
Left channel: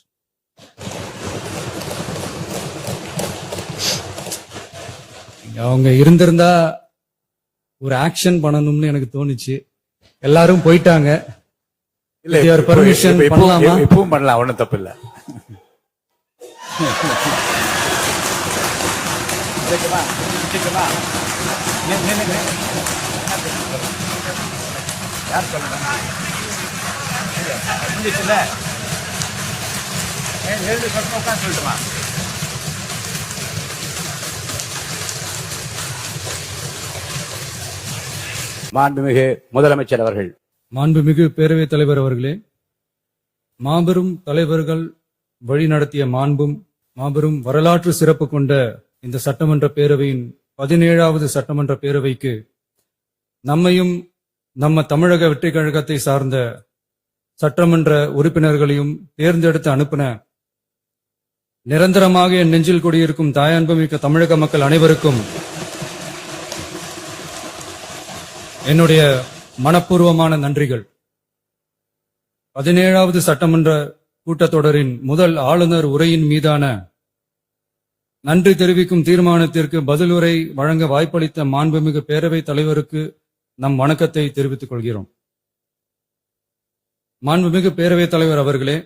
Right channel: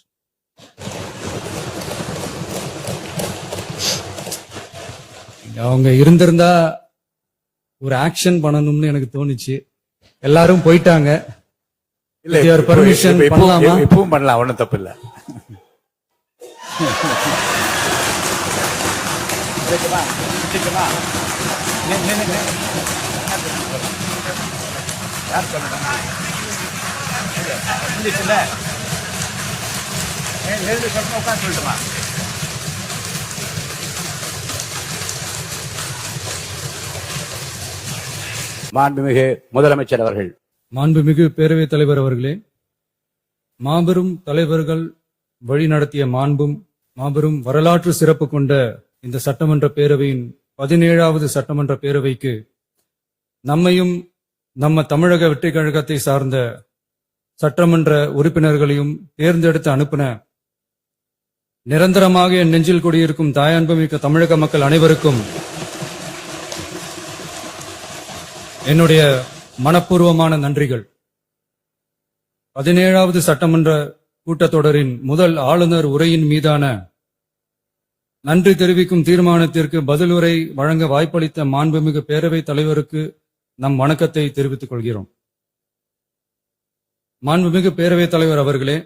அவங்க இருந்திருந்தா ஒரு ஆக்ஷன் பண்ணணும்னு எனக்கு தோணுச்சு. எல்லாரும் போயிட்டாங்க. இல்ல, பர்மிஷன் பண்ணலாமா? இப்பவும் பண்ணலாம், ஒண்ணும் தப்பு இல்ல. மாண்புமிகு முதலமைச்சர் அவர்கள். மாண்புமிகு பேரவைத் தலைவர் அவர்களே, மாபெரும் தலைவர்கள் வழிநடத்திய மாண்பும் மாபெரும் வரலாற்று சிறப்பு கொண்ட இந்த சட்டமன்ற பேரவையின் 17வது சட்டமன்ற பேரவைக்கு நம்மையும் நம்ம தமிழக வெற்றிக் கழகத்தை சார்ந்த சட்டமன்ற உறுப்பினர்களையும் தேர்ந்தெடுத்து அனுப்பின நிரந்தரமாக என் நெஞ்சில் குடியிருக்கும் தாயன்புமிக்க தமிழக மக்கள் அனைவருக்கும் என்னுடைய மனப்பூர்வமான நன்றிகள். 17வது சட்டமன்ற கூட்டத்தொடரின் முதல் ஆளுநர் உரையின் மீதான நன்றி தெரிவிக்கும் தீர்மானத்திற்கு பதில் உரை வழங்க வாய்ப்பளித்த மாண்புமிகு பேரவைத் தலைவருக்கு நம் வணக்கத்தை தெரிவித்துக் கொள்கிறோம். மாண்புமிகு பேரவைத் தலைவர் அவர்களே,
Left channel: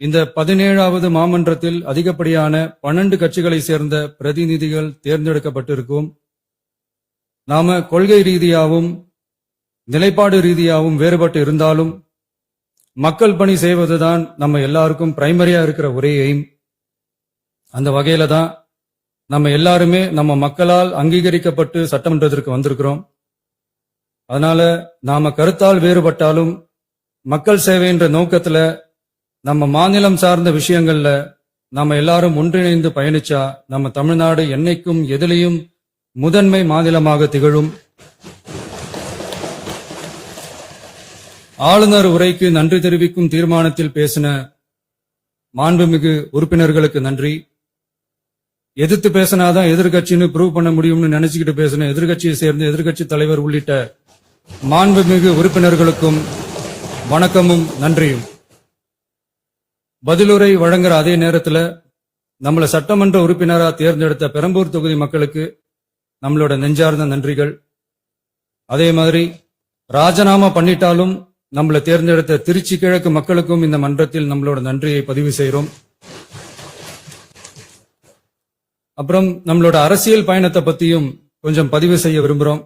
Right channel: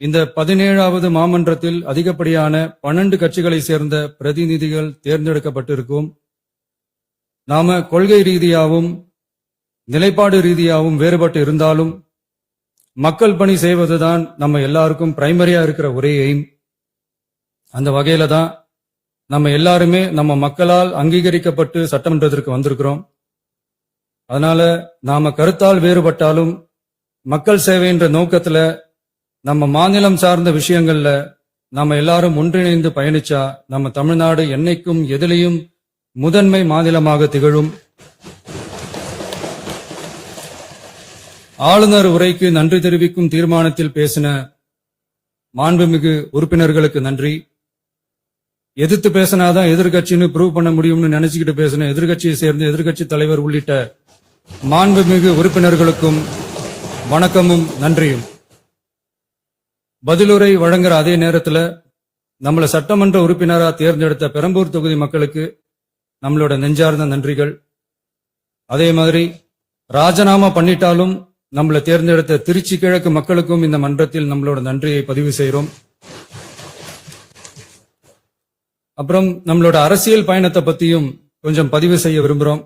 இந்த 17வது மாமன்றத்தில் அதிகப்படியான 12 கட்சிகளை சேர்ந்த பிரதிநிதிகள் தேர்ந்தெடுக்கப்பட்டிருக்கும். நாம கொள்கை ரீதியாகவும் நிலைப்பாடு ரீதியாகவும் வேறுபட்டு இருந்தாலும் மக்கள் பணி செய்வதுதான் நம்ம எல்லாருக்கும் பிரைமரியா இருக்கிற ஒரே எய்ம். அந்த வகையில தான் நம்ம எல்லாருமே நம்ம மக்களால் அங்கீகரிக்கப்பட்டு சட்டமன்றத்திற்கு வந்திருக்கிறோம். அதனால நாம கருத்தால் வேறுபட்டாலும் மக்கள் சேவை என்ற நோக்கத்துல நம்ம மாநிலம் சார்ந்த விஷயங்கள்ல நாம எல்லாரும் ஒன்றிணைந்து பயணிச்சா நம்ம தமிழ்நாடு என்னைக்கும் எதிலையும் முதன்மை மாநிலமாக திகழும். ஆளுநர் உரைக்கு நன்றி தெரிவிக்கும் தீர்மானத்தில் பேசின மாண்புமிகு உறுப்பினர்களுக்கு நன்றி. எதிர்த்து பேசினாதான் எதிர்கட்சின்னு ப்ரூவ் பண்ண முடியும்னு நினைச்சுக்கிட்டு பேசின எதிர்கட்சியை சேர்ந்த எதிர்கட்சி தலைவர் உள்ளிட்ட மாண்புமிகு உறுப்பினர்களுக்கும் வணக்கமும் நன்றியும். பதிலுரை வழங்குற அதே நேரத்துல நம்மள சட்டமன்ற உறுப்பினரா தேர்ந்தெடுத்த பெரம்பூர் தொகுதி மக்களுக்கு நம்மளோட நெஞ்சார்ந்த நன்றிகள். அதே மாதிரி ராஜினாமா பண்ணிட்டாலும் நம்மளை தேர்ந்தெடுத்த திருச்சி கிழக்கு மக்களுக்கும் இந்த மன்றத்தில் நம்மளோட நன்றியை பதிவு செய்கிறோம். அப்புறம் நம்மளோட அரசியல் பயணத்தை பத்தியும் கொஞ்சம் பதிவு செய்ய விரும்புறோம்.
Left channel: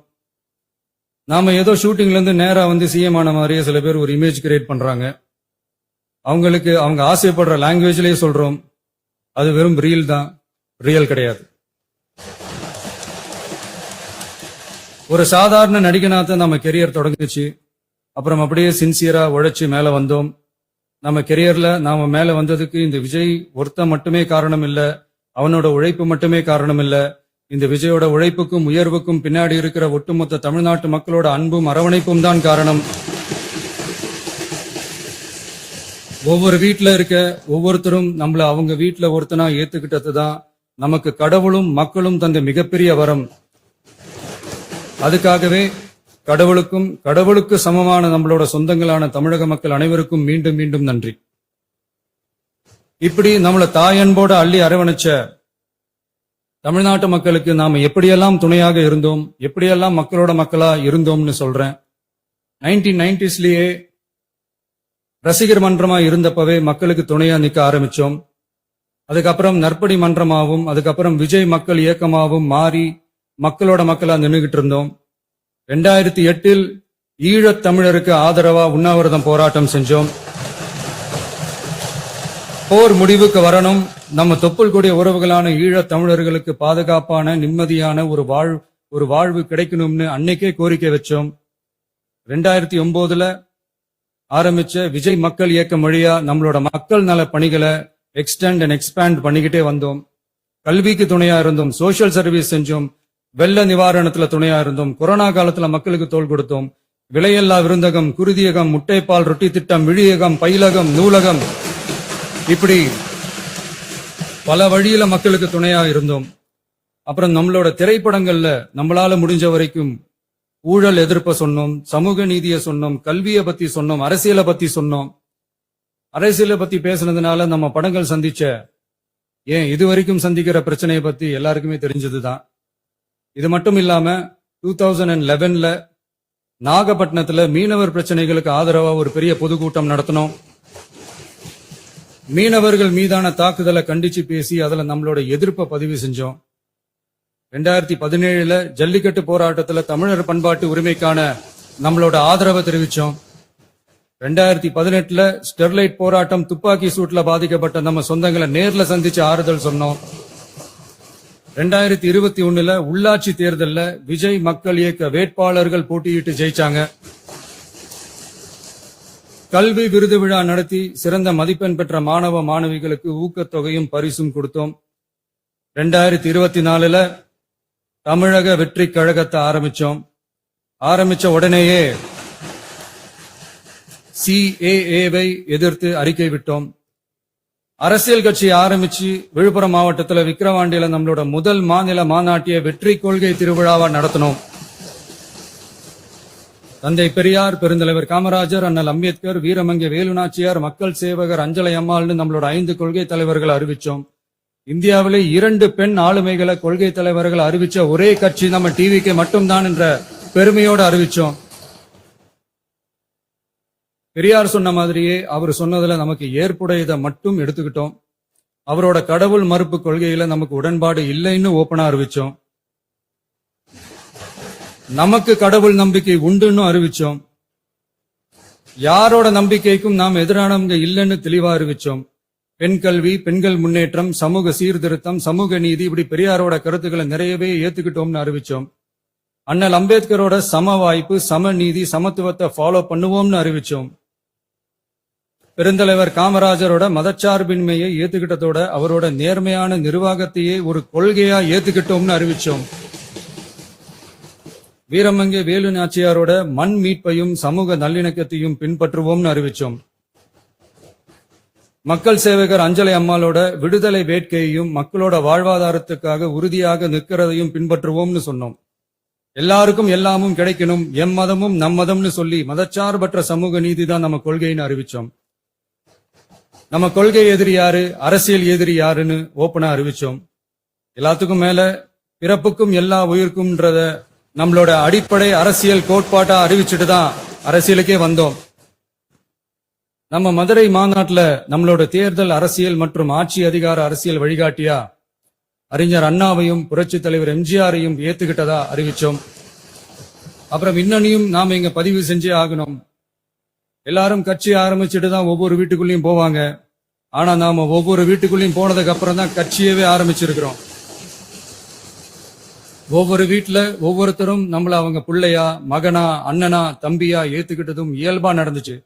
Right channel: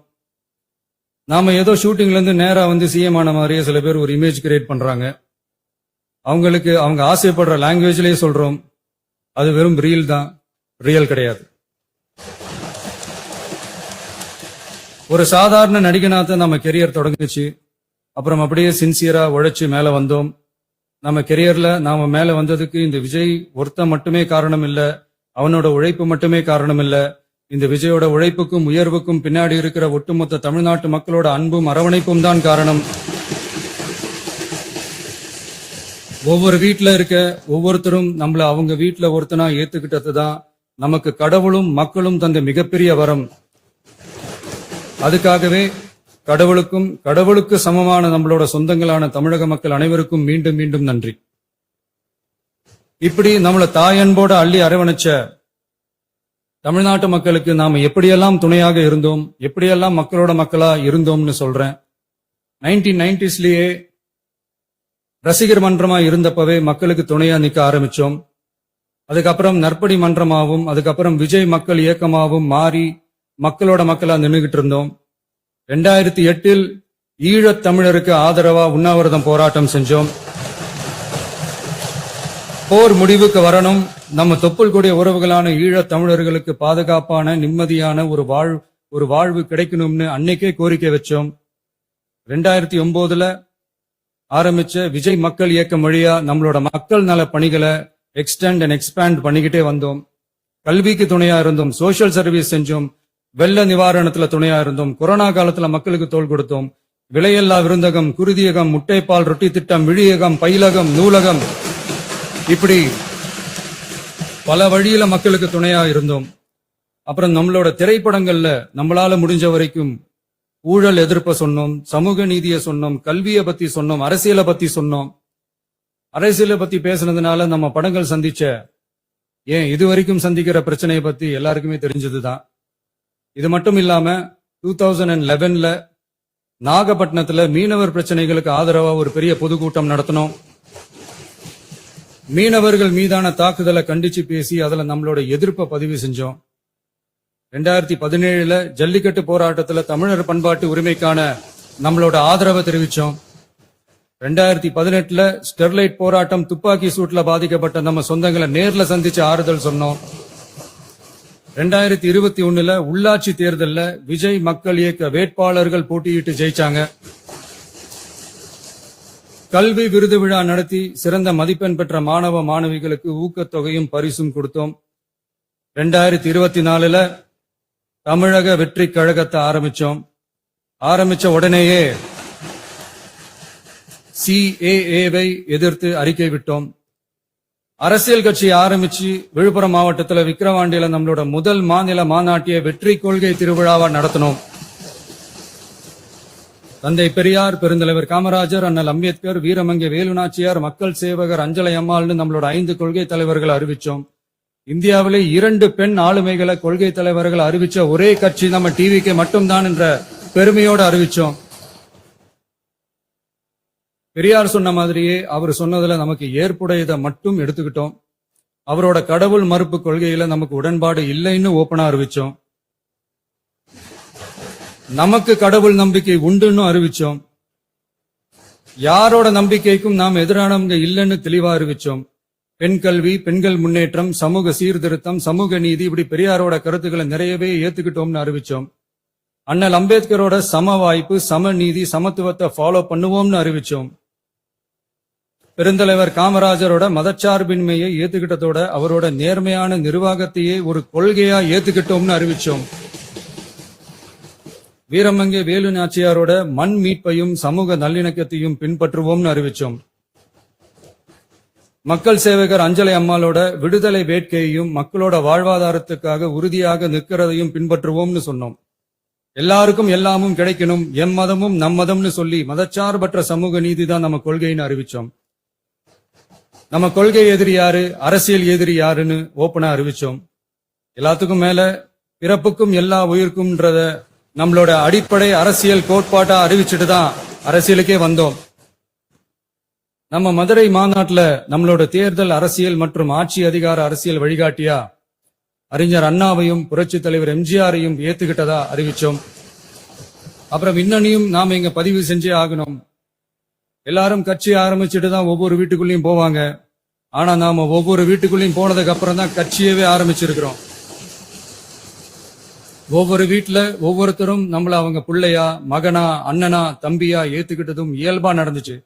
நாம ஏதோ ஷூட்டிங்ல இருந்து நேரா சிஎம் ஆன மாதிரியே சில பேர் ஒரு இமேஜ் கிரியேட் பண்றாங்க. அவங்களுக்கு அவங்க ஆசைப்படுற லாங்குவேஜ்லயே சொல்றோம், அது வெறும் ரீல் தான், ரியல் கிடையாது. ஒரு சாதாரண நடிகனாத்தான் நம்ம கெரியர் தொடங்குச்சு. அப்புறம் அப்படியே சின்சியரா உழைச்சு மேல வந்தோம். நம்ம கெரியர்ல நாம மேல வந்ததுக்கு இந்த விஜய் ஒருத்தன் மட்டுமே காரணம் இல்ல, அவனோட உழைப்பு மட்டுமே காரணம் இல்ல. இந்த விஜயோட உழைப்புக்கும் உயர்வுக்கும் பின்னாடி இருக்கிற ஒட்டுமொத்த தமிழ்நாட்டு மக்களோட அன்பும் அரவணைப்பும் தான் காரணம். ஒவ்வொரு வீட்டுல இருக்க ஒவ்வொருத்தரும் நம்மள அவங்க வீட்டுல ஒருத்தனா ஏத்துக்கிட்டதுதான் நமக்கு கடவுளும் மக்களும் தந்த மிகப்பெரிய வரம். அதுக்காகவே கடவுளுக்கு சமமான நம்மளோட சொந்தங்களான தமிழக மக்கள் அனைவருக்கும் மீண்டும் மீண்டும் நன்றி. இப்படி நம்மள தாயன்போட அள்ளி அரவணைச்ச தமிழ்நாட்டு மக்களுக்கு நாம எப்படியெல்லாம் துணையாக இருந்தோம், எப்படியெல்லாம் மக்களோட மக்களா இருந்தோம்னு சொல்றேன். 1990ஸ்லயே ரசிகர் மன்றமா இருந்தப்பவே மக்களுக்கு துணையா நிக்க ஆரம்பிச்சோம். அதுக்கப்புறம் நற்படி மன்றமாவும், அதுக்கப்புறம் விஜய் மக்கள் இயக்கமாவும் மாறி மக்களோட மக்களா நின்னுகிட்டு இருந்தோம். 2008 ஈழத் தமிழருக்கு ஆதரவா உண்ணாவிரதம் போராட்டம் செஞ்சோம். போர் முடிவுக்கு வரணும், நம்ம தொப்புள் கூடிய உறவுகளான ஈழத் தமிழர்களுக்கு பாதுகாப்பான நிம்மதியான ஒரு வாழ்வு கிடைக்கணும்னு அன்னைக்கே கோரிக்கை வச்சோம். 2009 ஆரம்பிச்ச விஜய் மக்கள் இயக்கம் வழியா நம்மளோட மக்கள் நல பணிகளை எக்ஸ்டெண்ட் அண்ட் எக்ஸ்பேண்ட் பண்ணிக்கிட்டே வந்தோம். கல்விக்கு துணையா இருந்தோம், சோசியல் சர்வீஸ் செஞ்சோம், வெள்ள நிவாரணத்துல துணையா இருந்தோம், கொரோனா காலத்துல மக்களுக்கு தோள் கொடுத்தோம். விலையில்லா விருந்தகம், குருதியகம், முட்டைப்பால் ரொட்டி திட்டம், விழியகம், பயிலகம், நூலகம், இப்படி பல வழியில மக்களுக்கு துணையா இருந்தோம். அப்புறம் நம்மளோட திரைப்படங்கள்ல நம்மளால முடிஞ்ச வரைக்கும் ஊழல் எதிர்ப்ப சொன்னோம், சமூக நீதியை சொன்னோம், கல்வியை பத்தி சொன்னோம், அரசியலை பத்தி சொன்னோம். அரசியலை பத்தி பேசுனதுனால நம்ம படங்கள் சந்திச்ச இதுவரைக்கும் சந்திக்கிற பிரச்சனையை பத்தி எல்லாருக்குமே தெரிஞ்சதுதான். இது மட்டும் இல்லாம 2011 நாகப்பட்டினத்துல மீனவர் பிரச்சனைகளுக்கு ஆதரவா ஒரு பெரிய பொதுக்கூட்டம் நடத்தினோம். மீனவர்கள் மீதான தாக்குதலை கண்டிச்சு பேசி அதுல நம்மளோட எதிர்ப்பை பதிவு செஞ்சோம். 2017 ஜல்லிக்கட்டு போராட்டத்துல தமிழர் பண்பாட்டு உரிமைக்கான நம்மளோட ஆதரவை தெரிவிச்சோம். 2018 ஸ்டெர்லைட் போராட்டம், துப்பாக்கி சூட்ல பாதிக்கப்பட்ட நம்ம சொந்தங்களை நேர்ல சந்திச்சு ஆறுதல் சொன்னோம். 2021 உள்ளாட்சி தேர்தல்ல விஜய் மக்கள் இயக்க வேட்பாளர்கள் போட்டியிட்டு ஜெயிச்சாங்க. கல்வி விருது விழா நடத்தி சிறந்த மதிப்பெண் பெற்ற மாணவ மாணவிகளுக்கு ஊக்கத்தொகையும் பரிசும் கொடுத்தோம். 2024 தமிழக வெற்றி கழகத்தை ஆரம்பிச்ச உடனேயே CAA-வை எதிர்த்து அறிக்கை விட்டோம். அரசியல் கட்சி ஆரம்பிச்சு விழுப்புரம் மாவட்டத்தில் விக்கிரவாண்டியில நம்மளோட முதல் மாநில மாநாட்டிய வெற்றி கொள்கை திருவிழாவா நடத்தினோம். தந்தை பெரியார், பெருந்தலைவர் காமராஜர், அண்ணல் அம்பேத்கர், வீரமங்கை வேலுநாச்சியார், மக்கள் சேவகர் அஞ்சலை அம்மாள்னு நம்மளோட 5 கொள்கை தலைவர்கள் அறிவிச்சோம். இந்தியாவிலே 2 பெண் ஆளுமைகளை கொள்கை தலைவர்கள் அறிவிச்ச ஒரே கட்சி நம்ம டிவிக்கு மட்டும்தான் என்ற பெருமையோடு அறிவிச்சோம். பெரியார் சொன்ன மாதிரியே அவர் சொன்னதுல நமக்கு ஏற்புடையதை மட்டும் எடுத்துக்கிட்டோம். அவரோட கடவுள் மறுப்பு கொள்கையில நமக்கு உடன்பாடு இல்லைன்னு ஓபனா அறிவிச்சோம். நமக்கு கடவுள் நம்பிக்கை உண்டுன்னு அறிவிச்சோம். யாரோட நம்பிக்கைக்கும் நாம் எதிரானவங்க இல்லைன்னு தெளிவா அறிவிச்சோம். பெண் கல்வி, பெண்கள் முன்னேற்றம், சமூக சீர்திருத்தம், சமூக நீதி, இப்படி பெரியாரோட கருத்துக்களை நிறையவே ஏத்துக்கிட்டோம்னு அறிவிச்சோம். அண்ணல் அம்பேத்கரோட சம வாய்ப்பு, சம நீதி, சமத்துவத்தை ஃபாலோ பண்ணுவோம்னு அறிவிச்சோம். பெருந்தலைவர் காமராஜரோட மதச்சார்பின்மையை ஏத்துக்கிட்டதோட அவரோட நேர்மையான நிர்வாகத்தையே ஒரு கொள்கையா ஏத்துக்கிட்டோம்னு அறிவிச்சோம். வீரமங்கை வேலு நாச்சியாரோட மண் மீட்பையும் சமூக நல்லிணக்கத்தையும் பின்பற்றுவோம்னு அறிவிச்சோம். மக்கள் சேவகர் அஞ்சலை அம்மாளோட விடுதலை வேட்கையையும் மக்களோட வாழ்வாதாரத்துக்காக உறுதியாக நிற்கிறதையும் பின்பற்றுவோம்னு சொன்னோம். எல்லாருக்கும் எல்லாமும் கிடைக்கணும், எம் மதமும் நம் மதம்னு சொல்லி மதச்சார்பற்ற சமூக நீதி தான் நம்ம கொள்கைன்னு அறிவிச்சோம். நம்ம கொள்கை எதிரி யாரு, அரசியல் எதிரி யாருன்னு ஓப்பனா அறிவிச்சோம். எல்லாத்துக்கும் மேல பிறப்புக்கும் எல்லா உயிருக்கும்ன்றத நம்மளோட அடிப்படை அரசியல் கோட்பாட்டா அறிவிச்சுட்டு தான் அரசியலுக்கே வந்தோம். நம்ம மதுரை மாநாட்டுல நம்மளோட தேர்தல் அரசியல் மற்றும் ஆட்சி அதிகார அரசியல் வழிகாட்டியா அறிஞர் அண்ணாவையும் புரட்சி தலைவர் எம்ஜிஆரையும் ஏத்துக்கிட்டதா அறிவிச்சோம். அப்புறம் இன்னொன்னையும் நாம இங்க பதிவு செஞ்சே ஆகணும். எல்லாரும் கட்சி ஆரம்பிச்சுட்டு தான் ஒவ்வொரு வீட்டுக்குள்ளேயும் போவாங்க. ஆனா நாம ஒவ்வொரு வீட்டுக்குள்ளேயும் போனதுக்கு அப்புறம் தான் கட்சியவே ஆரம்பிச்சிருக்கிறோம். ஒவ்வொரு வீட்டுல ஒவ்வொருத்தரும் நம்மள அவங்க பிள்ளையா, மகனா, அண்ணனா, தம்பியா ஏத்துக்கிட்டதும் இயல்பா நடந்துச்சு.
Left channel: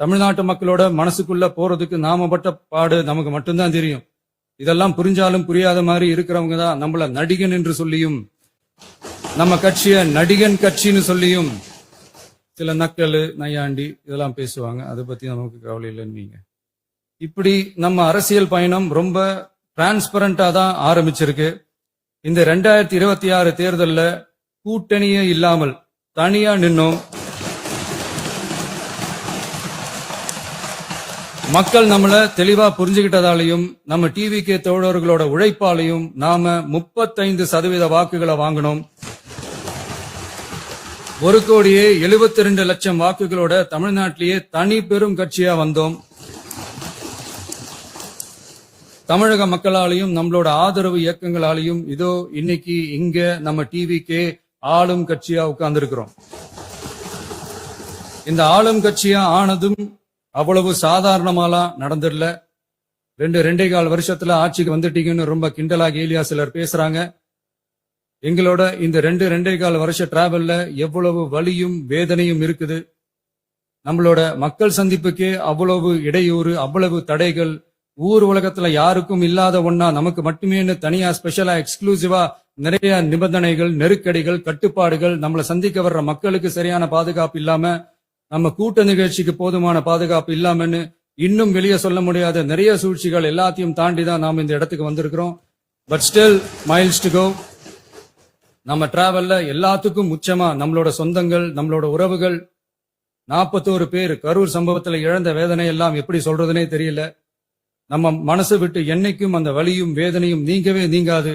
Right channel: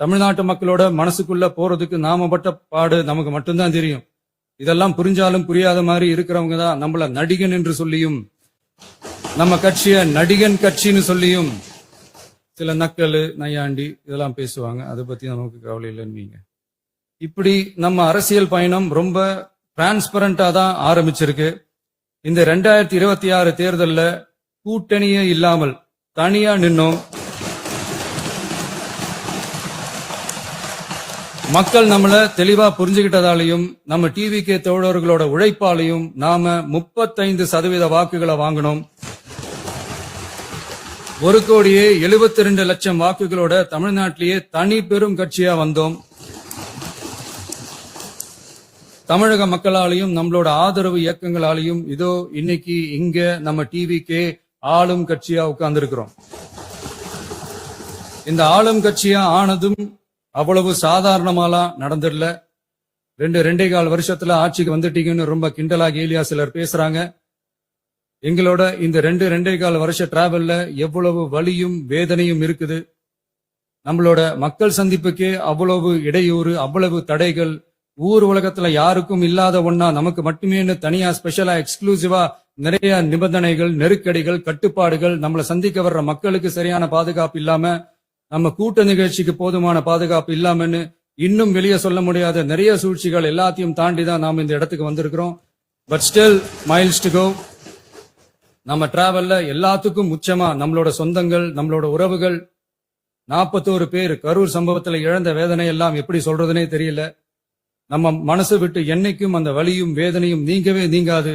தமிழ்நாட்டு மக்களோட மனசுக்குள்ள போறதுக்கு நாம பட்ட பாடு நமக்கு மட்டும்தான் தெரியும். இதெல்லாம் புரிஞ்சாலும் புரியாத மாதிரி இருக்கிறவங்க தான் நம்மள நடிகன் என்று சொல்லியும், நம்ம கட்சிய நடிகன் கட்சின்னு சொல்லியும் சில நக்கல், நையாண்டி இதெல்லாம் பேசுவாங்க. அதை பத்தி நமக்கு கவலை இல்லைன்னு. இப்படி நம்ம அரசியல் பயணம் ரொம்ப டிரான்ஸ்பரண்டா தான் ஆரம்பிச்சிருக்கு. இந்த 2026 தேர்தல்ல கூட்டணியே இல்லாமல் தனியா நின்னோம். மக்கள் நம்மள தெளிவா புரிஞ்சுகிட்டதாலையும் நம்ம டிவிகே தோழர்களோட உழைப்பாலையும் நாம 35% வாக்குகளை வாங்கினோம். 1,72,00,000 வாக்குகளோட தமிழ்நாட்டிலேயே தனி பெரும் கட்சியா வந்தோம். தமிழக மக்களாலையும் நம்மளோட ஆதரவு இயக்கங்களாலையும் இதோ இன்னைக்கு இங்க நம்ம டிவிகே ஆளும் கட்சியா உட்கார்ந்திருக்கிறோம். இந்த ஆளும் கட்சியா ஆனதும் அவ்வளவு சாதாரணமாலாம் நடந்துடல. 2.25 வருஷத்துல ஆட்சிக்கு வந்துட்டீங்கன்னு ரொம்ப கிண்டலா கேலியா சிலர் பேசுறாங்க. எங்களோட இந்த 2.25 வருஷ டிராவல்ல எவ்வளவு வலியும் வேதனையும் இருக்குது. நம்மளோட மக்கள் சந்திப்புக்கே அவ்வளவு இடையூறு, அவ்வளவு தடைகள், ஊர் உலகத்துல யாருக்கும் இல்லாத ஒன்னா நமக்கு மட்டுமேன்னு தனியா ஸ்பெஷலா எக்ஸ்க்ளூசிவா நிறைய நிபந்தனைகள், நெருக்கடிகள், கட்டுப்பாடுகள், நம்மளை சந்திக்க வர்ற மக்களுக்கு சரியான பாதுகாப்பு இல்லாம, நம்ம கூட்ட நிகழ்ச்சிக்கு போதுமான பாதுகாப்பு இல்லாமன்னு இன்னும் வெளியே சொல்ல முடியாத நிறைய சூழ்ச்சிகள் எல்லாத்தையும் தாண்டி தான் நாம இந்த இடத்துக்கு வந்திருக்கிறோம். But still miles to go. நம்ம டிராவல்ல எல்லாத்துக்கும் முச்சமா நம்மளோட சொந்தங்கள், நம்மளோட உறவுகள், 41 பேர் கரூர் சம்பவத்துல இழந்த வேதனை எல்லாம் எப்படி சொல்றதுனே தெரியல. நம்ம மனசை விட்டு என்னைக்கும் அந்த வலியும் வேதனையும் நீங்கவே நீங்காது.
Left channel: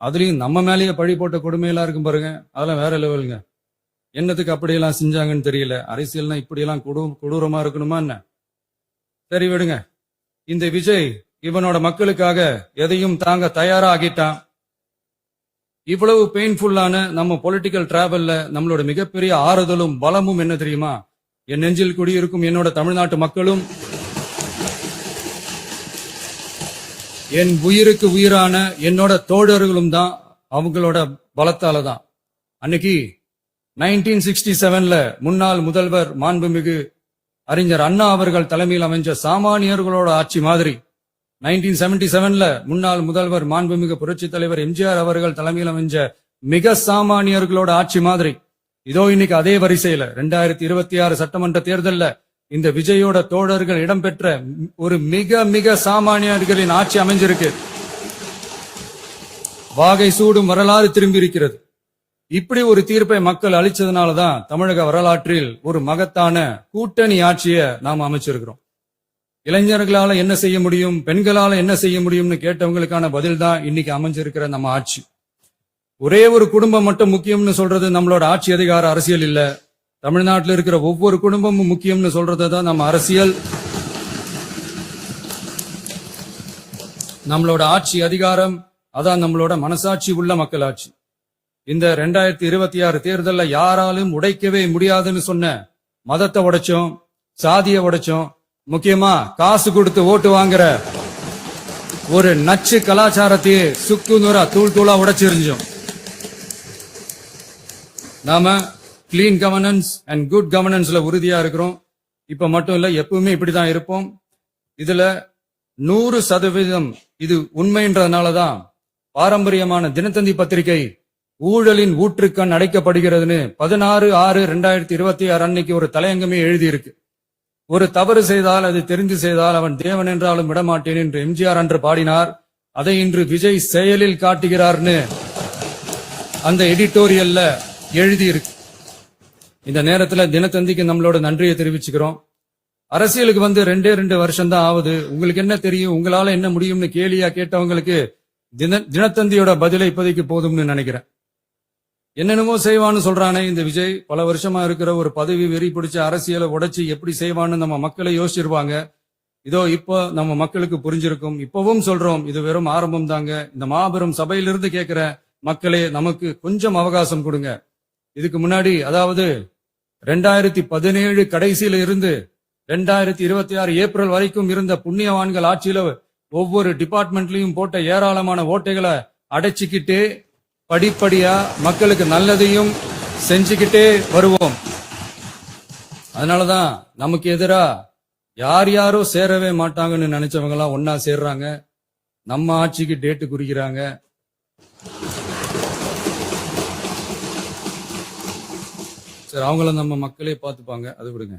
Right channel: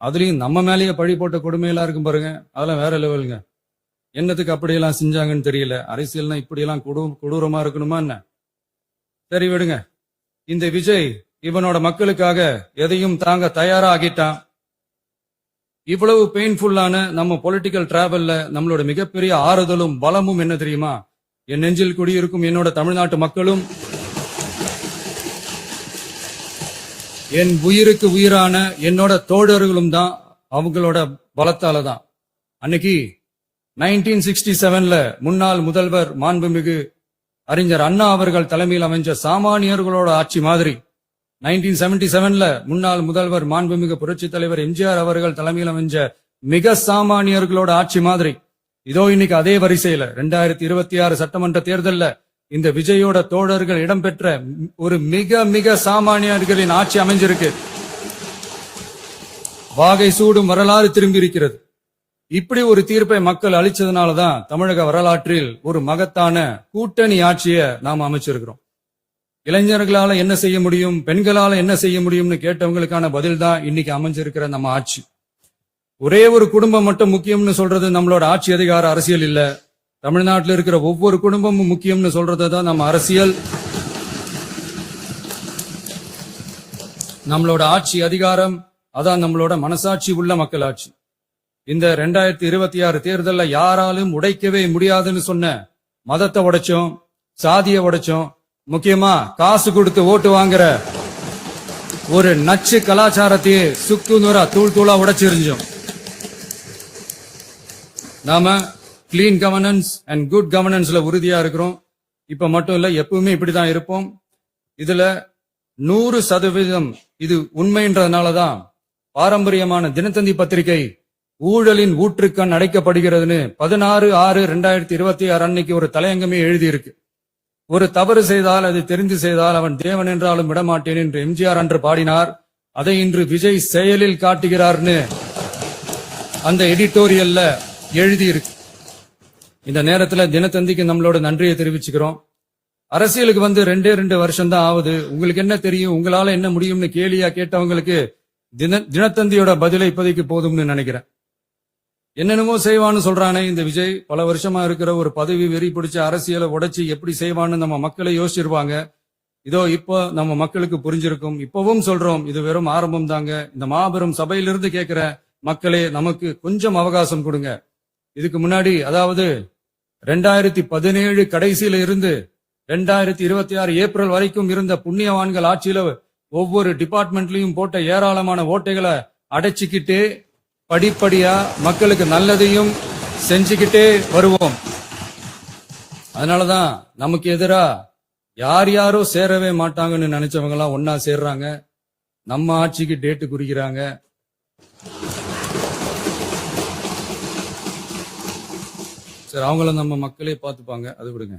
அதுலயும் நம்ம மேலேயே பழி போட்ட கொடுமையெல்லாம் இருக்கும் பாருங்க, அதெல்லாம் வேற லெவலுங்க. என்னத்துக்கு அப்படியெல்லாம் செஞ்சாங்கன்னு தெரியல. அரசியல்னா இப்படியெல்லாம் கொடூரமா இருக்கணுமா என்ன? சரி விடுங்க. இந்த விஜய் இவனோட மக்களுக்காக எதையும் தாங்க தயாரா ஆகிட்டான். இவ்வளவு பெயின்ஃபுல்லான நம்ம பொலிட்டிக்கல் டிராவல்ல நம்மளோட மிகப்பெரிய ஆறுதலும் பலமும் என்ன தெரியுமா? என் நெஞ்சில் குடியிருக்கும் என்னோட தமிழ்நாட்டு மக்களும், என் உயிருக்கு உயிரான என்னோட தோழர்களும் தான். அவங்களோட பலத்தால தான். அன்னைக்கு 1967ல முன்னாள் முதல்வர் மாண்புமிகு அறிஞர் அண்ணா அவர்கள் தலைமையில் அமைஞ்ச சாமானியர்களோட ஆட்சி மாதிரி, 1977ல முன்னாள் முதல்வர் மாண்புமிகு புரட்சி தலைவர் எம்ஜிஆர் அவர்கள் தலைமையில் அமைஞ்ச மிக சாமானியர்களோட ஆட்சி மாதிரி, இதோ இன்னைக்கு அதே வரிசையில 2026 சட்டமன்ற தேர்தல்ல இந்த விஜயோட தோழர்கள் இடம்பெற்ற ஒரு மிக மிக சாமானியர்களின் ஆட்சி அமைஞ்சிருக்கு. வாகை சூடும் வரலாறு திரும்பி இருக்கிறது. இப்படி ஒரு தீர்ப்பை மக்கள் அளிச்சதுனாலதான் தமிழக வரலாற்றில் ஒரு மகத்தான கூட்டணி ஆட்சியை நாம் அமைச்சிருக்கிறோம். இளைஞர்களால என்ன செய்ய முடியும், பெண்களால என்ன செய்ய முடியும்னு கேட்டவங்களுக்கான பதில் தான் இன்னைக்கு அமைஞ்சிருக்கிற நம்ம ஆட்சி. ஒரே ஒரு குடும்பம் மட்டும் முக்கியம்னு சொல்றது நம்மளோட ஆட்சி அதிகார அரசியல் இல்ல. தமிழ்நாட்டில் இருக்கிற ஒவ்வொரு குடும்பமும் முக்கியம்னு சொல்றதுதான் நம்ம அரசியல். நம்மளோட ஆட்சி அதிகாரம் அதான் நம்மளோட மனசாட்சி உள்ள மக்களாட்சி. இந்த 2026 தேர்தல்ல யாராலும் உடைக்கவே முடியாதுன்னு சொன்ன மதத்தை உடைச்சோம், சாதியை உடைச்சோம், முக்கியமா காசு கொடுத்து ஓட்டு வாங்குற ஒரு நச்சு கலாச்சாரத்தையே சுக்கு நூறா தூள் தூளா உடைச்சிருந்தோம். நாம கிளீன் கவர்னன்ஸ் அண்ட் குட் கவர்னன்ஸ்ல உறுதியா இருக்கிறோம். இப்ப மட்டும் இல்ல, எப்பவுமே இப்படிதான் இருப்போம். இதுல 100% இது உண்மைன்றதுனாலதான் பாரம்பரியமான தினத்தந்தி பத்திரிகை ஊழலின் ஊற்றுக்கண் அடைக்கப்படுகிறதுன்னு 16/6/2026 அன்னைக்கு ஒரு தலையங்கமே எழுதியிருக்கு. ஒரு தவறு செய்தால் அது தெரிந்து செய்தால் அவன் தேவன் என்றாலும் விடமாட்டேன் என்று எம்ஜிஆர் அன்று பாடினார். அதை இன்று விஜய் செயலில் காட்டுகிறார்னு அந்த எடிட்டோரியல்ல எழுதியிருக்கு. இந்த நேரத்துல தினத்தந்திக்கு நம்மளோட நன்றியை தெரிவிச்சுக்கிறோம். அரசியலுக்கு வந்து 2 வருஷம் தான் ஆகுது. உங்களுக்கு என்ன தெரியும், உங்களால என்ன முடியும்னு கேலியா கேட்டவங்களுக்கு தினத்தந்தியோட பதிலை இப்போதைக்கு போதும்னு நினைக்கிறேன். என்னென்னமோ செய்வான்னு சொல்றானே இந்த விஜய், பல வருஷமா இருக்கிற ஒரு பதவி வெறி பிடிச்ச அரசியலை உடைச்சு எப்படி செய்வான்னு நம்ம மக்களை யோசிச்சிருவாங்க. இதோ இப்போ நம்ம மக்களுக்கு புரிஞ்சிருக்கும். இப்பவும் சொல்றோம், இது வெறும் ஆரம்பம் தாங்க. இந்த மாபெரும் சபையிலிருந்து கேட்கிற மக்களே, நமக்கு கொஞ்சம் அவகாசம் கொடுங்க. இதுக்கு முன்னாடி, அதாவது 2017 கடைசியில இருந்து 2026 ஏப்ரல் வரைக்கும் இருந்த புண்ணியவான்கள் ஆட்சியில ஒவ்வொரு டிபார்ட்மெண்ட்லயும் போட்ட ஏராளமான ஓட்டைகளை அடைச்சிக்கிட்டே படிப்படியா மக்களுக்கு நல்லதையும் செஞ்சுக்கிட்டே வருவோம். அதனாலதான் நமக்கு எதிரா யார் யாரோ சேரவே மாட்டாங்கன்னு நினைச்சவங்க எல்லாம் ஒன்னா சேர்றாங்க. நம்ம ஆட்சிக்கு டேட்டு குறிக்கிறாங்க. சரி, அவங்கள நம்ம மக்களே பார்த்துப்பாங்க, அது விடுங்க.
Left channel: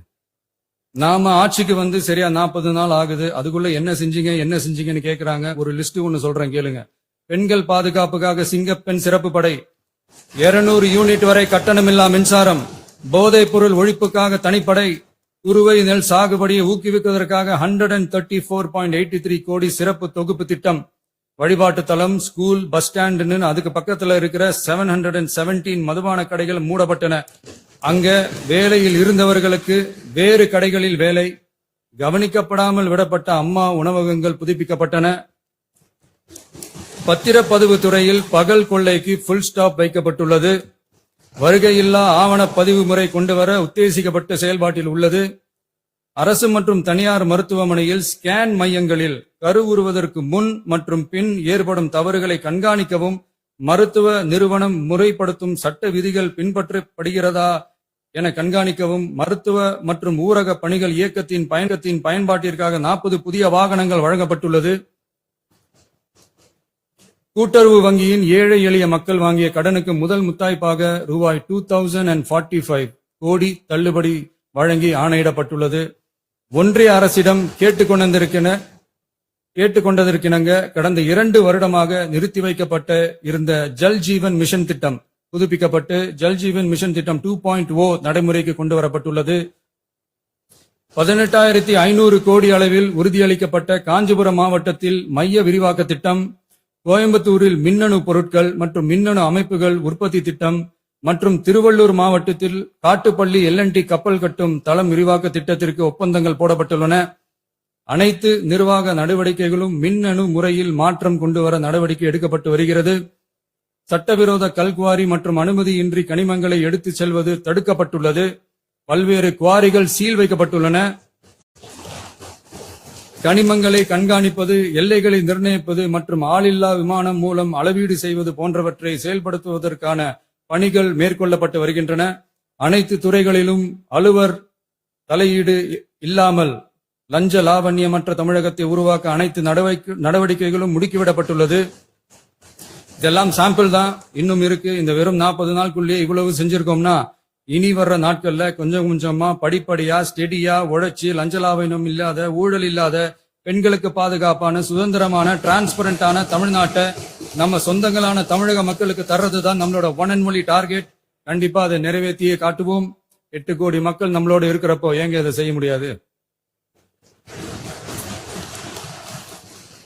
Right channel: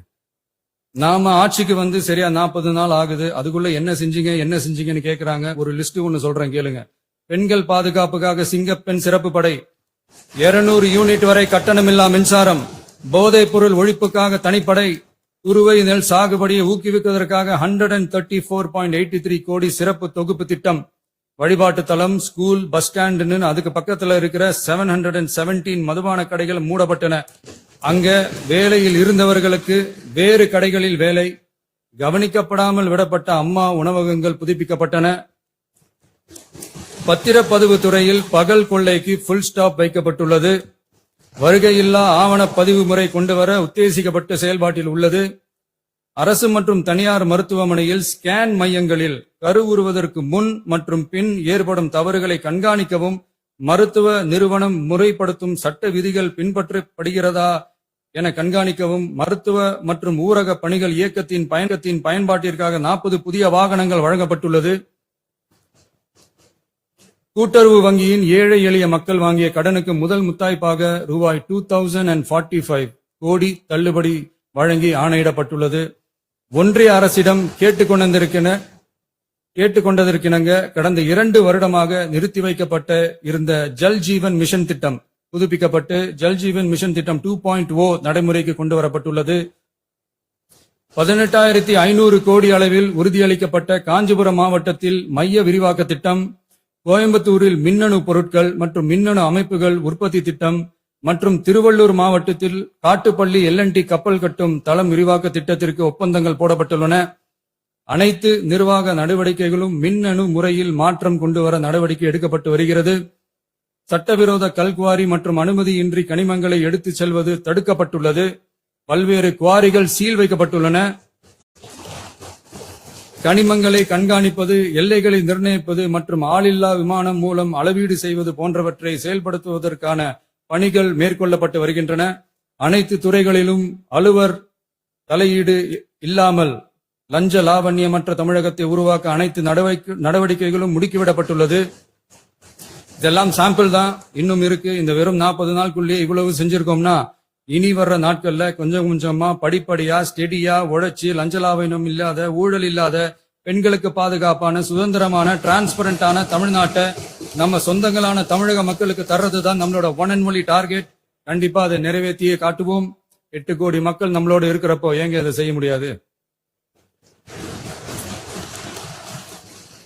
நாம ஆட்சிக்கு வந்து சரியா 40 நாள் ஆகுது. அதுக்குள்ள என்ன செஞ்சீங்கன்னு கேக்குறாங்க. ஒரு லிஸ்ட் ஒண்ணு சொல்றேன் கேளுங்க. பெண்கள் பாதுகாப்புக்காக சிங்கப்பெண் சிறப்பு படை, 200 யூனிட் வரை கட்டணமில்லா மின்சாரம், போதைப் பொருள் ஒழிப்புக்காக தனிப்படை, குறுவை நெல் சாகுபடியை ஊக்குவிப்பதற்காக 134.83 கோடி சிறப்பு தொகுப்பு திட்டம், வழிபாட்டு தலம், ஸ்கூல், பஸ் ஸ்டாண்ட், அதுக்கு பக்கத்துல இருக்கிற 717 மதுபான கடைகள் மூடப்பட்டன. அங்க வேலையில் இருந்தவர்களுக்கு வேறு கடைகளில் வேலை, கவனிக்கப்படாமல் விடப்பட்ட அம்மா உணவகங்கள் புதுப்பிக்கப்பட்டன. பத்திரப்பதிவு துறையில் பகல் கொள்ளைக்கு புல் ஸ்டாப் வைக்கப்பட்டுள்ளது. வருகையில்லா ஆவண பதிவு முறை கொண்டுவர உத்தேசிக்கப்பட்ட செயல்பாட்டில் உள்ளது. அரசு மற்றும் தனியார் மருத்துவமனையில் ஸ்கேன் மையங்களில் கருவுறுவதற்கு முன் மற்றும் பின் ஏற்படும் தவறுகளை கண்காணிக்கவும், மருத்துவ நிறுவனம் முறைப்படுத்தும் சட்ட விதிகள் பின்பற்றப்படுகிறதா என கண்காணிக்கவும், மருத்துவ மற்றும் ஊரக பணிகள் இயக்கத்தின் பயன்பாட்டிற்காக 40 புதிய வாகனங்கள் வழங்கப்பட்டுள்ளது. கூட்டுறவு வங்கியின் ஏழை எளிய மக்கள் வாங்கிய கடனுக்கு முதல் முத்தாய்ப்பாக ரூபாய் 2045 கோடி தள்ளுபடி வழங்கி ஆணையிடப்பட்டுள்ளது. ஒன்றிய அரசிடம் கேட்டுக்கொண்டதற்கிணங்க கடந்த 2 வருடமாக நிறுத்தி வைக்கப்பட்ட இருந்த ஜல் ஜீவன் மிஷன் திட்டம் புதுப்பிக்கப்பட்டு ஜல் ஜீவன் மிஷன் திட்டம் 2.0 நடைமுறைக்கு கொண்டு வரப்பட்டுள்ளது. 18,500 கோடி அளவில் உறுதியளிக்கப்பட்ட காஞ்சிபுரம் மாவட்டத்தில் மைய விரிவாக்க திட்டம், கோயம்புத்தூரில் மின்னணு பொருட்கள் மற்றும் மின்னணு அமைப்புகள் உற்பத்தி திட்டம் மற்றும் திருவள்ளூர் மாவட்டத்தில் காட்டுப்பள்ளி LNT கப்பல் கட்டும் தளம் விரிவாக்க திட்டத்திற்கு ஒப்பந்தங்கள் போடப்பட்டுள்ளன. அனைத்து நிர்வாக நடவடிக்கைகளும் மின்னணு முறையில் மாற்றம் கொண்டுவர நடவடிக்கை எடுக்கப்பட்டு வருகிறது. சட்டவிரோத கல்குவாரி மற்றும் அனுமதியின்றி கனிமங்களை எடுத்துச் செல்வது தடுக்கப்பட்டுள்ளது. பல்வேறு குவாரிகள் சீல் வைக்கப்பட்டுள்ளன. கனிமங்களை கண்காணிப்பது, எல்லைகளை நிர்ணயிப்பது மற்றும் ஆளில்லா விமானம் மூலம் அளவீடு செய்வது போன்றவற்றை செயல்படுத்துவதற்கான பணிகள் மேற்கொள்ளப்பட்டு வருகின்றன. அனைத்து துறைகளிலும் அலுவலர் தலையீடு இல்லாமல் லஞ்ச லாவண்யமற்ற தமிழகத்தை உருவாக்க அனைத்து நடவடிக்கைகளும் முடுக்கிவிடப்பட்டுள்ளது. இதெல்லாம் சாம்பிள் தான், இன்னும் இருக்கு. இந்த வெறும் 40 நாளுக்குள்ளேயே இவ்வளவு செஞ்சிருக்கோம்னா இனி வர்ற நாட்கள்ல கொஞ்சம் கொஞ்சமா படிப்படியா ஸ்டெடியா உழைச்சு லஞ்ச லாவண்யம் இல்லாத, ஊழல் இல்லாத, பெண்களுக்கு பாதுகாப்பான, சுதந்திரமான, டிரான்ஸ்பரண்டான தமிழ்நாட்டை நம்ம சொந்தங்களான தமிழக மக்களுக்கு தர்றதுதான் நம்மளோட ஒன் அண்ட் ஒன்லி டார்கெட். கண்டிப்பா அதை நிறைவேற்றியே காட்டுவோம். 8 கோடி மக்கள் நம்மளோட இருக்கிறப்போ ஏங்க அதை செய்ய முடியாது?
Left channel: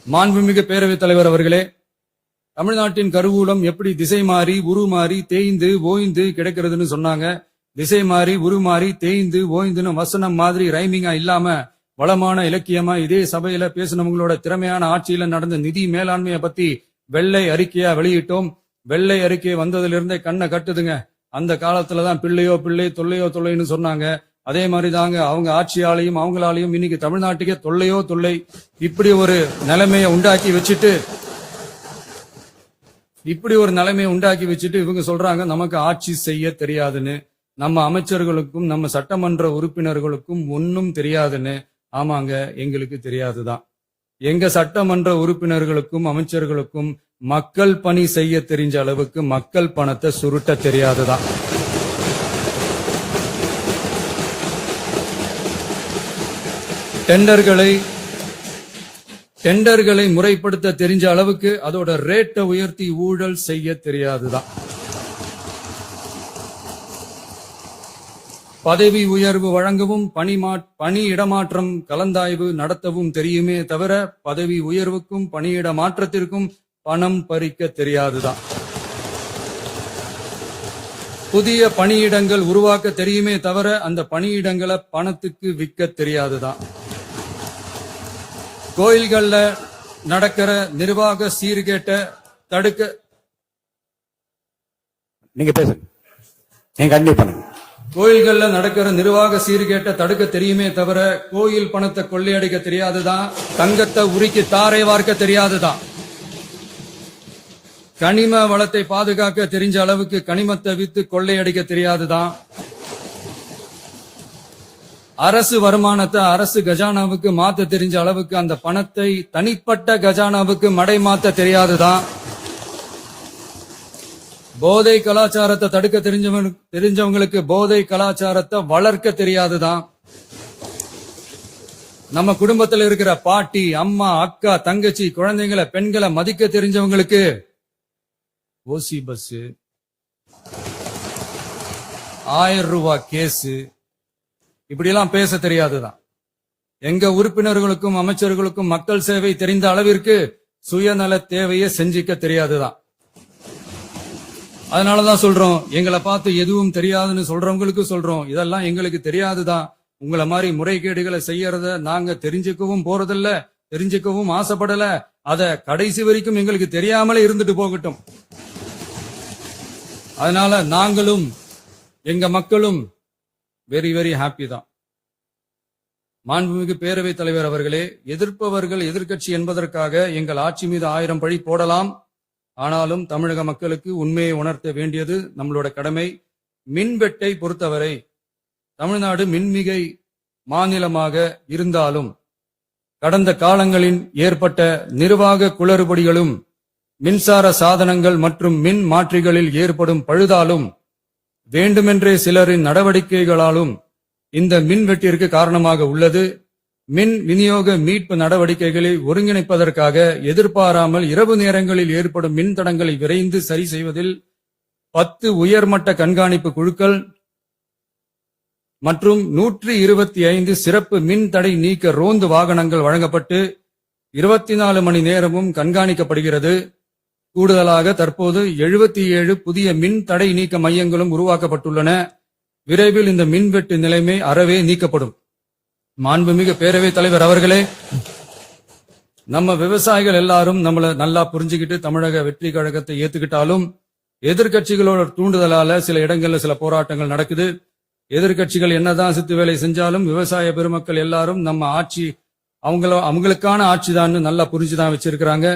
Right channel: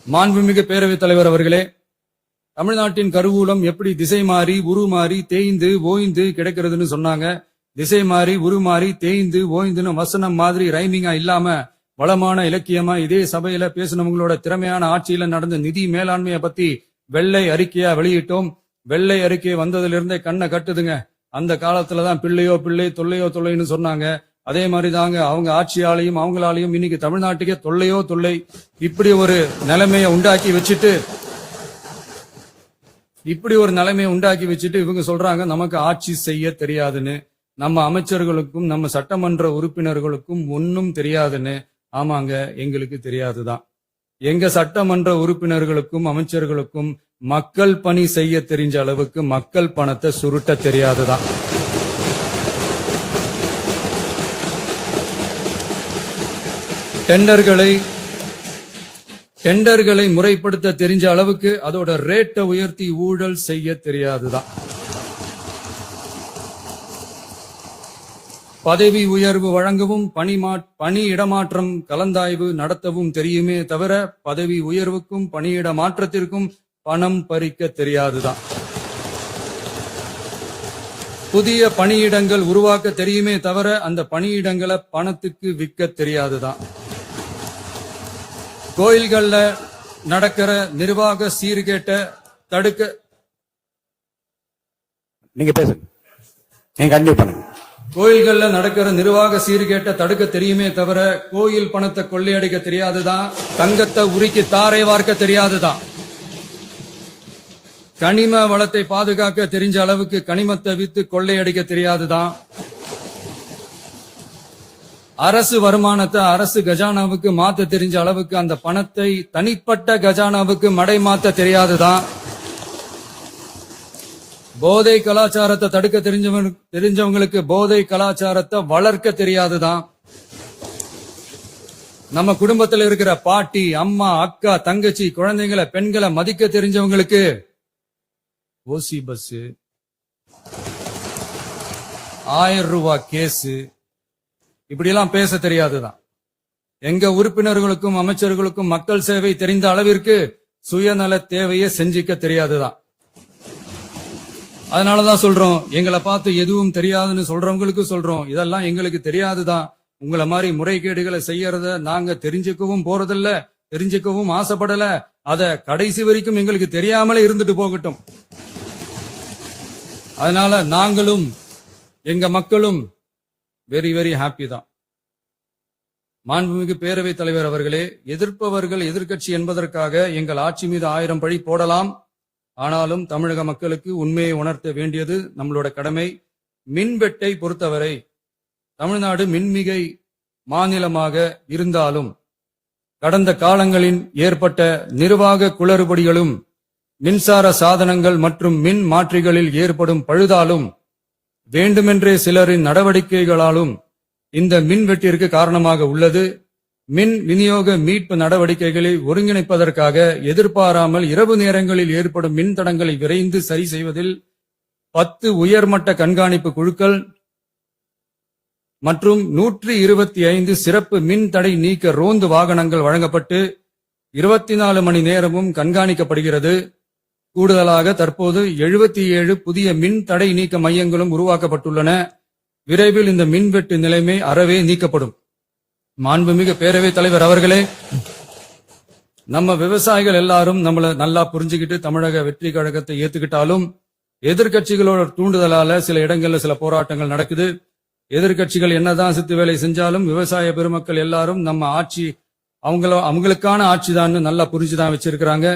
மாண்புமிகு பேரவைத் தலைவர் அவர்களே, தமிழ்நாட்டின் கருவூலம் எப்படி திசை மாறி உருமாறி தேய்ந்து ஓய்ந்து கிடக்கிறதுன்னு சொன்னாங்க. திசை மாறி உருமாறி தேய்ந்து ஓய்ந்துன்னு வசனம் மாதிரி ரைமிங்கா இல்லாம வளமான இலக்கியமா இதே சபையில பேசினவங்களோட திறமையான ஆட்சியில நடந்த நிதி மேலாண்மையை பத்தி வெள்ளை அறிக்கையா வெளியிட்டோம். வெள்ளை அறிக்கை வந்ததுல இருந்தே கண்ணை கட்டுதுங்க. அந்த காலத்துலதான் பிள்ளையோ பிள்ளை தொல்லையோ தொல்லைன்னு சொன்னாங்க. அதே மாதிரிதாங்க அவங்க ஆட்சியாலையும் அவங்களாலையும் இன்னைக்கு தமிழ்நாட்டுக்கே தொல்லையோ தொல்லை. இப்படி ஒரு நிலைமையை உண்டாக்கி வச்சுட்டு இவங்க சொல்றாங்க நமக்கு ஆட்சி செய்ய தெரியாதுன்னு. நம்ம அமைச்சர்களுக்கும் நம்ம சட்டமன்ற உறுப்பினர்களுக்கும் ஒன்னும் தெரியாதுன்னு. ஆமாங்க, எங்களுக்கு தெரியாதுதான். எங்க சட்டமன்ற உறுப்பினர்களுக்கும் அமைச்சர்களுக்கும் மக்கள் பணி செய்ய தெரிஞ்ச அளவுக்கு மக்கள் பணத்தை சுருட்ட தெரியாதுதான். டெண்டர்களை முறைப்படுத்த தெரிஞ்ச அளவுக்கு அதோட ரேட்டை உயர்த்தி ஊழல் செய்ய தெரியாதுதான். பதவி உயர்வு வழங்கவும் பணி இடமாற்றம் கலந்தாய்வு நடத்தவும் தெரியுமே தவிர பதவி உயர்வுக்கும் பணியிட மாற்றத்திற்கும் பணம் பறிக்க தெரியாதுதான். புதிய பணியிடங்கள் உருவாக்க தெரியுமே தவிர அந்த பணியிடங்களை பணத்துக்கு விற்க தெரியாதுதான். கோயில்கள்ல நடக்கிற நிர்வாக சீர்கேட்ட தடுக்க நீங்க பேசுங்க, நீங்க கண்டிப்பா பண்ணுங்க. கோயில்கள்ல நடக்கிற நிர்வாக சீர்கேட்ட தடுக்க தெரியுமே தவிர கோயில் பணத்தை கொள்ளையடிக்க தெரியாதுதான். தங்கத்தை உருக்கி தாரை வார்க்க தெரியாதுதான். கனிம வளத்தை பாதுகாக்க தெரிஞ்ச அளவுக்கு கனிமத்தை வித்து கொள்ளையடிக்க தெரியாதுதான். அரசு வருமானத்தை அரசு கஜானாவுக்கு மாத்த தெரிஞ்ச அளவுக்கு அந்த பணத்தை தனிப்பட்ட கஜானாவுக்கு மடை மாத்த தெரியாதுதான். போதை கலாச்சாரத்தை தடுக்க தெரிஞ்சவங்களுக்கு போதை கலாச்சாரத்தை வளர்க்க தெரியாதுதான். நம்ம குடும்பத்தில் இருக்கிற பாட்டி, அம்மா, அக்கா, தங்கச்சி, குழந்தைங்களை, பெண்களை மதிக்க தெரிஞ்சவங்களுக்கு ஓசி பஸ், 1000 ரூபாய் கேஸ், இப்படி எல்லாம் பேச தெரியாதுதான். எங்க உறுப்பினர்களுக்கும் அமைச்சர்களுக்கும் மக்கள் சேவை தெரிந்த அளவிற்கு சுயநல தேவையை செஞ்சிக்க தெரியாதுதான். அதனாலதான் சொல்றோம், எங்களை பார்த்து எதுவும் தெரியாதுன்னு சொல்றவங்களுக்கு சொல்றோம், இதெல்லாம் எங்களுக்கு தெரியாதுதான். உங்களை மாதிரி முறைகேடுகளை செய்யறத நாங்க தெரிஞ்சுக்கவும் போறதில்ல, தெரிஞ்சுக்கவும் ஆசைப்படல. அத கடைசி வரைக்கும் எங்களுக்கு தெரியாமலே இருந்துட்டு போகட்டும். அதனால நாங்களும் எங்க மக்களும் வெரி வெரி ஹாப்பி தான். மாண்புமிகு பேரவைத் தலைவர் அவர்களே, எதிர்ப்பவர்கள் எதிர்க்கட்சி என்பதற்காக எங்கள் ஆட்சி மீது 1000 பழி போடலாம். ஆனாலும் தமிழக மக்களுக்கு உண்மையை உணர்த்த வேண்டியது நம்மளோட கடமை. மின்வெட்டை பொறுத்தவரை தமிழ்நாடு மின்மிகை மாநிலமாக இருந்தாலும் கடந்த காலங்களில் ஏற்பட்ட நிர்வாக குளறுபடிகளும் மின்சார சாதனங்கள் மற்றும் மின் மாற்றிகளில் ஏற்படும் பழுதாலும் வேண்டுமென்றே சிலரின் நடவடிக்கைகளாலும் இந்த மின்வெட்டிற்கு காரணமாக உள்ளது. மின் விநியோக மீட்பு நடவடிக்கைகளை ஒருங்கிணைப்பதற்காக எதிர்பாராமல் இரவு நேரங்களில் ஏற்படும் மின் தடங்களை விரைந்து சரி செய்வதில் 10 உயர்மட்ட கண்காணிப்பு குழுக்கள் மற்றும் 125 சிறப்பு மின் தடை நீக்க ரோந்து வாகனங்கள் வழங்கப்பட்டு 24 மணி நேரமும் கண்காணிக்கப்படுகிறது. கூடுதலாக தற்போது 77 புதிய மின் தடை நீக்க மையங்களும் உருவாக்கப்பட்டுள்ளன. விரைவில் இந்த மின்வெட்டு நிலைமை அறவே நீக்கப்படும். மாண்புமிகு பேரவைத் தலைவர் அவர்களே, நம்ம விவசாயிகள் எல்லாரும் நம்மள நல்லா புரிஞ்சுக்கிட்டு தமிழக வெற்றி கழகத்தை ஏத்துக்கிட்டாலும் எதிர்க்கட்சிகளோட தூண்டுதலால சில இடங்கள்ல சில போராட்டங்கள் நடக்குது. எதிர்க்கட்சிகள் என்னதான் சித்து வேலை செஞ்சாலும் விவசாய பெருமக்கள் எல்லாரும் நம்ம ஆட்சி அவங்களுக்கான ஆட்சிதான் நல்லா புரிஞ்சுதான் வச்சிருக்கிறாங்க.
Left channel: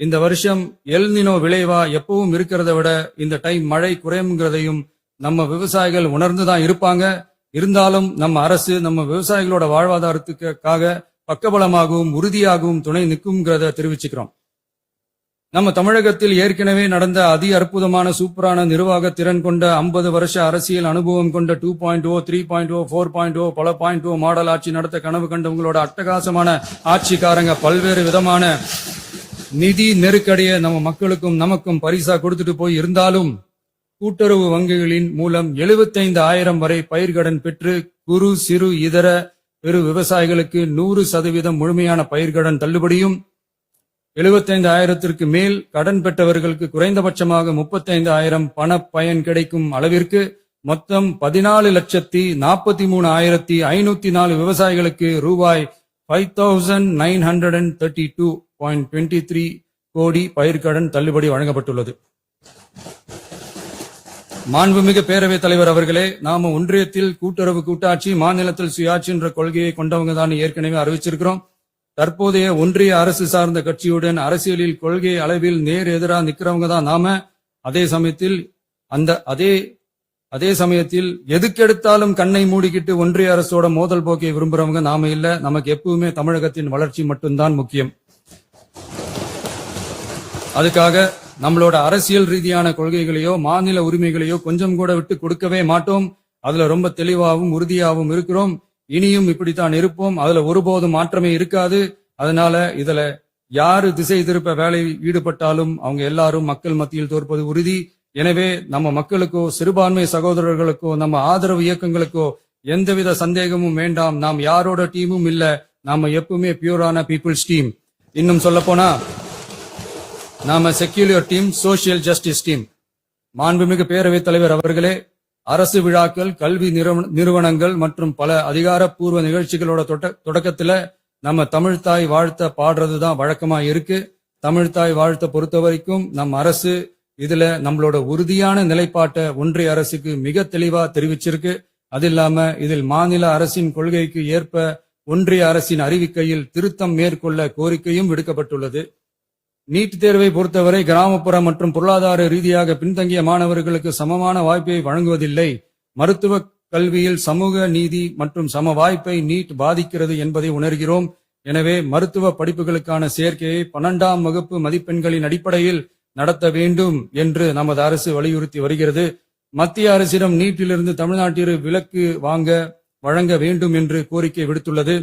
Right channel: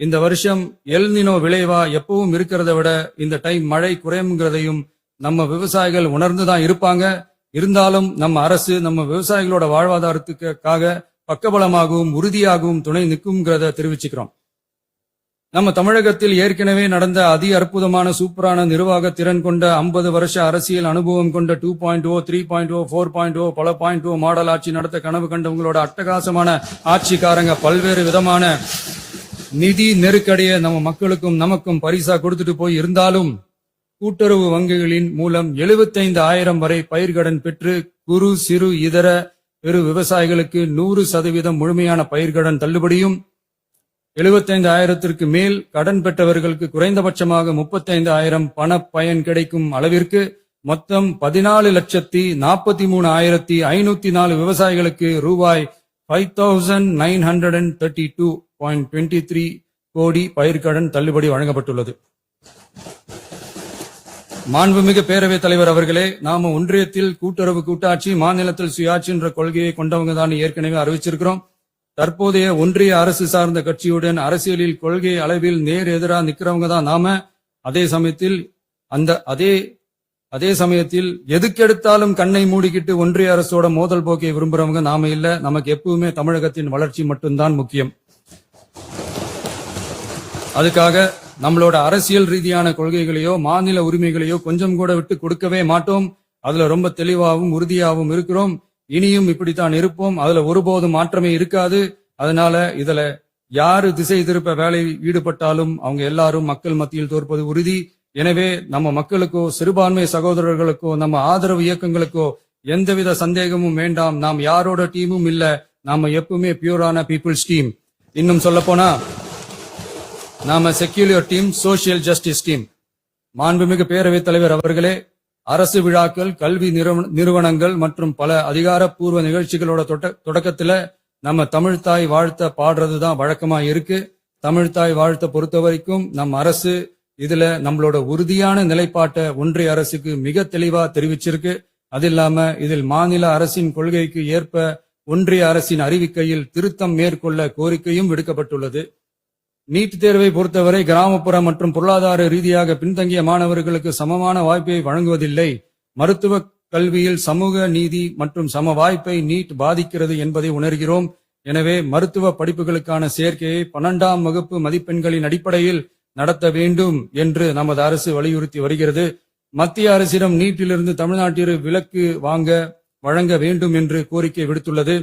இந்த வருஷம் எல்னினோ விளைவா எப்பவும் இருக்கிறத விட இந்த டைம் மழை குறையுங்கிறதையும் நம்ம விவசாயிகள் உணர்ந்துதான் இருப்பாங்க. இருந்தாலும் நம்ம அரசு நம்ம விவசாயிகளோட வாழ்வாதாரத்துக்காக பக்கபலமாகவும் உறுதியாகவும் துணை நிற்கும்ங்கிறத தெரிவிச்சுக்கிறோம். நம்ம தமிழகத்தில் ஏற்கனவே நடந்த அதி அற்புதமான சூப்பரான நிர்வாக திறன் கொண்ட 50 வருஷ அரசியல் அனுபவம் கொண்ட 2.0, 3.0, 4.0 பல 0 மாடல் ஆட்சி நடத்த கனவு கண்டவங்களோட அட்டகாசமான ஆட்சிக்காரங்க பல்வேறு விதமான நிதி நெருக்கடியை நம்ம மக்களுக்கும் நமக்கும் பரிசா கொடுத்துட்டு போய் இருந்தாலும் கூட்டுறவு வங்கிகளின் மூலம் 75,000 வரை பயிர்கடன் பெற்று குறு சிறு இதர பெரு விவசாயிகளுக்கு 100% முழுமையான பயிர்கடன் தள்ளுபடியும் 75,000ற்கு மேல் கடன் பெற்றவர்களுக்கு குறைந்தபட்சமாக 35,000 பண பயன் கிடைக்கும் அளவிற்கு மொத்தம் 14,43,504 விவசாயிகளுக்கு ரூபாய் 5,932.23 கோடி பயிர்கடன் தள்ளுபடி வழங்கப்பட்டுள்ளது. மாண்புமிகு பேரவைத் தலைவர் அவர்களே, நாம ஒன்றியத்தில் கூட்டுறவு கூட்டாட்சி, மாநிலத்தில் சுயாட்சி என்ற கொள்கையை கொண்டவங்க தான் ஏற்கனவே அறிவிச்சிருக்கிறோம். தற்போதைய ஒன்றிய அரசு சார்ந்த கட்சியுடன் அரசியலில் கொள்கை அளவில் நேர் எதிராக நிக்கிறவங்க தான் நாம. அதே சமயத்தில் எதுக்கெடுத்தாலும் கண்ணை மூடிக்கிட்டு ஒன்றிய அரசோட மோதல் போக்கை விரும்புறவங்க நாம இல்ல. நமக்கு எப்பவுமே தமிழகத்தின் வளர்ச்சி மட்டும்தான் முக்கியம். அதுக்காக நம்மளோட அரசியல் ரீதியான கொள்கைகளையோ மாநில உரிமைகளையோ கொஞ்சம் கூட விட்டு கொடுக்கவே மாட்டோம். அதுல ரொம்ப தெளிவாகவும் உறுதியாகவும் இருக்கிறோம். இனியும் இப்படித்தான் இருப்போம். அதுல ஒருபோதும் மாற்றமே இருக்காது. அதனால இதுல யாரு திசை திருப்ப வேலையில் ஈடுபட்டாலும் அவங்க எல்லாரும் மக்கள் மத்தியில் தோற்பது உறுதி. எனவே நம்ம மக்களுக்கோ சிறுபான்மை சகோதரர்களுக்கோ நம்ம ஆதரவு இயக்கங்களுக்கோ எந்தவித சந்தேகமும் வேண்டாம். நாம் யாரோட டீமும் இல்ல. நாம எப்பவுமே பியூரான பீப்புள்ஸ் டீம். இன்னும் சொல்ல போனா நாம secular team, social justice team. மாண்புமிகு பேரவைத் தலைவர் அவர்களே, அரசு விழாக்கள், கல்வி நிறுவனங்கள் மற்றும் பல அதிகாரப்பூர்வ நிகழ்ச்சிகளோட தொடக்கத்துல நம்ம தமிழ்தாய் வாழ்த்த பாடுறதுதான் வழக்கமா இருக்கு. தமிழ்தாய் வாழ்த்த பொறுத்த வரைக்கும் நம் அரசு இதுல நம்மளோட உறுதியான நிலைப்பாட்டை ஒன்றிய அரசுக்கு மிக தெளிவா தெரிவிச்சிருக்கு. அது இல்லாம இதில் மாநில அரசின் கொள்கைக்கு ஏற்ப ஒன்றிய அரசின் அறிவிக்கையில் திருத்தம் மேற்கொள்ள கோரிக்கையும் விடுக்கப்பட்டுள்ளது. நீட் தேர்வை பொறுத்தவரை கிராமப்புற மற்றும் பொருளாதார ரீதியாக பின்தங்கிய மாணவர்களுக்கு சமமான வாய்ப்பை வழங்குவதில்லை. மருத்துவ கல்வியில் சமூக நீதி மற்றும் சம வாய்ப்பை நீட் பாதிக்கிறது என்பதை உணர்கிறோம். எனவே மருத்துவ படிப்புகளுக்கான சேர்க்கையை 12ஆம் வகுப்பு மதிப்பெண்களின் அடிப்படையில் நடத்த வேண்டும் என்று நமது அரசு வலியுறுத்தி வருகிறது. மத்திய அரசிடம் நீட்டிலிருந்து தமிழ்நாட்டிற்கு விலக்கு வழங்க வேண்டும் என்று கோரிக்கை விடுத்துள்ளது.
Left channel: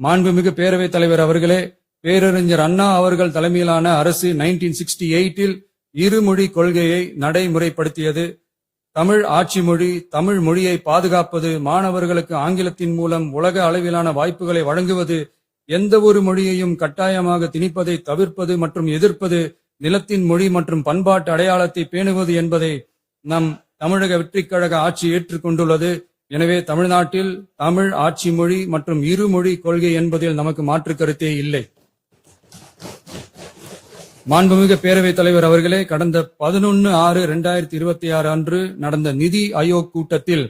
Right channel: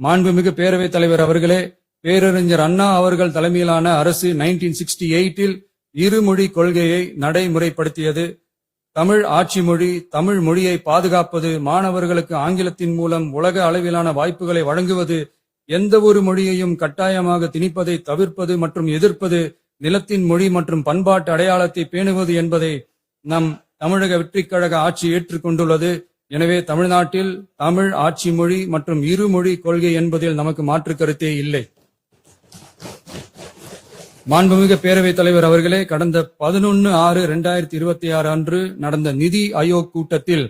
மாண்புமிகு பேரவைத் தலைவர் அவர்களே, பேரறிஞர் அண்ணா அவர்கள் தலைமையிலான அரசு 1968இல் இருமொழி கொள்கையை நடைமுறைப்படுத்தியது. தமிழ் ஆட்சி மொழி, தமிழ் மொழியை பாதுகாப்பது, மாணவர்களுக்கு ஆங்கிலத்தின் மூலம் உலக அளவிலான வாய்ப்புகளை வழங்குவது, எந்த ஒரு மொழியையும் கட்டாயமாக திணிப்பதை தவிர்ப்பது மற்றும் எதிர்ப்பது, நிலத்தின் மொழி மற்றும் பண்பாட்டு அடையாளத்தை பேணுவது என்பதை நம் தமிழக வெற்றிக் கழக ஆட்சி ஏற்றுக்கொண்டுள்ளது. எனவே தமிழ்நாட்டில் தமிழ் ஆட்சி மொழி மற்றும் இருமொழி கொள்கை என்பதில் நமக்கு மாற்று கருத்தே இல்லை. மாண்புமிகு பேரவைத் தலைவர் அவர்களே, கடந்த 11/6/2026 அன்று நடந்த நிதி ஆயோக் கூட்டத்தில்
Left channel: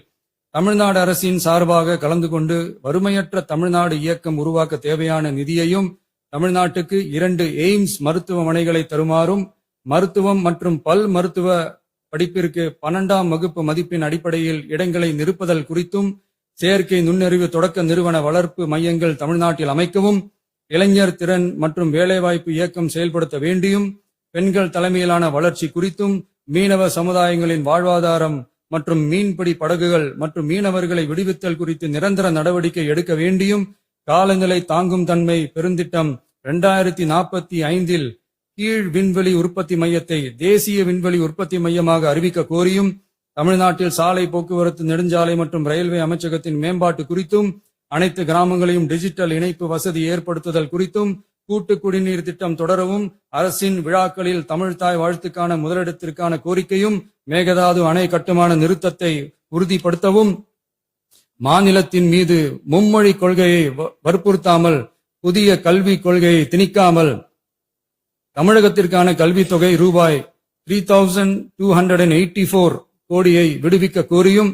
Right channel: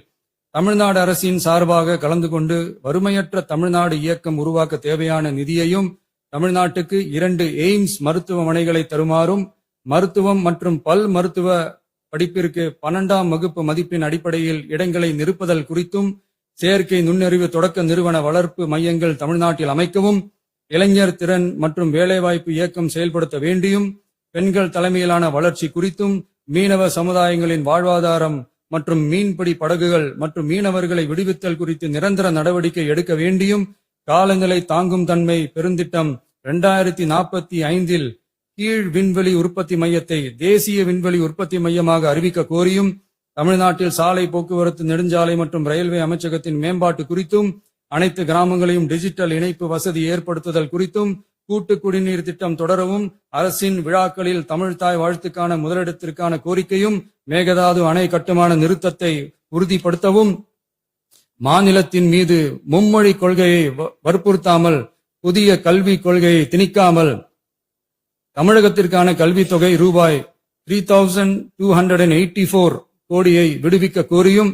தமிழ்நாடு அரசின் சார்பாக கலந்து கொண்டு வறுமையற்ற தமிழ்நாடு இயக்கம் உருவாக்க தேவையான நிதியையும், தமிழ்நாட்டுக்கு 2 எய்ம்ஸ் மருத்துவமனைகளை தருமாறும், மருத்துவம் மற்றும் பல் மருத்துவ படிப்பிற்கு 12ஆம் வகுப்பு மதிப்பின் அடிப்படையில் இடங்களை நிரப்புதல் குறித்தும், செயற்கை நுண்ணறிவு தொடக்க நிறுவன வளர்ப்பு மையங்கள் தமிழ்நாட்டில் அமைக்கவும், இளைஞர் திறன் மற்றும் வேலைவாய்ப்பு இயக்கம் செயல்படுத்த வேண்டியும், பெண்கள் தலைமையிலான வளர்ச்சி குறித்தும், மீனவ சமுதாயங்களின் வாழ்வாதாரம் மற்றும் மீன்பிடி படகுகள் மற்றும் மீனவர்களை விடுவித்தல் குறித்து நிரந்தர நடவடிக்கை எடுக்க வேண்டியும், காலநிலை தாங்கும் தன்மை பெருந்திட்டம் 2045இல் கீழ் விண்வெளி உற்பத்தி மையத்தை தேசிய விண்வெளி உற்பத்தி மையமாக அறிவிக்க கோரியும், தமிழ்நாட்டில் சாலை போக்குவரத்து, நெடுஞ்சாலை மற்றும் ரயில்வே அமைச்சகத்தின் மேம்பாட்டு குறித்தும், அனைத்து கிராமங்களையும் டிஜிட்டல் இணைப்பு வசதி ஏற்படுத்துதல் குறித்தும், கூட்டு குடிநீர் திட்டம் தொடரவும், அரசின் விழாக்களில் தமிழ்தாய் வாழ்த்துக்கான முதலிடத்திற்கான கோரிக்கையும், மேகதாது அணை கட்டுமான நிறுத்தத்தை உறுதிப்படுத்தவும், மாநிலத்தின் மீது மும்மொழி கொள்கையை வற்புறுத்தாமல் புதிய கல்விக் கொள்கையை திணிக்காமல் தமிழகத்திற்கான கல்வித் தொகை ரூபாய் 3284 கோடியை விடுவிக்க கோரியும்,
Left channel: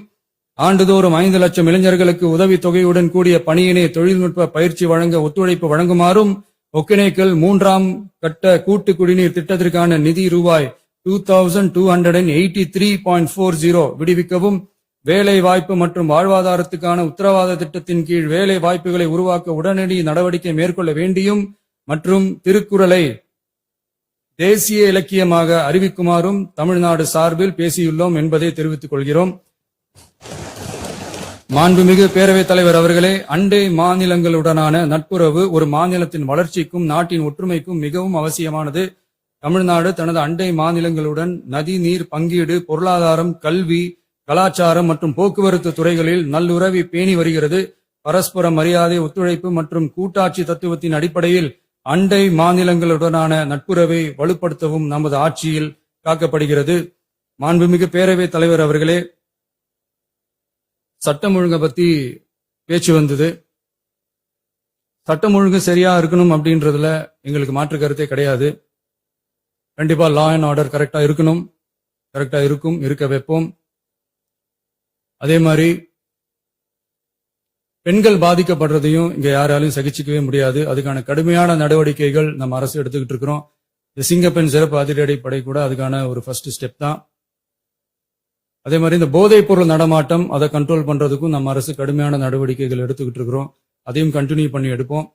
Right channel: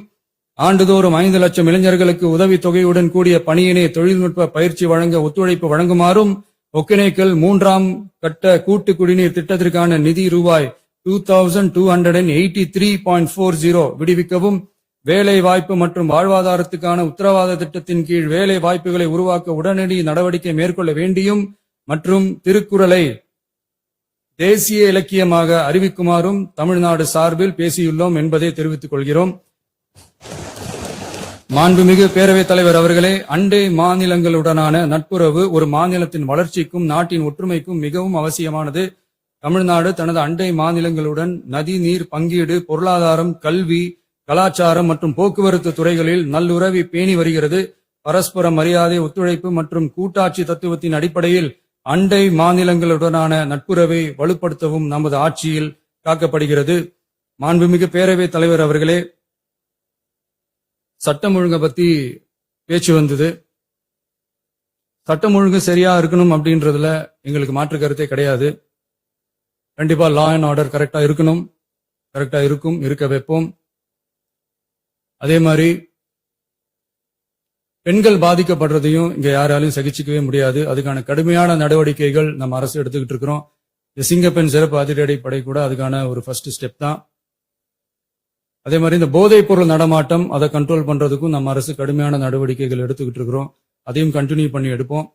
ஆண்டுதோறும் 5 லட்சம் இளைஞர்களுக்கு உதவித் தொகையுடன் கூடிய பணியினை தொழில்நுட்ப பயிற்சி வழங்க ஒத்துழைப்பு வழங்குமாறும், ஒகேனக்கல் 3ஆம் கட்ட கூட்டு குடிநீர் திட்டத்திற்கான நிதி ரூபாய் 2283.40 விடுவிக்கவும், வேலை வாய்ப்பு மற்றும் வாழ்வாதாரத்துக்கான உத்தரவாத திட்டத்தின் கீழ் வேலை வாய்ப்புகளை உருவாக்க உடனடி நடவடிக்கை மேற்கொள்ள வேண்டியும் மற்றும் திருக்குறளை தேசிய இலக்கியமாக அறிவிக்குமாறும் தமிழ்நாடு சார்பில் பேசியுள்ளோம் என்பதை தெரிவித்துக் கொள்கிறோம். மாண்புமிகு பேரவைத் தலைவர் அவர்களே, அண்டை மாநிலங்களுடனான நட்புறவு ஒரு மாநிலத்தின் வளர்ச்சிக்கும் நாட்டின் ஒற்றுமைக்கும் மிகவும் அவசியமானது. தமிழ்நாடு தனது அண்டை மாநிலங்களுடன் நதி நீர் பங்கீடு, பொருளாதாரம், கல்வி, கலாச்சாரம் மற்றும் போக்குவரத்து துறைகளில் நல்லுறவை பேணி வருகிறது. பரஸ்பர மரியாதை, ஒத்துழைப்பு மற்றும் கூட்டாட்சி தத்துவத்தின் அடிப்படையில் அண்டை மாநிலங்களுடனான நட்புறவை வலுப்படுத்தவும் நமது ஆட்சியில் காக்கப்படுகிறது. மாண்புமிகு பேரவைத் தலைவர் அவர்களே, சட்டம் ஒழுங்கை பத்தி பேச்சு வந்தது. சட்டம் ஒழுங்கு சரியா இருக்கணும் அப்படின்றதுல எங்களுக்கு மாற்று கருத்தே கிடையாது. கண்டிப்பா லா அண்ட் ஆர்டர் கரெக்டா இருக்கணும், கரெக்டா இருக்கும், இருக்க வைப்போம். அதே மாதிரி பெண்கள் பாதிக்கப்படுறதையும் இங்க யாராலையும் சகிச்சுக்கவே முடியாது. அதுக்கான கடுமையான நடவடிக்கைகள் நம்ம அரசு எடுத்துக்கிட்டு இருக்கிறோம். சிங்கப்பெண் சிறப்பு அதிரடிப்படை கூட அதுக்கான ஒரு ஃபர்ஸ்ட் ஸ்டெப் தான். அதே மாதிரி இந்த போதைப் பொருள் நடமாட்டம் அதை கண்ட்ரோல் பண்றதுக்கும் நம்ம அரசு கடுமையான நடவடிக்கைகள் எடுத்துக்கிட்டு இருக்கிறோம். அதையும் கண்டினியூ பண்ணி எடுப்போம்.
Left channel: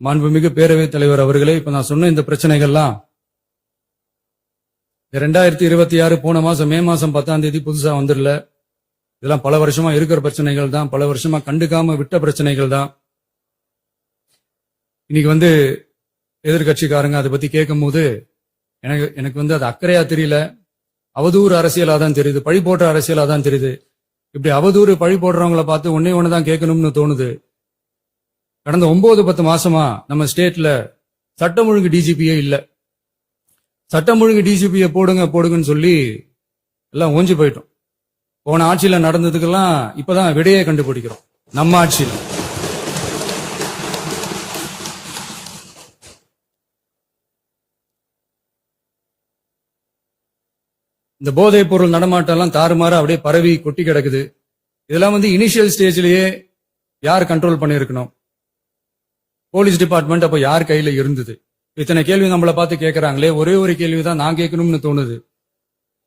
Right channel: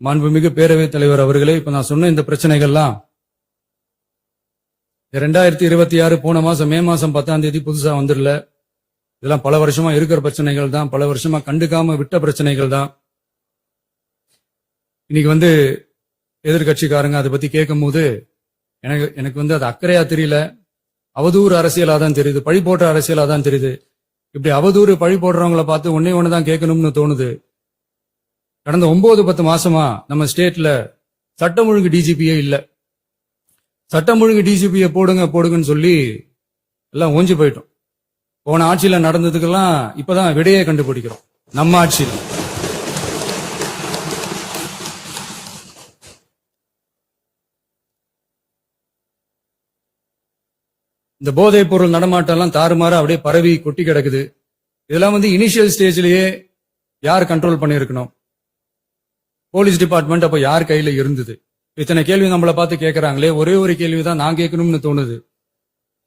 மாண்புமிகு பேரவைத் தலைவர் அவர்களே, இப்ப நான் சொன்ன இந்த பிரச்சனைகள்லாம் 2026 போன மாசம் மே மாசம் 10ஆம் தேதி புதுசா வந்துடல. இதெல்லாம் பல வருஷமா இருக்கிற பிரச்சனைகள் தான், பல வருஷமா கண்டுக்காம விட்ட பிரச்சனைகள் தான். இன்னைக்கு எதிர்கட்சிக்காரங்க அதை பத்தி கேட்கும் போது எனக்கு அது அக்கறையா தெரியல, அவதூறு அரசியலா தான் தெரியுது, பழி போடுற அரசியலா தான் தெரியுது. இப்படி அவதூறு பழி போடுறவங்களை பார்த்து ஒன்னே ஒண்ணுதான் கேட்கணும்னு தோணுது. கடந்த 9-10 மாசமா நம்ம ஸ்டேட்ல சட்டம் ஒழுங்கு டிஜிபியே இல்ல. சட்டம் ஒழுங்கு டிஜிபியை போடுங்கன்னு சொல்லி எல்லாம் ஓஞ்சி போயிட்டோம். போன ஆட்சியில நடந்ததுக்கெல்லாம் இப்பதான் விடையே கண்டுபிடிக்கிறோம் நம்ம ஆட்சியில். இந்த போதைப் பொருள் நடமாட்டம் எல்லாம் தாறுமாற அப்படியே பரவி கொட்டி கிடக்குது. இதெல்லாம் இனிஷியல் ஸ்டேஜ்லயே யார் கண்ட்ரோல் பண்ணிருக்கணும்? போலீஸ் டிபார்ட்மெண்ட் அப்ப யார் கையில இருந்தது? இத்தனை கேள்வி நம்மளை பார்த்து கேட்கறாங்களே, ஒரே ஒரு கேள்விதான் நான் கேட்கணும்னு தோணுது.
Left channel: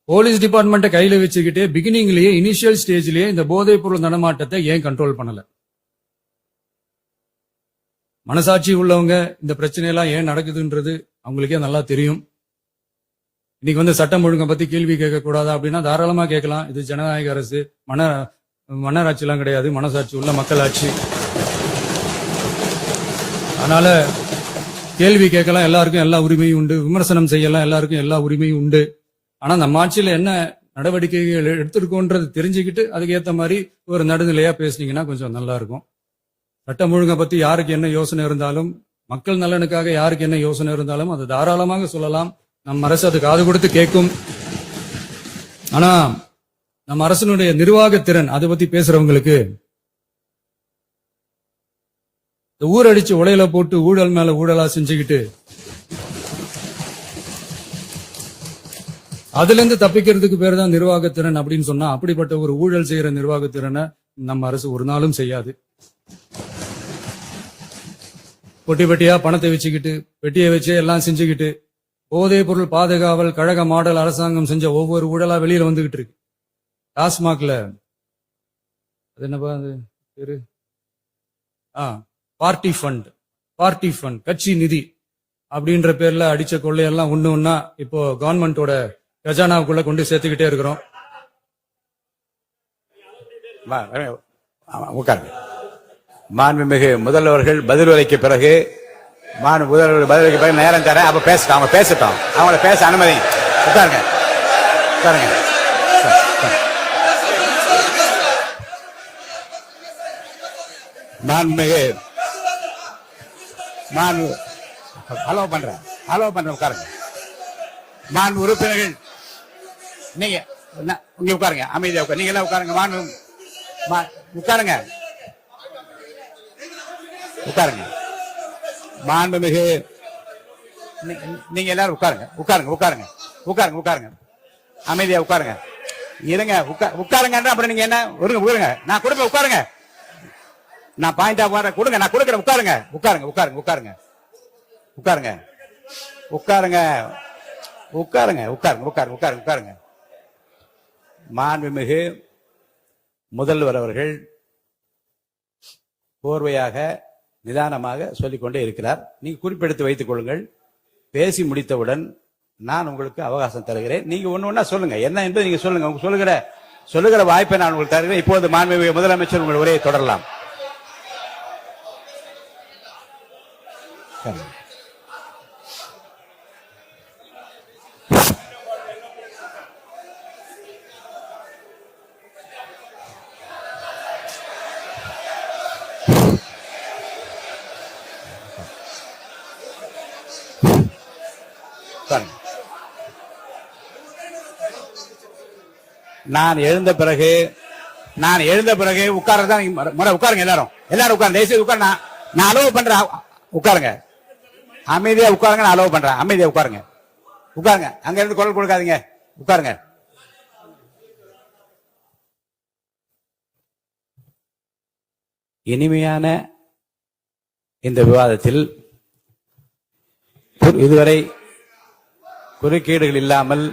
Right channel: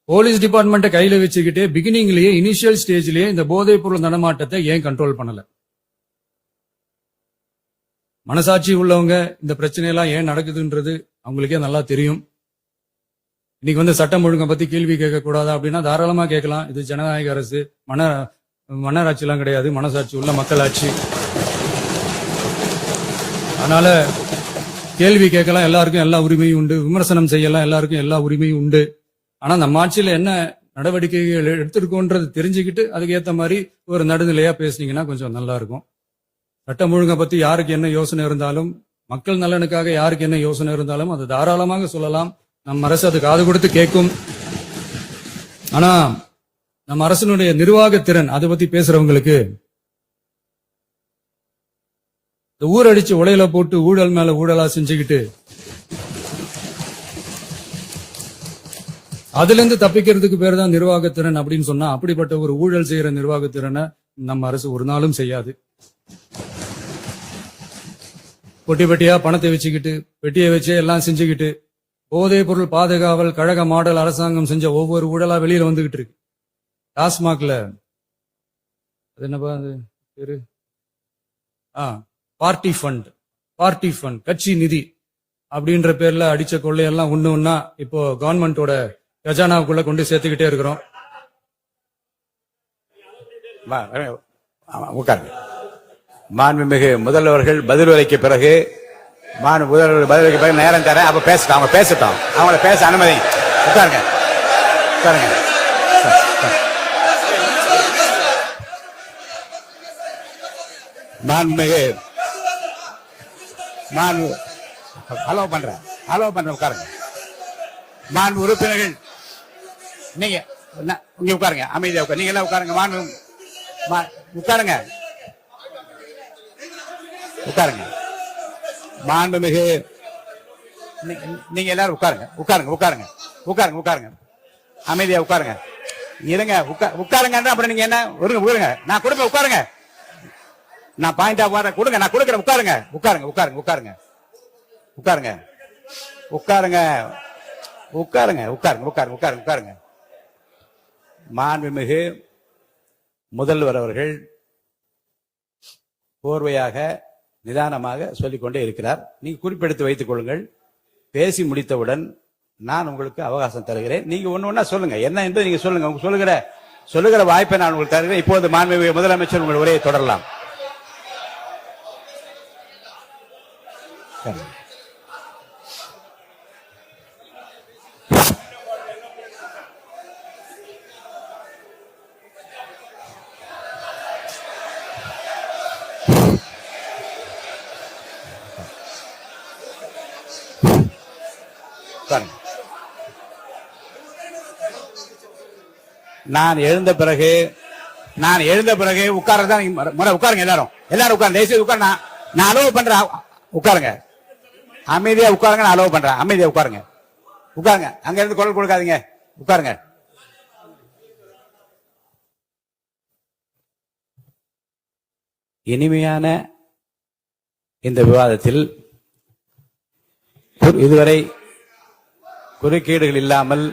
போலீஸ் டிபார்ட்மெண்ட்டை கையில வச்சுக்கிட்டு பிகினிங்லயே இனிஷியல் ஸ்டேஜ்லயே இந்த போதைப் பொருள் நடமாட்டத்தை ஏன் கண்ட்ரோல் பண்ணல? மனசாட்சி உள்ளவங்க இந்த பிரச்சனையெல்லாம் ஏன் நடக்குதுன்றது அவங்களுக்கே நல்லா தெரியும். இன்னைக்கு வந்து சட்டம் ஒழுங்கை பத்தி கேள்வி கேட்க கூடாதா அப்படின்னா தாராளமா கேட்கலாம். இது ஜனநாயக அரசு, மன்னராட்சி எல்லாம் கிடையாது, மனசாட்சி உள்ள மக்களாட்சி. அதனால கேள்வி கேட்கலாம், எல்லாருக்கும் எல்லா உரிமையும் உண்டு. விமர்சனம் செய்யலாம், எல்லாருக்கும் எல்லா உரிமையும் உண்டு. ஆனா நம்ம ஆட்சியில என்ன நடவடிக்கைகள் எடுத்திருக்கோன்றது தெரிஞ்சுக்கிட்டு அதுக்கு ஏத்த மாதிரி ஒரு நடுநிலையா பேசுனீங்கன்னா கொஞ்சம் நல்லா இருக்கும். சட்டம் ஒழுங்கை பத்தி யாருக்கு என்ன யோசனை இருந்தாலும், மக்கள் நலனுக்காக யாருக்கு என்ன யோசனை இருந்தாலும் அது தாராளமாக சொல்லலாம். நம்ம அரசு அது காது கொடுத்து கேட்கும். ஆனா நம்ம அரசினுடைய நிர்வாகத்திறன் அதை பத்தி பேசுறவங்களுக்கு ஊரடிச்சு உலையில போட்டு ஊழல் மேல ஊழலா செஞ்சுக்கிட்டு அதுல இருந்து தப்பிக்கிறதுக்கு பேர் தான் நிர்வாகத்திறன் அப்படின்னு சொன்னா, அப்படிப்பட்ட ஒரு ஊழல் செய்யற நிர்வாகத்திறனை நம்ம அரசு ஒரு நாளும் செய்யாது. பொட்டி பெட்டியா பணத்தை வச்சுக்கிட்டு, பெட்டியை வச்சு எல்லாம் செஞ்சுக்கிட்டு, போதைப் பொருள் பாதுகாவல் கழக மாடல் அரசாங்கம் செஞ்ச ஒவ்வொரு ஊழலா வெளியில வந்துகிட்டு இருக்கு. டாஸ்மாக்ல அது என்னப்பா அது பேரு, பார்ட்டி ஃபண்ட் கட்சி நிதி அப்படின்ற பேர்ல அடிச்ச கொள்ளையெல்லாம் ஒண்ணு ஒன்னா இப்போ கவர்மெண்டோட கஜானாவுக்குள்ள கொண்டு சேர்த்துக்கிட்டே இருக்கிறோம். மாண்புமிகு முதல்வர்கள் பதில் உரைக்கு பிறகு முதல்வர்கள் பதிலுக்கு பிறகு நேரம் தர அப்ப பேசட்டும், அவங்க பேசட்டும், அவங்கள பேச அனுமதி. உட்காருங்க உட்காருங்க. மாண்புமிகு அலோவ் பண்றேன் உட்காருங்க. மாண்பு உறுப்பினர்கள் நீங்க உட்காருங்க, அமைதியா உட்காரு. நீங்க எல்லாம் உட்காருங்க, உட்காருங்க உட்காருங்க. மாண்புமிகு நீங்க எல்லாரும் உட்காருங்க, அமைதியா உட்காருங்க. இருங்க, உட்காருங்க. அப்புறம் நீங்க என்ன உருங்க, நான் கொடுங்க, உட்காருங்க. நான் பாயிண்டா வர கொடுங்க, நான் கொடுக்குறேன். உட்காருங்க. மாண்புமிகு முதல்வர் அவர்கள் கோர்வையாக நிதானமாக சொல்லிக்கொண்டே இருக்கிறார். நீங்க குறிப்பெடுத்து வைத்துக் கொள்ளுங்கள். பேசி முடித்தவுடன் நான் உங்களுக்கு அவகாசம் தருகிறேன். நீங்க ஒண்ணு சொல்லுங்க, என்ன என்று நீங்க சொல்லுங்க. சொல்லுகிற வாய்ப்பை நான் உங்களுக்கு தருகிறேன். இப்போது மாண்புமிகு முதலமைச்சர் உங்கள் உரையை தொடரலாம். நான் எழுந்த பிறகு உட்கார்றதான் உட்காருங்க. எல்லாரும் உட்காருங்க. தேசிய உட்கார். நான் அலோவ் பண்றேன். உட்காருங்க, அமைதியா உட்காருங்க. நான் அலோவ் பண்றேன், அமைதியா உட்காருங்க. அங்க இருந்து குரல் கொடுக்காதீங்க, உட்காருங்க. இனிமையான இந்த விவாதத்தில் இதுவரை குறுக்கீடுகள் இல்லாமல்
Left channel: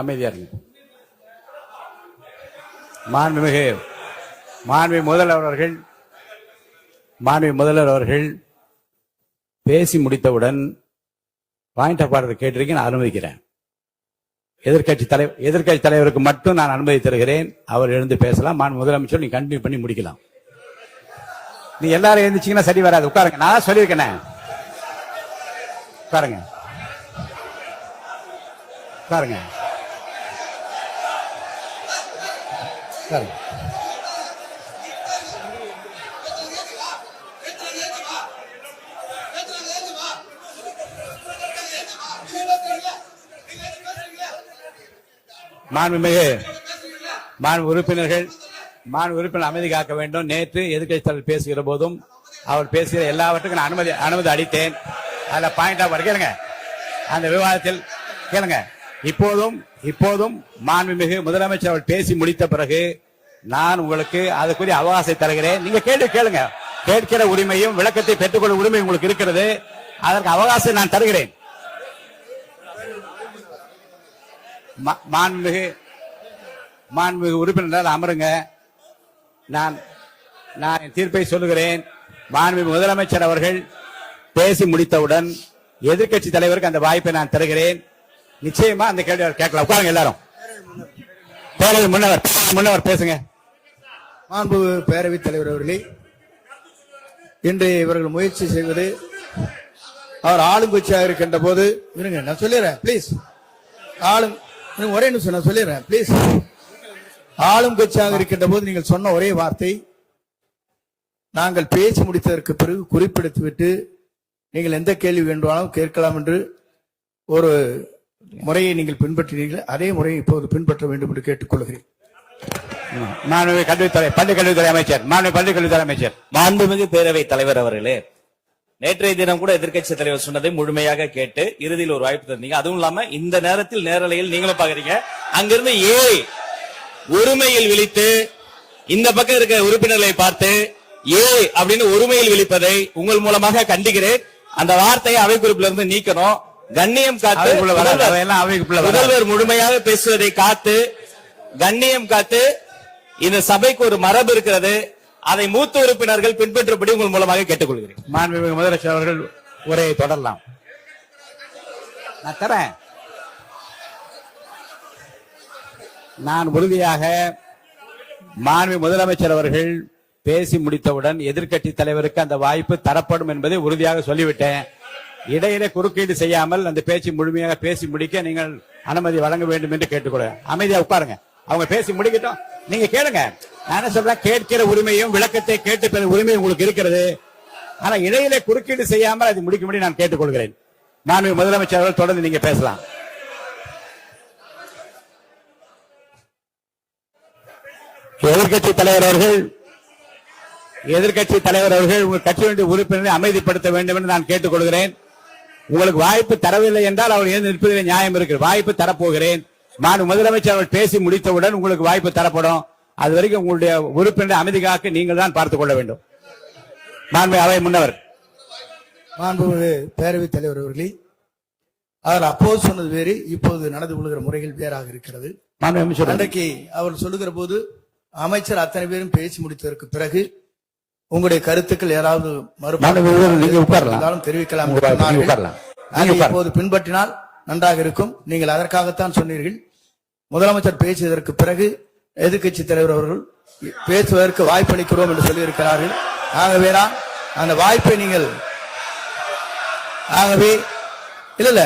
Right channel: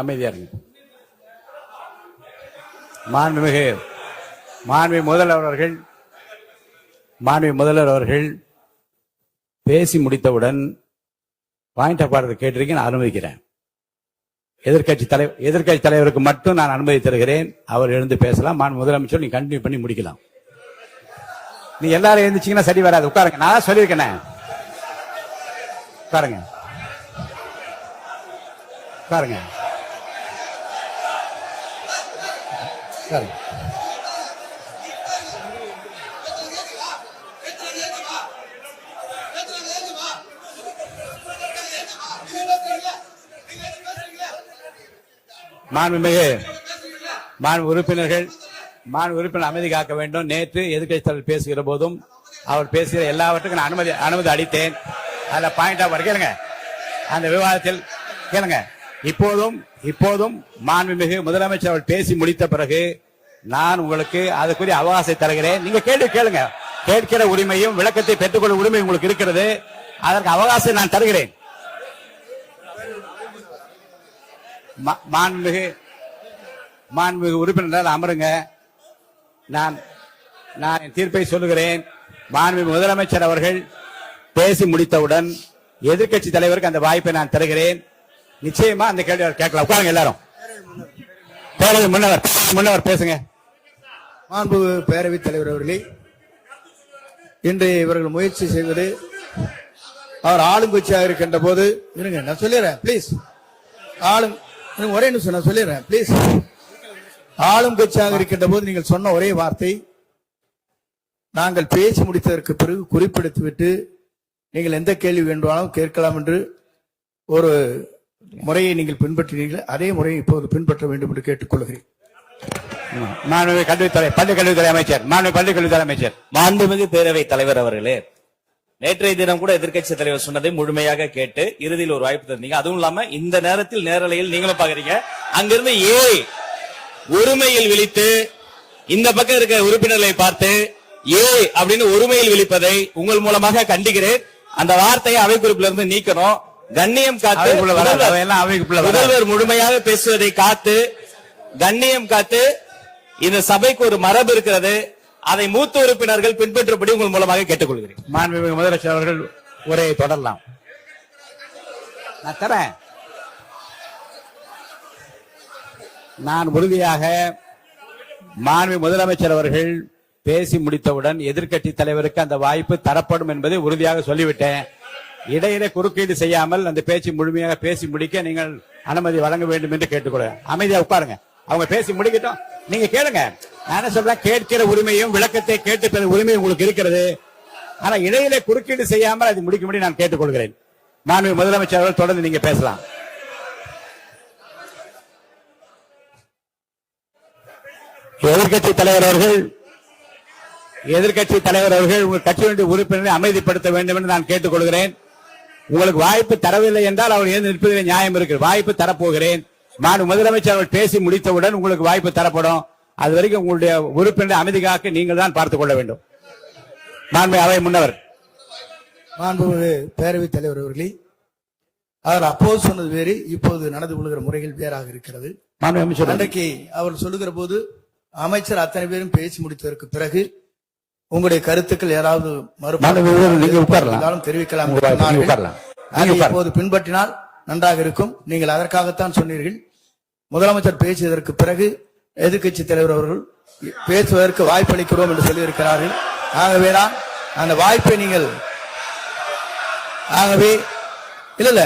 அமைதியா இருக்கு. மாண்புமிகு முதல்வர் அவர்கள் பேசி முடித்தவுடன் பாயிண்ட் ஆஃப் ஆர்டர் கேட்டிருக்கேன், நான் அனுமதிக்கிறேன். எதிர்கட்சி தலைவருக்கு மட்டும் நான் அனுமதி தருகிறேன். அவர் எழுந்து பேசலாம். முதலமைச்சர் நீங்க கண்டினியூ பண்ணி முடிக்கலாம். நீ எல்லாரும் எழுந்துச்சீங்கன்னா சரி வராது. உட்காருங்க, நான் சொல்லியிருக்கேன். உட்காருங்க. மாண்பு உறுப்பினர் அமைதி காக்க வேண்டும். நேற்று எதிர்க்கட்சி தலைவர் பேசுகிற போதும் அவர் பேசுகிற எல்லாவற்றுக்கும் நான் அனுமதி அளித்தேன். அதுல பாயிண்ட் ஆஃப் கேளுங்க, அந்த விவாதத்தில் கேளுங்க. இப்போதும் மாண்புமிகு முதலமைச்சர் அவர் பேசி முடித்த பிறகு நான் உங்களுக்கு அதுக்குரிய அவகாசத்தை தருகிறேன். நீங்க கேள்வி கேளுங்க. கேட்கிற உரிமையும் விளக்கத்தை பெற்றுக்கொள்ளும் உரிமை உங்களுக்கு இருக்கிறது. அதற்கு அவகாசம் நான் தருகிறேன். மாண்புமிகு உறுப்பினர் அமருங்க. நான் என் தீர்ப்பை சொல்லுகிறேன். மாண்புமிகு முதலமைச்சர் அவர்கள் பேசி முடித்தவுடன் எதிர்க்கட்சி தலைவருக்கு அந்த வாய்ப்பை நான் தருகிறேன். நிச்சயமா அந்த கேள்வி கேட்கலாம். உட்காருங்க எல்லாரும். முன்னவர் பேசுங்க. மாண்பு பேரவைத் தலைவர் அவர்களே, இன்று இவர்கள் முயற்சி செய்வது அவர் ஆளுங்கட்சியாக இருக்கின்ற போது இருங்க நான் சொல்லிடுறேன் பிளீஸ். ஒரே நிமிஷம் நான் சொல்லிடுறேன் பிளீஸ். ஆளும் கட்சியாக இருக்கின்ற போது நீங்கள் சொன்ன ஒரே வார்த்தை, நாங்கள் பேசி முடித்ததற்கு பிறகு குறிப்பிடுத்துவிட்டு நீங்கள் எந்த கேள்வி வேண்டுமானாலும் கேட்கலாம் என்று ஒரு முறையை நீங்கள் பின்பற்றினீர்கள். அதே முறையை இப்போது பின்பற்ற வேண்டும் என்று கேட்டுக்கொள்கிறேன். மாண்புமிகு பள்ளிக்கல்வித்துறை அமைச்சர், பள்ளிக்கல்வித்துறை அமைச்சர். மாண்புமிகு பேரவைத் தலைவர் அவர்களே, நேற்றைய தினம் கூட எதிர்க்கட்சி தலைவர் சொன்னதை முழுமையாக கேட்டு இறுதியில் ஒரு வாய்ப்பு தந்தீங்க. அதுவும் இல்லாம இந்த நேரத்தில் நேரலையில் நீங்களும் பாக்குறீங்க. அங்கிருந்து ஒருமையில் விழித்து இந்த பக்கம் இருக்கிற உறுப்பினர்களை பார்த்து அப்படின்னு ஒருமையில் விழிப்பதை உங்கள் மூலமாக கண்டிக்கிறேன். அந்த வார்த்தையை அவை குறிப்பிலிருந்து நீக்கணும். கண்ணியம் காத்து முதல்வர் முழுமையாக பேசுவதை காத்து கண்ணியம் காத்து இந்த சபைக்கு ஒரு மரபு இருக்கிறது. அதை மூத்த உறுப்பினர்கள் பின்பற்றபடி உங்கள் மூலமாக கேட்டுக்கொள்கிறேன். மாண்புமிகு முதலமைச்சர் அவர்கள் உரையை தொடரலாம். நான் தரேன். நான் உறுதியாக மாண்புமிகு முதலமைச்சர் அவர்கள் பேசி முடித்தவுடன் எதிர்க்கட்சி தலைவருக்கு அந்த வாய்ப்பு தரப்படும் என்பதை உறுதியாக சொல்லிவிட்டேன். இடையிலே குறுக்கீடு செய்யாமல் அந்த பேச்சு முழுமையாக பேசி முடிக்க நீங்கள் அனுமதி வழங்க வேண்டும் என்று கேட்டுக்கொள்ள. அமைதியா உட்காருங்க. அவங்க பேசி முடிக்கட்டும், நீங்க கேளுங்க. நான் என்ன சொல்றேன், கேட்கிற உரிமையும் விளக்கத்தை கேட்டு பெறும் உரிமை உங்களுக்கு இருக்கிறது. ஆனா இடையிலே குறுக்கீடு செய்யாமல் அது முடிக்கும்படி நான் கேட்டுக்கொள்கிறேன். மாண்புமிகு முதலமைச்சர் அவர்கள் தொடர்ந்து நீங்க பேசலாம். எதிர்க்கட்சி தலைவர் அவர்கள் உங்கள் கட்சியினுடைய உறுப்பினரை அமைதிப்படுத்த வேண்டும் என்று நான் கேட்டுக்கொள்கிறேன். உங்களுக்கு வாய்ப்பு தரவில்லை என்றால் அவர் ஏன் நிற்பதில் நியாயம் இருக்கு. வாய்ப்பு தரப்போகிறேன். நான் முதலமைச்சர் அவர்கள் பேசி முடித்தவுடன் உங்களுக்கு வாய்ப்பு தரப்படும். அது வரைக்கும் உங்களுடைய உறுப்பினர் அமைதி காக்க நீங்கள் தான் பார்த்துக் கொள்ள வேண்டும். மாண்புமிகு அவை முன்னவர். மாண்புமிகு பேரவைத் தலைவர் அவர்களே, அவர் அப்போது சொன்னது வேறு, இப்போது நடந்து கொள்கிற முறைகள் வேறாக இருக்கிறது. அன்றைக்கு அவர் சொல்லுகிற போது அமைச்சர் அத்தனை பேரும் பேசி முடித்ததற்கு பிறகு உங்களுடைய கருத்துக்கள் ஏதாவது மறுபடியும் தெரிவிக்கலாம். இப்போது பின்பற்றினால் நன்றாக இருக்கும். நீங்கள் அதற்காகத்தான் சொன்னீர்கள். முதலமைச்சர் பேசியதற்கு பிறகு எதிர்க்கட்சி தலைவர் அவர்கள் பேசுவதற்கு வாய்ப்பளிக்கிறோம் என்று சொல்லியிருக்கிறார்கள். ஆகவே அந்த வாய்ப்பை நீங்கள் இல்ல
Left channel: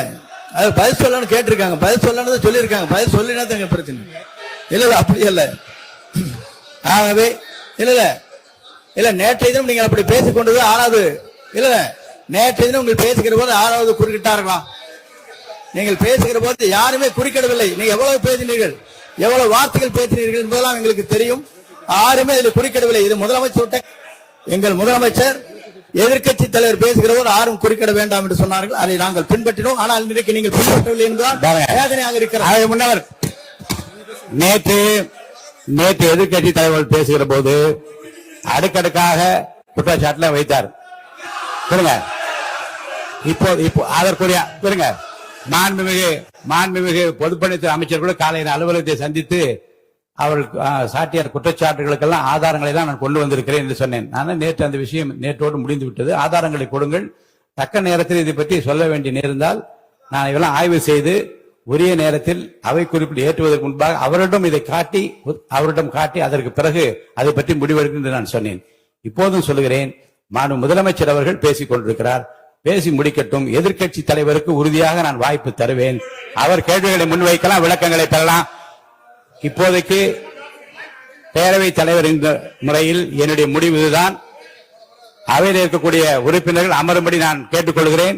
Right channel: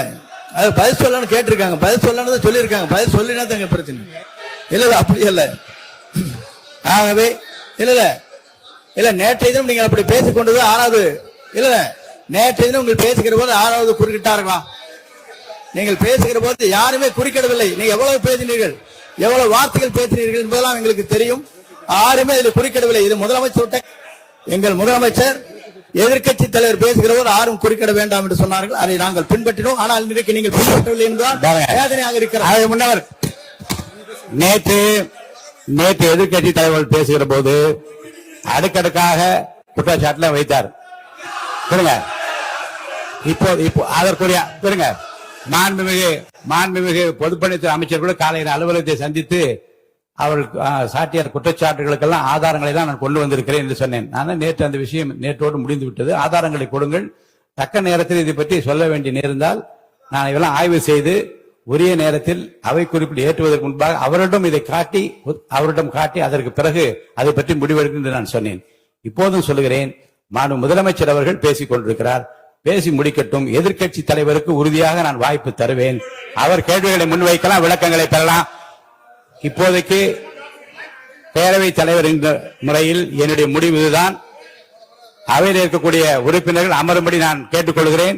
அது பதில் சொல்லணும்னு கேட்டிருக்காங்க. பதில் சொல்லணும் சொல்லியிருக்காங்க. பதில் சொல்லினா தான் பிரச்சனை இல்ல. அப்படி இல்ல. ஆகவே இல்ல நேற்றைய தினம் நீங்கள் அப்படி பேசிக் கொண்டது ஆறாவது இல்ல. நேற்றைய தினம் நீங்கள் பேசுகிற போது ஆறாவது குறுக்கிட்டார்களா? நீங்கள் பேசுகிற போது யாருமே குறுக்கிடவில்லை. நீங்க எவ்வளவு பேசினீர்கள், எவ்வளவு வார்த்தைகள் பேசினீர்கள் என்பதெல்லாம் எங்களுக்கு தெரியும். யாருமே இதில் குறுக்கிடவில்லை. இது முதலமைச்சர், எங்கள் முதலமைச்சர் எதிர்க்கட்சி தலைவர் பேசுகிற போது யாரும் குறுக்கிட வேண்டாம் என்று சொன்னார்கள். அதை நாங்கள் பின்பற்றினோம். ஆனால் இன்றைக்கு நீங்கள் பின்பற்றவில்லை என்றால் வேதனையாக இருக்கிறார். முன்னவர் நேற்று எதிர்க்கட்சி தலைவர் பேசுகிற போது அடுக்கடுக்காக குற்றச்சாட்டுல வைத்தார். இப்போ அதற்குரிய மாண்புமிகு பொதுப்பணித்துறை அமைச்சர் கூட காலையில் அலுவலகத்தை சந்தித்து அவர்கள் சாட்டிய குற்றச்சாட்டுகளுக்கெல்லாம் ஆதாரங்களை தான் நான் கொண்டு வந்திருக்கிறேன் என்று சொன்னேன். நான் நேற்று அந்த விஷயம் நேற்றோடு முடிந்து விட்டது. ஆதாரங்களை கொடுங்கள். தக்க நேரத்தில் இதை பற்றி சொல்ல வேண்டிய நேர்ந்தால் நான் இதெல்லாம் ஆய்வு செய்து உரிய நேரத்தில் அவை குறிப்பிட்டு ஏற்றுவதற்கு முன்பாக அவரிடம் காட்டி அதற்கு பிறகு அதை பற்றி முடிவெடுக்கும் என்று நான் சொன்னேன். இப்போதும் சொல்லுகிறேன், மாண்புமிகு முதலமைச்சர் அவர்கள் பேசிக் கொண்டிருக்கிறார். பேசி முடிக்கட்டும். எதிர்க்கட்சி தலைவருக்கு உறுதியாக நான் வாய்ப்பு தருவேன். அவர் கேள்விகளை முன்வைக்கலாம், விளக்கங்களை பெறலாம். இப்போதைக்கு பேரவைத் தலைவர் என்ற முறையில் என்னுடைய முடிவு இதுதான். அவையில் இருக்கக்கூடிய உறுப்பினர்கள் அமரும்படி நான் கேட்டுக்கொள்கிறேன்.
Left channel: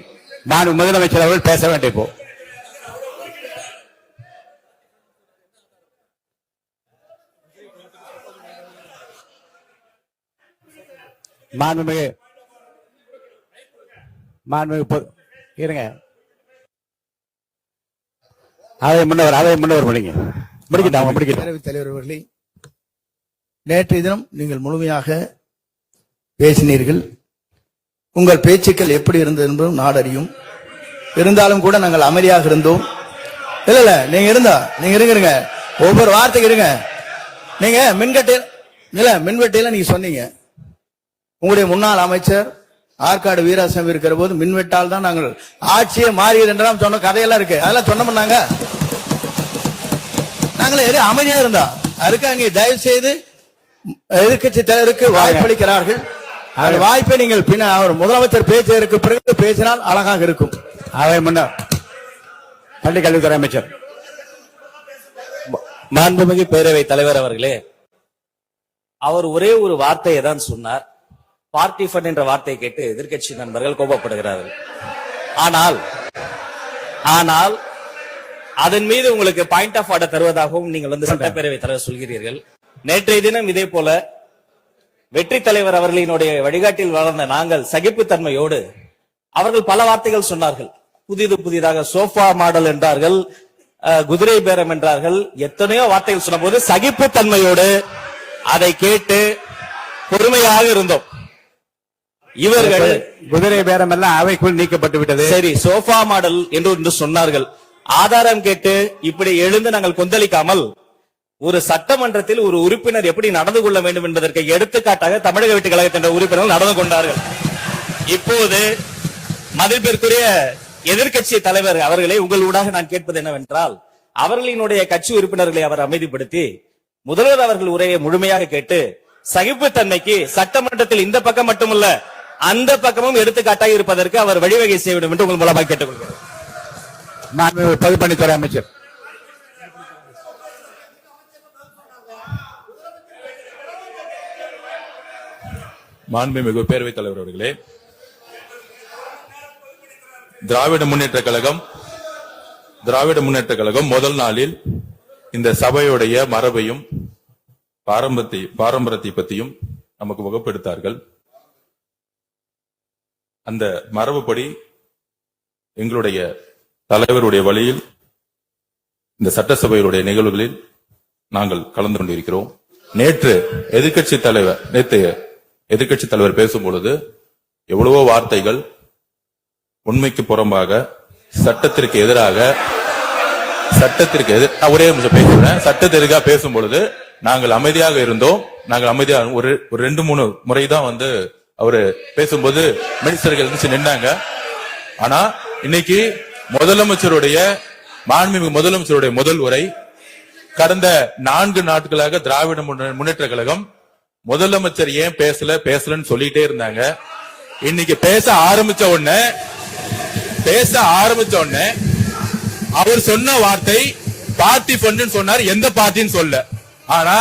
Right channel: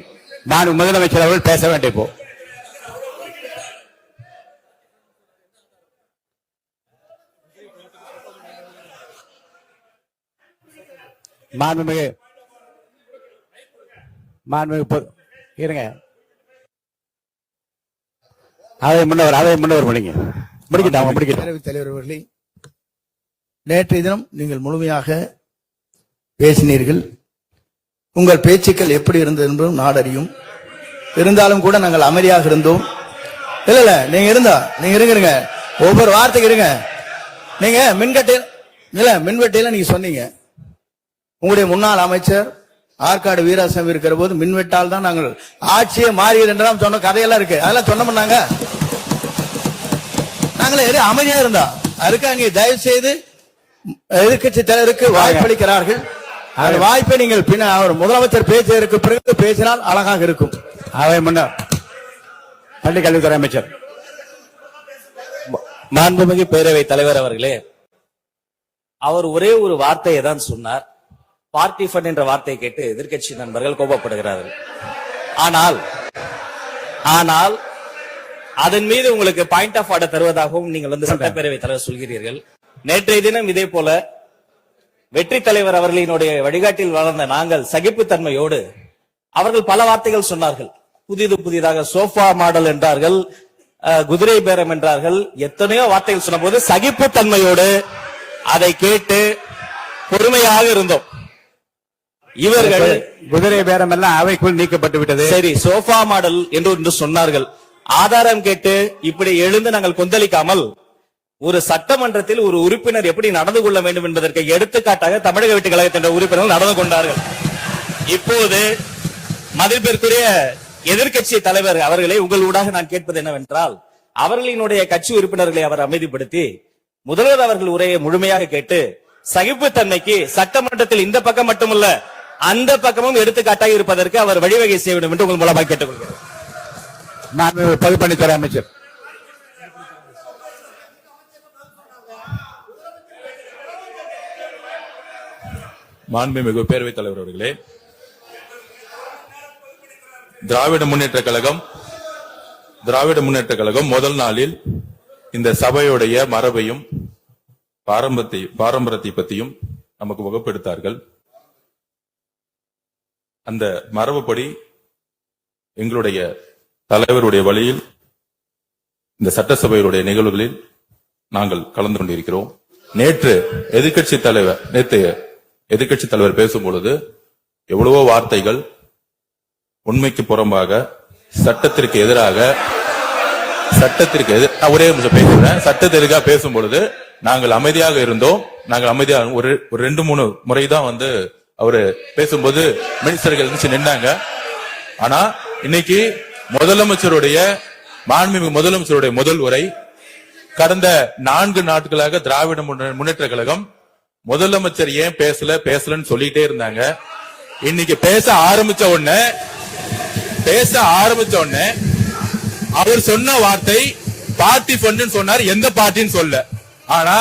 நான் முதலமைச்சர் அவர்கள் பேச வேண்டிய போ இருங்க. அதை முன்னவர் பேரவைத் தலைவர் அவர்களே, நேற்றைய தினம் நீங்கள் முழுமையாக பேசினீர்கள். உங்கள் பேச்சுக்கள் எப்படி இருந்தது என்பதும் நாடறியும். இருந்தாலும் கூட நாங்கள் அமைதியாக இருந்தோம். இல்ல நீங்க இருங்க, ஒவ்வொரு வார்த்தைக்கு இருங்க. நீங்க மின்வெட்டையில நீங்க சொன்னீங்க, உங்களுடைய முன்னாள் அமைச்சர் ஆற்காடு வீராசாமி இருக்கிற போது மின்வெட்டால் தான் நாங்கள் ஆட்சியே மாறியது என்றெல்லாம் சொன்ன கதையெல்லாம் இருக்கு. அதெல்லாம் சொன்னோம். நாங்களே அமைதியா இருந்தோம். அதுக்கு அங்கே தயவு செய்து எதிர்கட்சி தலைவருக்கு வாய்ப்பளிக்கிறார்கள். அந்த வாய்ப்பை நீங்கள் முதலமைச்சர் பேசுவதற்கு பிறகு பேசினால் அழகாக இருக்கும். அவர் முன்னாள் பள்ளிக் கல்வித்துறை அமைச்சர் மாண்புமிகு பேரவைத் தலைவர் அவர்களே, அவர் ஒரே ஒரு வார்த்தையை தான் சொன்னார். பார்ட்டி ஃபண்ட் என்ற வார்த்தையை கேட்டு எதிர்க்கட்சி நண்பர்கள் கோபப்படுகிறார்கள். ஆனால் அதன் மீது உங்களுக்கு பாயிண்ட் ஆஃப் ஆர்டர் தருவதாகவும் நீங்கள் சட்டப்பேரவைத் தலைவர் சொல்கிறீர்கள். நேற்றைய தினம் இதே போல வெற்றி தலைவர் அவர்களினுடைய வழிகாட்டில் வளர்ந்த நாங்கள் சகிப்புத்தன்மையோடு அவர்கள் பல வார்த்தைகள் சொன்னார்கள். புதிதாக சோஃபா மாடல் என்றார்கள், குதிரை பேரம் என்றார்கள், எத்தனையோ வார்த்தைகள் சொன்ன போது சகிப்புத்தன்மையோடு அதை கேட்டு பொறுமையாக இருந்தோம். இவர்கள் குதிரை பேரம் எல்லாம் அவைக்குள் நீக்கப்பட்டு விட்டது. சரி, சோஃபா மாடல் என்று சொன்னார்கள். ஆதாரம் கேட்டு இப்படி எழுந்து நாங்கள் கொந்தளிக்காமல் ஒரு சட்டமன்றத்தில் ஒரு உறுப்பினர் எப்படி நடந்து கொள்ள வேண்டும் என்பதற்கு எடுத்துக்காட்டாக தமிழக வெற்றி கழகத்தின் என்ற உறுப்பினர்கள் நடந்து கொண்டார்கள். இப்போது மதிப்பிற்குரிய எதிர்க்கட்சி தலைவர் அவர்களே, உங்களூடாக நான் கேட்பது என்னவென்றால், அவர்களினுடைய கட்சி உறுப்பினர்களை அவர் அமைதிப்படுத்தி முதல்வர் அவர்கள் உரையை முழுமையாக கேட்டு சகிப்புத்தன்மைக்கு சட்டமன்றத்தில் இந்த பக்கம் மட்டுமல்ல அந்த பக்கமும் எடுத்துக்காட்டாக இருப்பதற்கு அவர் வழிவகை செய்ய வேண்டும் என்று உங்கள் மூலமாக கேட்டுக்கொள்கிறேன். நான் பொதுப்பணித்துறை அமைச்சர். மாண்புமிகு பேரவைத் தலைவர் அவர்களே, திராவிட முன்னேற்ற கழகம் முதல் நாளில் இந்த சபையுடைய மரபையும் பாரம்பரியத்தை பற்றியும் நமக்கு வகுப்பெடுத்தார்கள். அந்த மரபுப்படி எங்களுடைய தலைவருடைய வழியில் இந்த சட்டசபையுடைய நிகழ்வுகளில் நாங்கள் கலந்து கொண்டிருக்கிறோம். நேற்று எதிர்க்கட்சி தலைவர் பேசும்பொழுது எவ்வளவோ வார்த்தைகள் உண்மைக்கு புறம்பாக சட்டத்திற்கு எதிராக ஒரே நிமிஷம் பேசுறேன். சட்டத்திற்காக பேசும் பொழுது நாங்கள் அமைதியாக இருந்தோம். ஒரு 2-3 முறைதான் அவரு பேசும்போது மினிஸ்டர்கள் நின்னாங்க. ஆனா இன்னைக்கு மாண்புமிகு முதலமைச்சருடைய முதல் உரை, கடந்த 4 நாட்களாக திராவிட முன்னேற்ற கழகம் முதலமைச்சர் ஏன் பேசலன்னு சொல்லிட்டே இருந்தாங்க. இன்னைக்கு பேச ஆரம்பிச்ச உடனே அவர் சொன்ன வார்த்தை பார்ட்டி ஃபண்ட் சொன்னார். எந்த பார்ட்டின்னு சொல்ல. ஆனா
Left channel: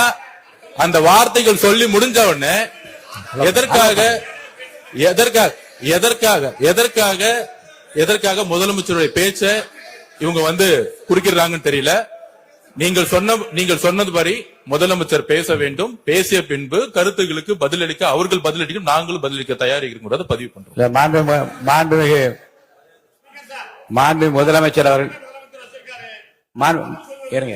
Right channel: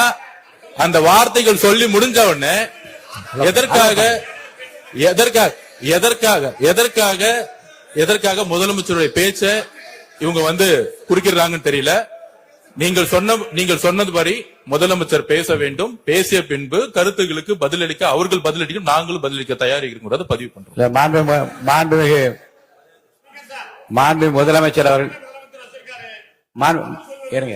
அந்த வார்த்தைகள் சொல்லி முடிஞ்ச உடனே எதற்காக முதலமைச்சருடைய பேச்ச இவங்க குறுக்கிறாங்கன்னு தெரியல. நீங்கள் சொன்னதுபடி முதலமைச்சர் பேச வேண்டும். பேசிய பின்பு கருத்துகளுக்கு பதிலளிக்க அவர்கள் பதிலளிக்கும், நாங்களும் பதிலளிக்க தயாராக இருக்கிறது பதிவு பண்றோம். மாண்பு முதலமைச்சர் அவர்கள் இருங்க.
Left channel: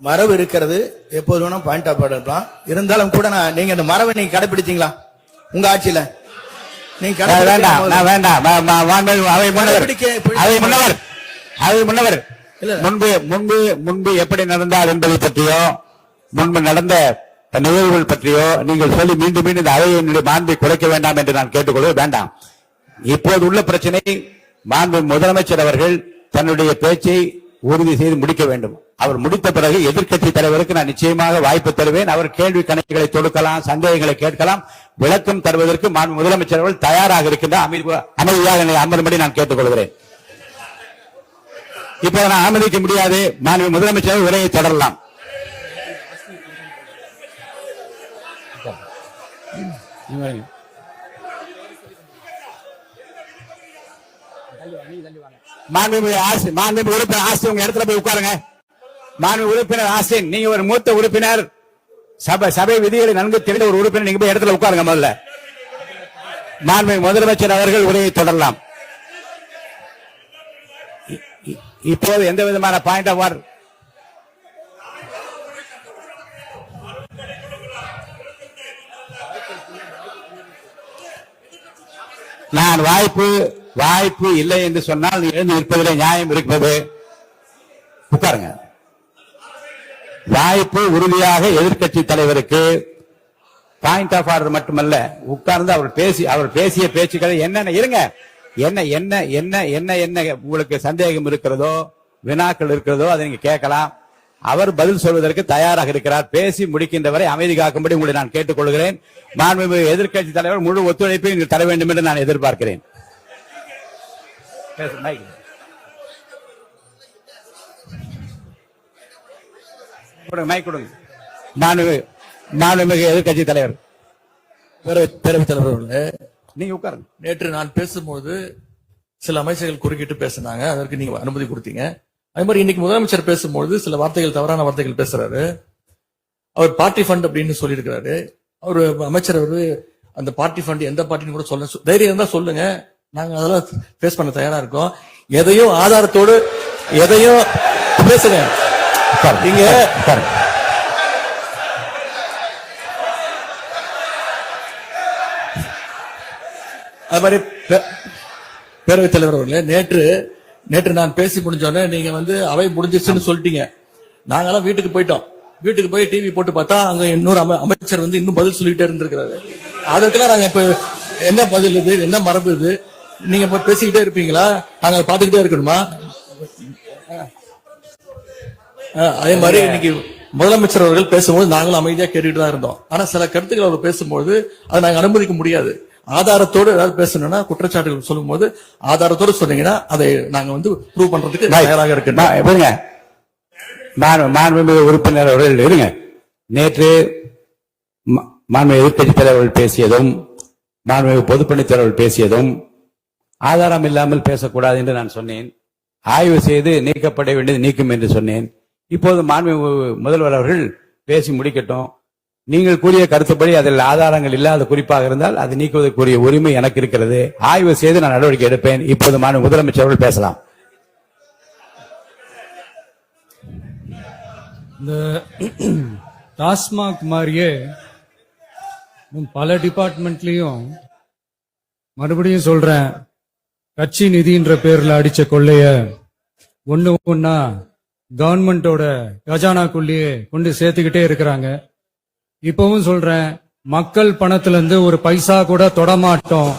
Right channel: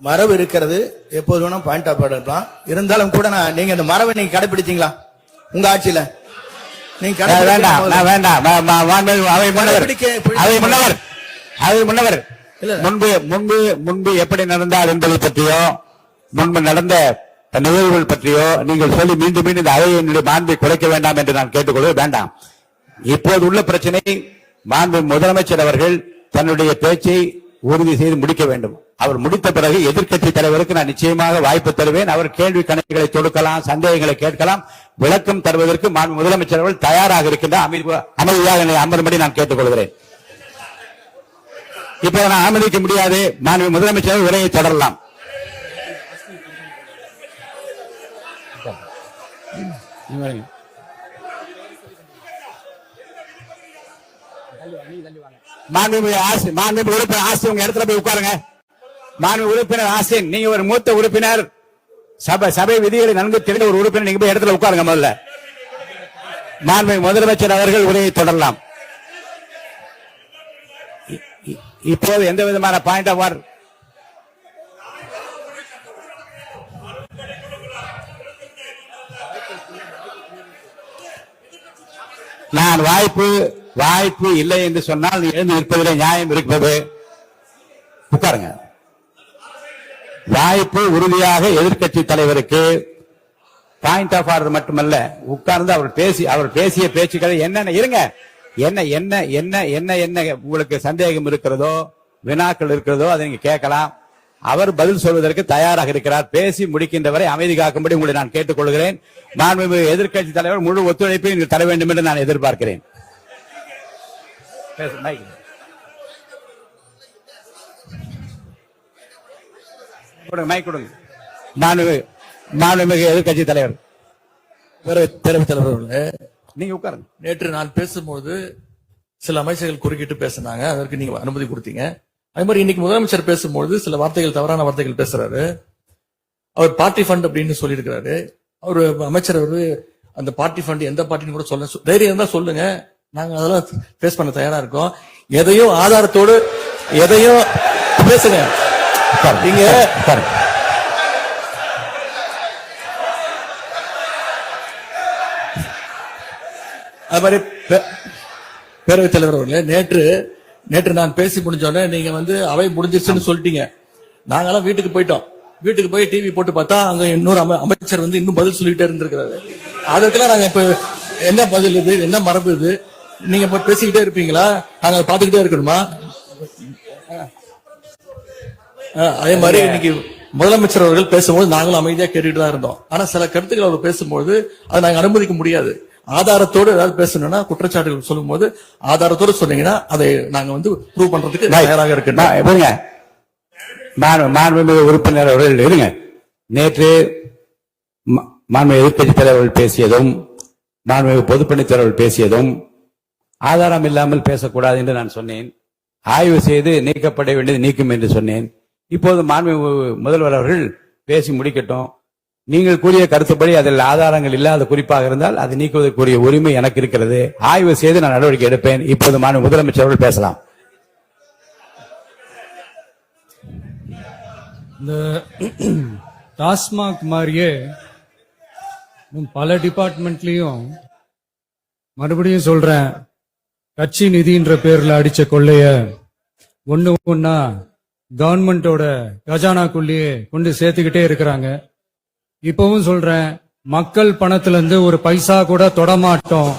மரபு இருக்கிறது, எப்போது வேணும் பாயிண்ட் ஆஃப் ஆர்டர் இருக்கலாம். இருந்தாலும் கூட நீங்க இந்த மரபை நீங்க கடைபிடிச்சீங்களா உங்க ஆட்சியில? நீங்க முன்னவர் முன்பு எப்படி நடந்தால் என்பதை பற்றியோ முன்பு நடந்த நிகழ்வுகள் பற்றியோ நீங்கள் சொல்லி மீண்டும் இந்த அவையினுடைய மாண்பை குறைக்க வேண்டாம் என்று நான் கேட்டுக்கொள்ள வேண்டாம். இப்போது உள்ள பிரச்சனை, மாண்பு முதலமைச்சர் அவர்கள் தன்னுடைய பேச்சை உறுதி செய்து முடிக்க வேண்டும். அவர் முடித்த பிறகு எதிர்க்கட்சி தலைவருக்கு நான் நிச்சயமாக வாய்ப்பு தருவேன். அவர் கேள்வி கணக்குகளை தொடுக்கலாம், சந்தேகங்களை கேட்கலாம், விளக்கம் தருவதற்கு மாண்பு முதலமைச்சர் அவர்கள் தயாராக இருக்கின்றார். அமைதியாக என்னை அமரும்படி நான் கேட்டுக்கொள்கிறேன். இப்ப நான் அனுமதிக்க முடியாது. மாண்பு முதலமைச்சர் உரையை தொடரலாம். மாண்பு உறுப்பினர் ஆசின் உங்க இடத்துல போய் உட்காருங்க. மாண்பு உறுப்பினர் ஆசின், நீங்க ஒரு மூத்த உறுப்பினர், சபை விதிகளை நன்கு தெரிந்த ஒரு உறுப்பினர், நீங்க போய் இடத்துல உட்காருங்க. முதல்ல மாண்புமிகு முதலமைச்சர் அவர்கள் உரையை தொடரலாம். இப்போது எந்த விதமான பாயிண்ட் ஆஃப் ஆர்டர் நான் வாய்ப்பு இல்லை என்று சொன்னால் நீ எழுந்து நிற்பதில் நியாயம் இருக்கிறது. உட்காருங்க. வாய்ப்பு உறுதியாக எதிர்க்கட்சி தலைவருக்கு பாயிண்ட் ஆஃப் ஆர்டர் மட்டுமல்ல, உட்கார்ந்து அவர் பேசிய பேச்சுக்களை என்னென்ன இருங்க என்ன என்ன என்ன என்ன என்ன உங்களுக்கு சந்தேகம் இருக்கிறதோ வினாக்கள் இருக்கிறதோ அதை நீங்க கேட்கலாம். அவர் பதில் சொல்வதற்கு தயாராக இருக்கிறார். பேசி முடிக்கின்ற வரை அமைதி காக்கும்படி உங்களை நான் கேட்டுக்கொள்கிறேன். மாண்புமிகு எதிர்க்கட்சி தலைவர் முழு ஒத்துழைப்பை இங்கு தர வேண்டும் என்று நான் எதிர்பார்க்கிறேன். மைக் கொடுங்க. மாண்புமிகு எதிர்க்கட்சி தலைவர் பேரவைத் தலைவர் அவர்களே, நீங்க உட்காருங்க. நேற்று நான் பேசும்போது சில அமைச்சர்கள் குறுக்கிட்டு பேசினாங்க, அதற்கு நீங்க அனுமதி கொடுத்தீங்க. அது மாதிரி இன்னைக்கு முதலமைச்சர் பேசும்போது சில வார்த்தைகள், தவறான வார்த்தைகள் பேசுறாரு. அவர் பார்ட்டி ஃபண்ட் அப்படின்னு சொல்லியிருக்கிறாரு. அவரு அமைச்சர் அந்த பார்ட்டி ஃபண்ட் எந்த பார்ட்டின்னு கூட சொல்ல தைரியம் இருந்தா சொல்லுங்க, நாங்க அதெல்லாம் பேஸ் பண்ண தயாரா இருக்கோம். எதையும் ஆதாரத்தோடு எதையும் பேசுங்க. நீங்க அது மாதிரி பேரவைத் தலைவர் அவர்களே, நேற்று நான் பேசி முடிஞ்சோடனே நீங்க அவை முடிஞ்சிருச்சுன்னு சொல்லிட்டீங்க. நாங்கெல்லாம் வீட்டுக்கு போயிட்டோம். வீட்டுக்கு போய் டிவி போட்டு பார்த்தா அங்க இன்னொரு அமைச்சர் இன்னும் பதில் சொல்லிட்டே இருந்திருக்கிறாரு. அதுக்கெல்லாம் நாங்க இப்ப என்ன பதில் இது, என்ன மரபு இது? நீங்க இப்ப பேசிக்கிட்டே இருப்பீங்களா? நாங்க பாத்துக்கிட்டே இருக்கணுமா? அதே மாதிரி இன்னைக்கு முதலமைச்சர் அவர்கள் பேசும்போது நாங்களும் அமைதியா கேட்டுட்டு தான் இருந்தோம். ஆனா சில கருத்துக்கள் அவர் பேசும்போது அதை நாங்க அனுமதிக்க முடியாது. ஆதாரத்தோடு ஏதாவது பேசணும்னா, குற்றச்சாட்டுகள் சொல்லும் போது ஆதாரத்தோடு சொன்னீங்கன்னா அதை நாங்க ப்ரூவ் பண்றதுக்கு தயாராக இருக்கு. மாண்புமிகு உறுப்பினர் அவர்கள் இருங்க. நேற்று மாண்புமிகு எதிர்க்கட்சி தலைவர்கள் பேசியதும் மாண்புமிகு பொதுப்பணித் தலைவர்கள் பேசியதும் ஆதாரம் இல்லாமல் பேசக்கூடாது என்று நான் சொன்னேன். ஆய்வு செய்து நீக்கப்பட வேண்டியது நீக்கும் என்று சொன்னேன். இப்போது மாண்புமிகு முதல்வர் அவர்கள் பேசி முடிக்கட்டும். நீங்கள் கூறிய கருத்துப்படி அதில் ஆதாரங்கள் இல்லாத குறிப்பாக இருந்தால் அதை நீக்குவதற்குரிய உரிமை எனக்கு இருக்கிறது. ஆய்வு செய்து நான் நடவடிக்கை எடுப்பேன். இப்போது மாண்புமிகு முதலமைச்சர் அவர்கள் பேசலாம். இந்த டாஸ்மாக் மாதிரியே பல டிபார்ட்மெண்ட்லயும் மறுபடியும் சொல்றேன், கட்சி நிதின்ற பேர்ல அடிச்ச கொள்ளைய ஒன்னா கவர்மெண்டோட கஜானாக்குள்ளேயே கொண்டு சேர்த்துக்கிட்டே இருக்கிறாங்க. இப்பவும் சொல்றேன், மக்கள் பணத்துல இருந்து ஒரு பைசா கூட தொடமாட்டோம்,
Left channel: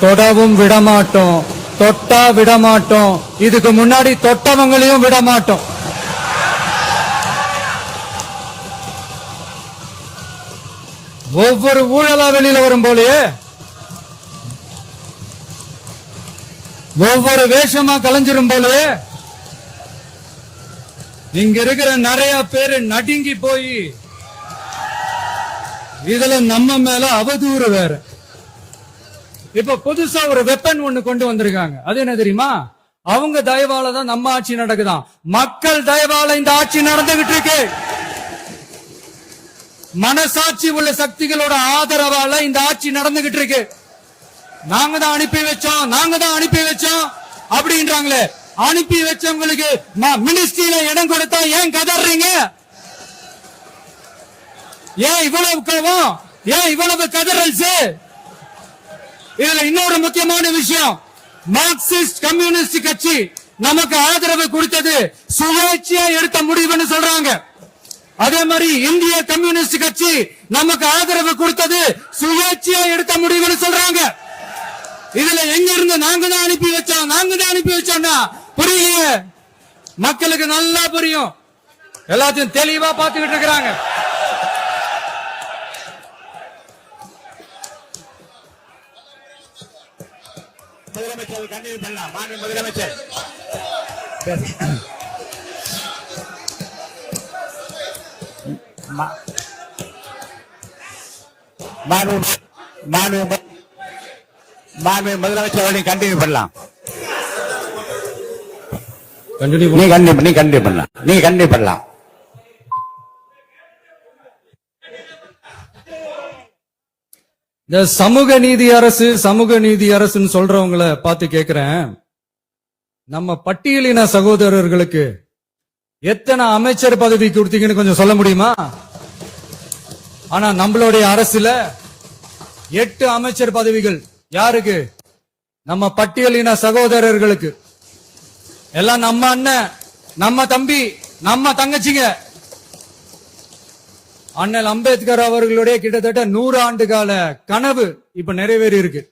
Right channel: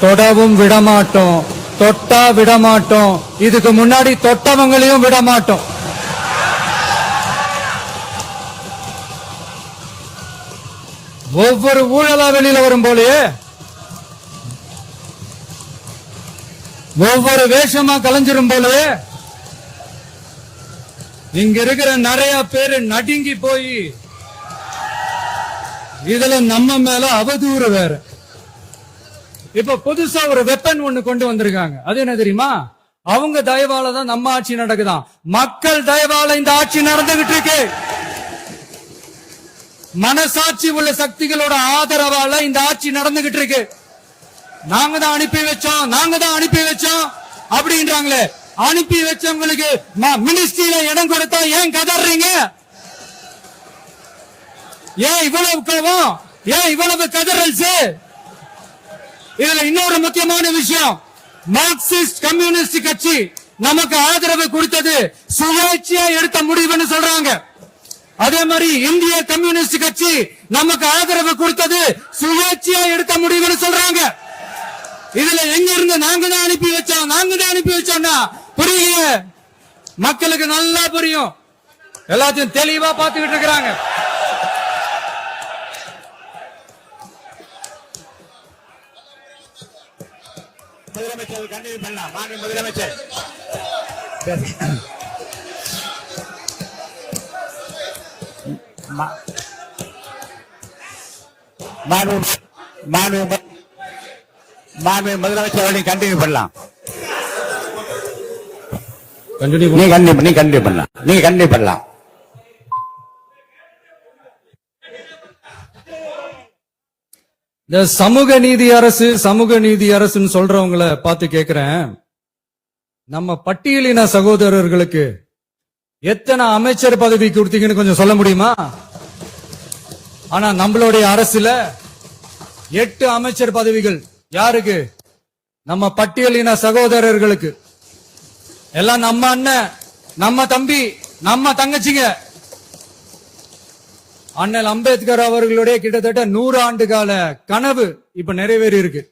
தொடவும் விடமாட்டோம், தொட்டா விடமாட்டோம், இதுக்கு முன்னாடி தொட்டவங்களையும் விடமாட்டோம். ஒவ்வொரு ஊழலா வெளியில வரும் போலயே ஒவ்வொரு வேஷமா கலைஞ்சிரும் போலயே இங்க இருக்கிற நிறைய பேரு நடுங்கி போய் இதுல நம்ம மேல அவதூறு வேற. இப்ப புதுசா ஒரு வெப்பன் ஒண்ணு கொண்டு வந்திருக்காங்க. அது என்ன தெரியுமா? அவங்க தயவால தான் நம்ம ஆட்சி நடக்குதாம். மக்கள் தயவால இந்த ஆட்சி நடந்துகிட்டு இருக்கு. மனசாட்சி உள்ள சக்திகளோட ஆதரவால இந்த ஆட்சி நடந்துகிட்டு இருக்கு. நாங்க தான் அனுப்பி வச்சோம் அப்படின்றாங்களே. அனுப்பி வச்சவங்களுக்கு மினிஸ்ட்ரியில இடம் கொடுத்தா ஏன் கதறீங்க? ஏன் இவ்வளவு கோவம்? ஏன் இவ்வளவு கதறல்ஸ்? இதுல இன்னொரு முக்கியமான விஷயம், மார்க்சிஸ்ட் கம்யூனிஸ்ட் கட்சி நமக்கு ஆதரவு கொடுத்தது சுயேட்சையா எடுத்த முடிவுன்னு சொல்றாங்க. அதே மாதிரி இந்திய கம்யூனிஸ்ட் கட்சி நமக்கு ஆதரவு கொடுத்தது சுயேட்சையா எடுத்த முடிவுன்னு சொல்றாங்க. இதுல எங்க இருந்து நாங்க தான் அனுப்பி வச்சோம்னா புரியல. மக்களுக்கு நல்லா புரியும். எல்லாத்தையும் தெளிவா பார்த்துக்கிட்டு இருக்கிறாங்க. முதலமைச்சர் கண்டிப்பாக பண்ணலாம். முதலமைச்சர் முதலமைச்சர் கண்டினியூ பண்ணலாம். நீ கண்டினியூ பண்ணலாம். இந்த சமூக நீதி அரசுன்னு சொல்றவங்கள பார்த்து கேக்குறேன், நம்ம பட்டியலின சகோதரர்களுக்கு எத்தனை அமைச்சர் பதவி கொடுத்தீங்கன்னு கொஞ்சம் சொல்ல முடியுமா? ஆனா நம்மளுடைய அரசுல 8 அமைச்சர் பதவிகள் யாருக்கு? நம்ம பட்டியலின சகோதரர்களுக்கு. எல்லாம் நம்ம அண்ணன், நம்ம தம்பி, நம்ம தங்கச்சிங்க. அண்ணல் அம்பேத்கர் அவர்களுடைய கிட்டத்தட்ட 100 ஆண்டு கால கனவு இப்ப நிறைவேறி இருக்கு.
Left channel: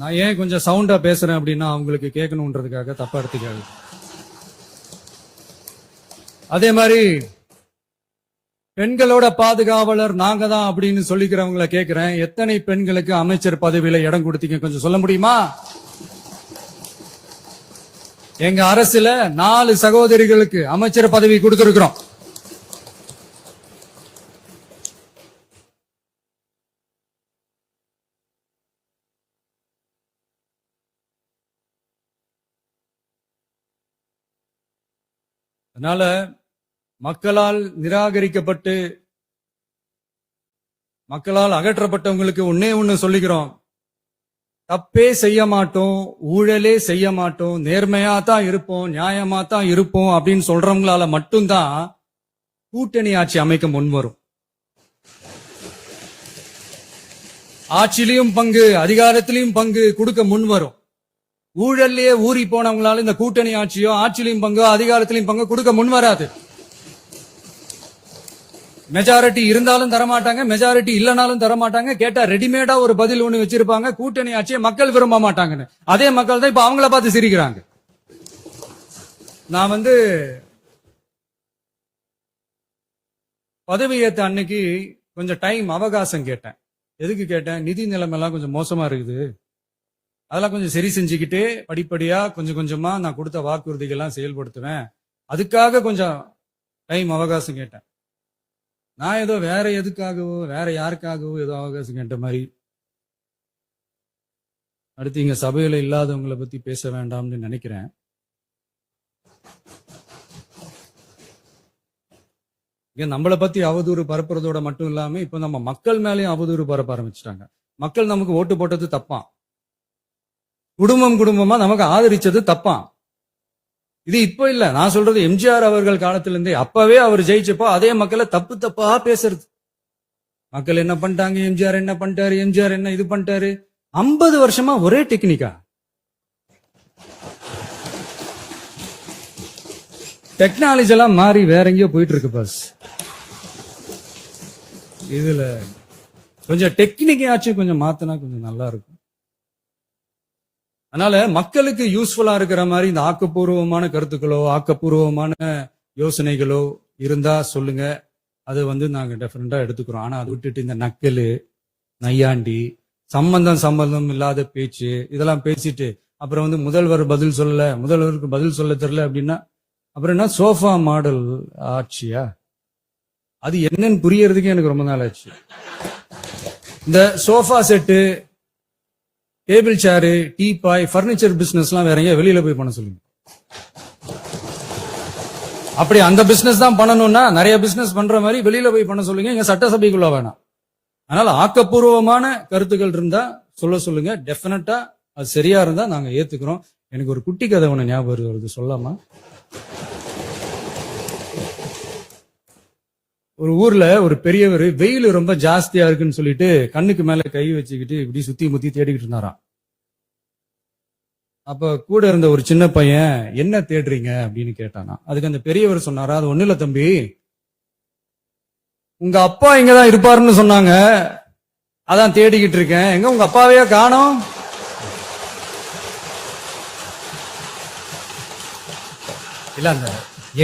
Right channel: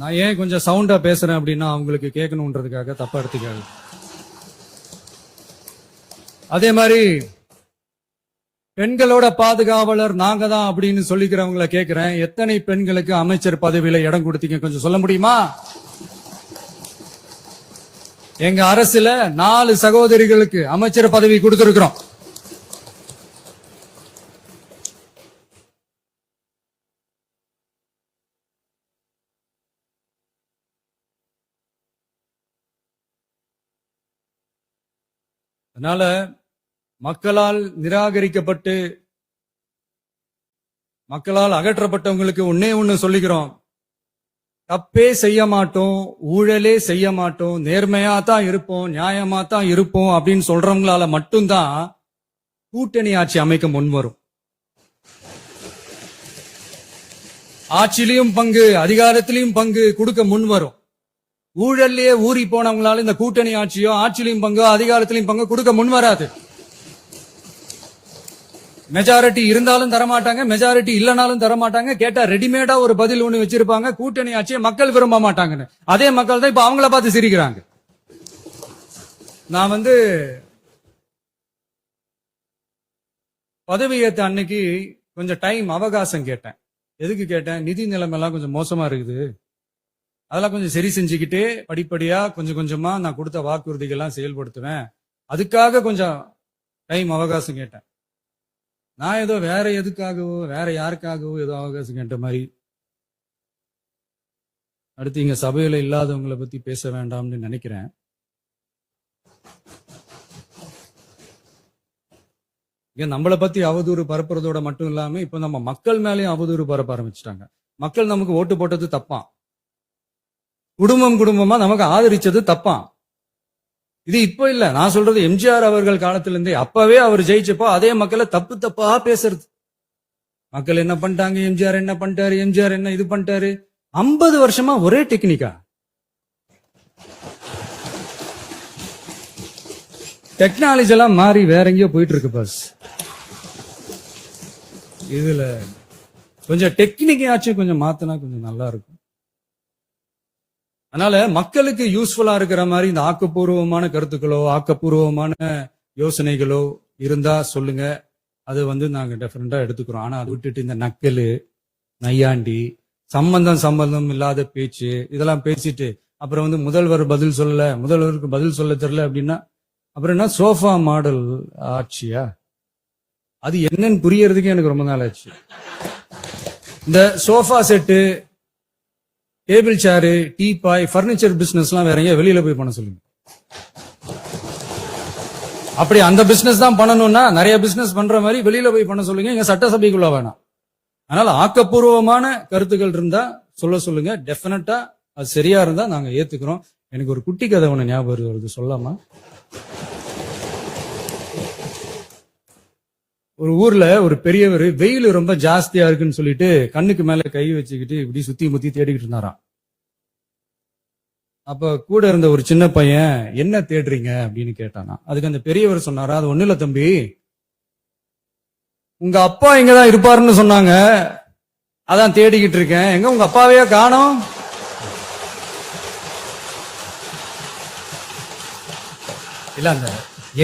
நான் ஏன் கொஞ்சம் சவுண்டா பேசுறேன் அப்படின்னா அவங்களுக்கு கேட்கணும்ன்றதுக்காக தப்பா எடுத்துக்காது. அதே மாதிரி பெண்களோட பாதுகாவலர் நாங்க தான் அப்படின்னு சொல்லிக்கிறவங்களை கேட்கிறேன், எத்தனை பெண்களுக்கு அமைச்சர் பதவியில இடம் கொடுத்தீங்க கொஞ்சம் சொல்ல முடியுமா? எங்க அரசுல 4 சகோதரிகளுக்கு அமைச்சர் பதவி கொடுத்திருக்கிறோம். அதனால மக்களால் நிராகரிக்கப்பட்டு மக்களால் அகற்றப்பட்டவங்களுக்கு ஒன்னே ஒண்ணு சொல்லிக்கிறோம், தப்பே செய்ய மாட்டோம், ஊழலே செய்ய மாட்டோம், நேர்மையா தான் இருப்போம், நியாயமா தான் இருப்போம் அப்படின்னு சொல்றவங்களால மட்டும்தான் கூட்டணி ஆட்சி அமைக்க முன்வரும். ஆட்சியிலையும் பங்கு, அதிகாரத்திலையும் பங்கு கொடுக்க முன்வரும். ஊழல்லையே ஊறி போனவங்களால இந்த கூட்டணி ஆட்சியோ ஆட்சியிலையும் பங்கு அதிகாரத்திலையும் பங்கு கொடுக்க முன்வராது. மெஜாரிட்டி இருந்தாலும் தரமாட்டாங்க, மெஜாரிட்டி இல்லனாலும் தரமாட்டாங்க. கேட்டா ரெடிமேடா ஒரு பதில் ஒண்ணு வச்சிருப்பாங்க, கூட்டணி ஆட்சியை மக்கள் விரும்ப மாட்டாங்கன்னு. அதே மக்கள் தான் இப்ப அவங்கள பார்த்து சிரிக்கிறாங்க. நான் பதவி ஏத்த அன்னைக்கு கொஞ்சம் டைம் அவகாசம் கேட்டேன். எதுக்கு கேட்டேன்? நிதி நிலைமை எல்லாம் கொஞ்சம் மோசமா இருக்குது, அதெல்லாம் கொஞ்சம் சரி செஞ்சுக்கிட்டு படிப்படியா கொஞ்சம் கொஞ்சமா நான் கொடுத்த வாக்குறுதிகள்லாம் செயல்படுத்துவேன், அதுக்காக கொஞ்சம் டைம் அவகாசம் கேட்டேன். நான் ஏதோ வேற எதுக்காகவோ வேற யாருக்காகவோ ஏதோ அவகாசம் கேட்ட மாதிரி. அடுத்து இங்க சபையில இல்லாதவங்களை பத்தி பேச வேண்டாம்னு நினைக்கிறேன். இங்க நம்மளை பத்தி அவதூறு பரப்புறதோட மட்டும் இல்லாம இப்ப நம்ம மக்கள் மேலேயும் அவதூறு பரப்ப ஆரம்பிச்சிட்டாங்க. மக்கள் நமக்கு ஓட்டு போட்டது தப்பான், குடும்பமா நமக்கு ஆதரிச்சது தப்பான். இது இப்ப இல்ல, நான் சொல்றது எம்ஜிஆர் அவர்கள் காலத்திலிருந்தே. அப்பவே அவர் ஜெயிச்சப்போ அதே மக்களை தப்பா பேசுறது. மக்கள் என்ன பண்ணிட்டாங்க, எம்ஜிஆர் என்ன பண்ணிட்டாரு, எம்ஜிஆர் என்ன இது பண்ணிட்டாரு. 50 வருஷமா ஒரே டெக்னிக்கா. டெக்னாலஜி எல்லாம் மாறி வேற எங்கேயோ போயிட்டு இருக்கு பஸ். இதுல கொஞ்சம் டெக்னிக்காச்சும் கொஞ்சம் மாத்தினா கொஞ்சம் நல்லா இருக்கும். அதனால மக்களுக்கு யூஸ்ஃபுல்லா இருக்கிற மாதிரி இந்த ஆக்கப்பூர்வமான கருத்துக்களோ ஆக்கப்பூர்வமான யோசனைகளோ இருந்தா சொல்லுங்க, அதை நாங்க டெஃபரெண்டா எடுத்துக்கிறோம். ஆனா அதை விட்டுட்டு இந்த நக்கலு, நையாண்டி, சம்பந்தம் இல்லாத பேச்சு இதெல்லாம் பேசிட்டு அப்புறம் முதல்வர் பதில் சொல்லல, முதல்வருக்கு பதில் சொல்ல தெரியல அப்படின்னா அப்புறம் என்ன சோஃபா மாடல் ஆட்சியா? அது என்னன்னு புரியறதுக்கு எனக்கு ரொம்ப நாள் ஆச்சு. இந்த சோஃபா செட்டு, டேபிள் சேரு, டீபாய், பர்னிச்சர் பிசினஸ் எல்லாம் வேற வெளியில போய் பண்ண சொல்லுங்க. அப்படி அந்த பிசினஸ் தான் பண்ணணும்னா நிறைய பிசினஸ் பண்ற மாதிரி வெளியில போய் பண்ண சொல்லுங்க, இங்க சட்டசபைக்குள்ள வேணாம். அதனால ஆக்கப்பூர்வமான கருத்துக்கள் இருந்தா சொல்லுங்க, டெஃபினட்டா அது சரியா இருந்தா நாங்க ஏத்துக்கிறோம். எனக்கு ஒரு குட்டி கதை ஒண்ணு ஞாபகம் வருது, சொல்லாமா? ஒரு ஊர்ல ஒரு பெரியவர் வெயில் ரொம்ப ஜாஸ்தியா இருக்குன்னு சொல்லிட்டு கண்ணுக்கு மேல கை வச்சுக்கிட்டு இப்படி சுத்தி முத்தி தேடிக்கிட்டு இருந்தாராம். அப்ப கூட இருந்த ஒரு சின்ன பையன் என்ன தேடுறீங்க அப்படின்னு கேட்டானா. அதுக்கு அந்த பெரியவர் சொன்னாரா, அது ஒண்ணு இல்ல தம்பி, உங்க அப்பா எங்கதான் இருப்பாருன்னு சொன்னாங்க, அதான் தேடிக்கிட்டு இருக்கேன். எங்க உங்க அப்பாவையா காணோம்? இல்ல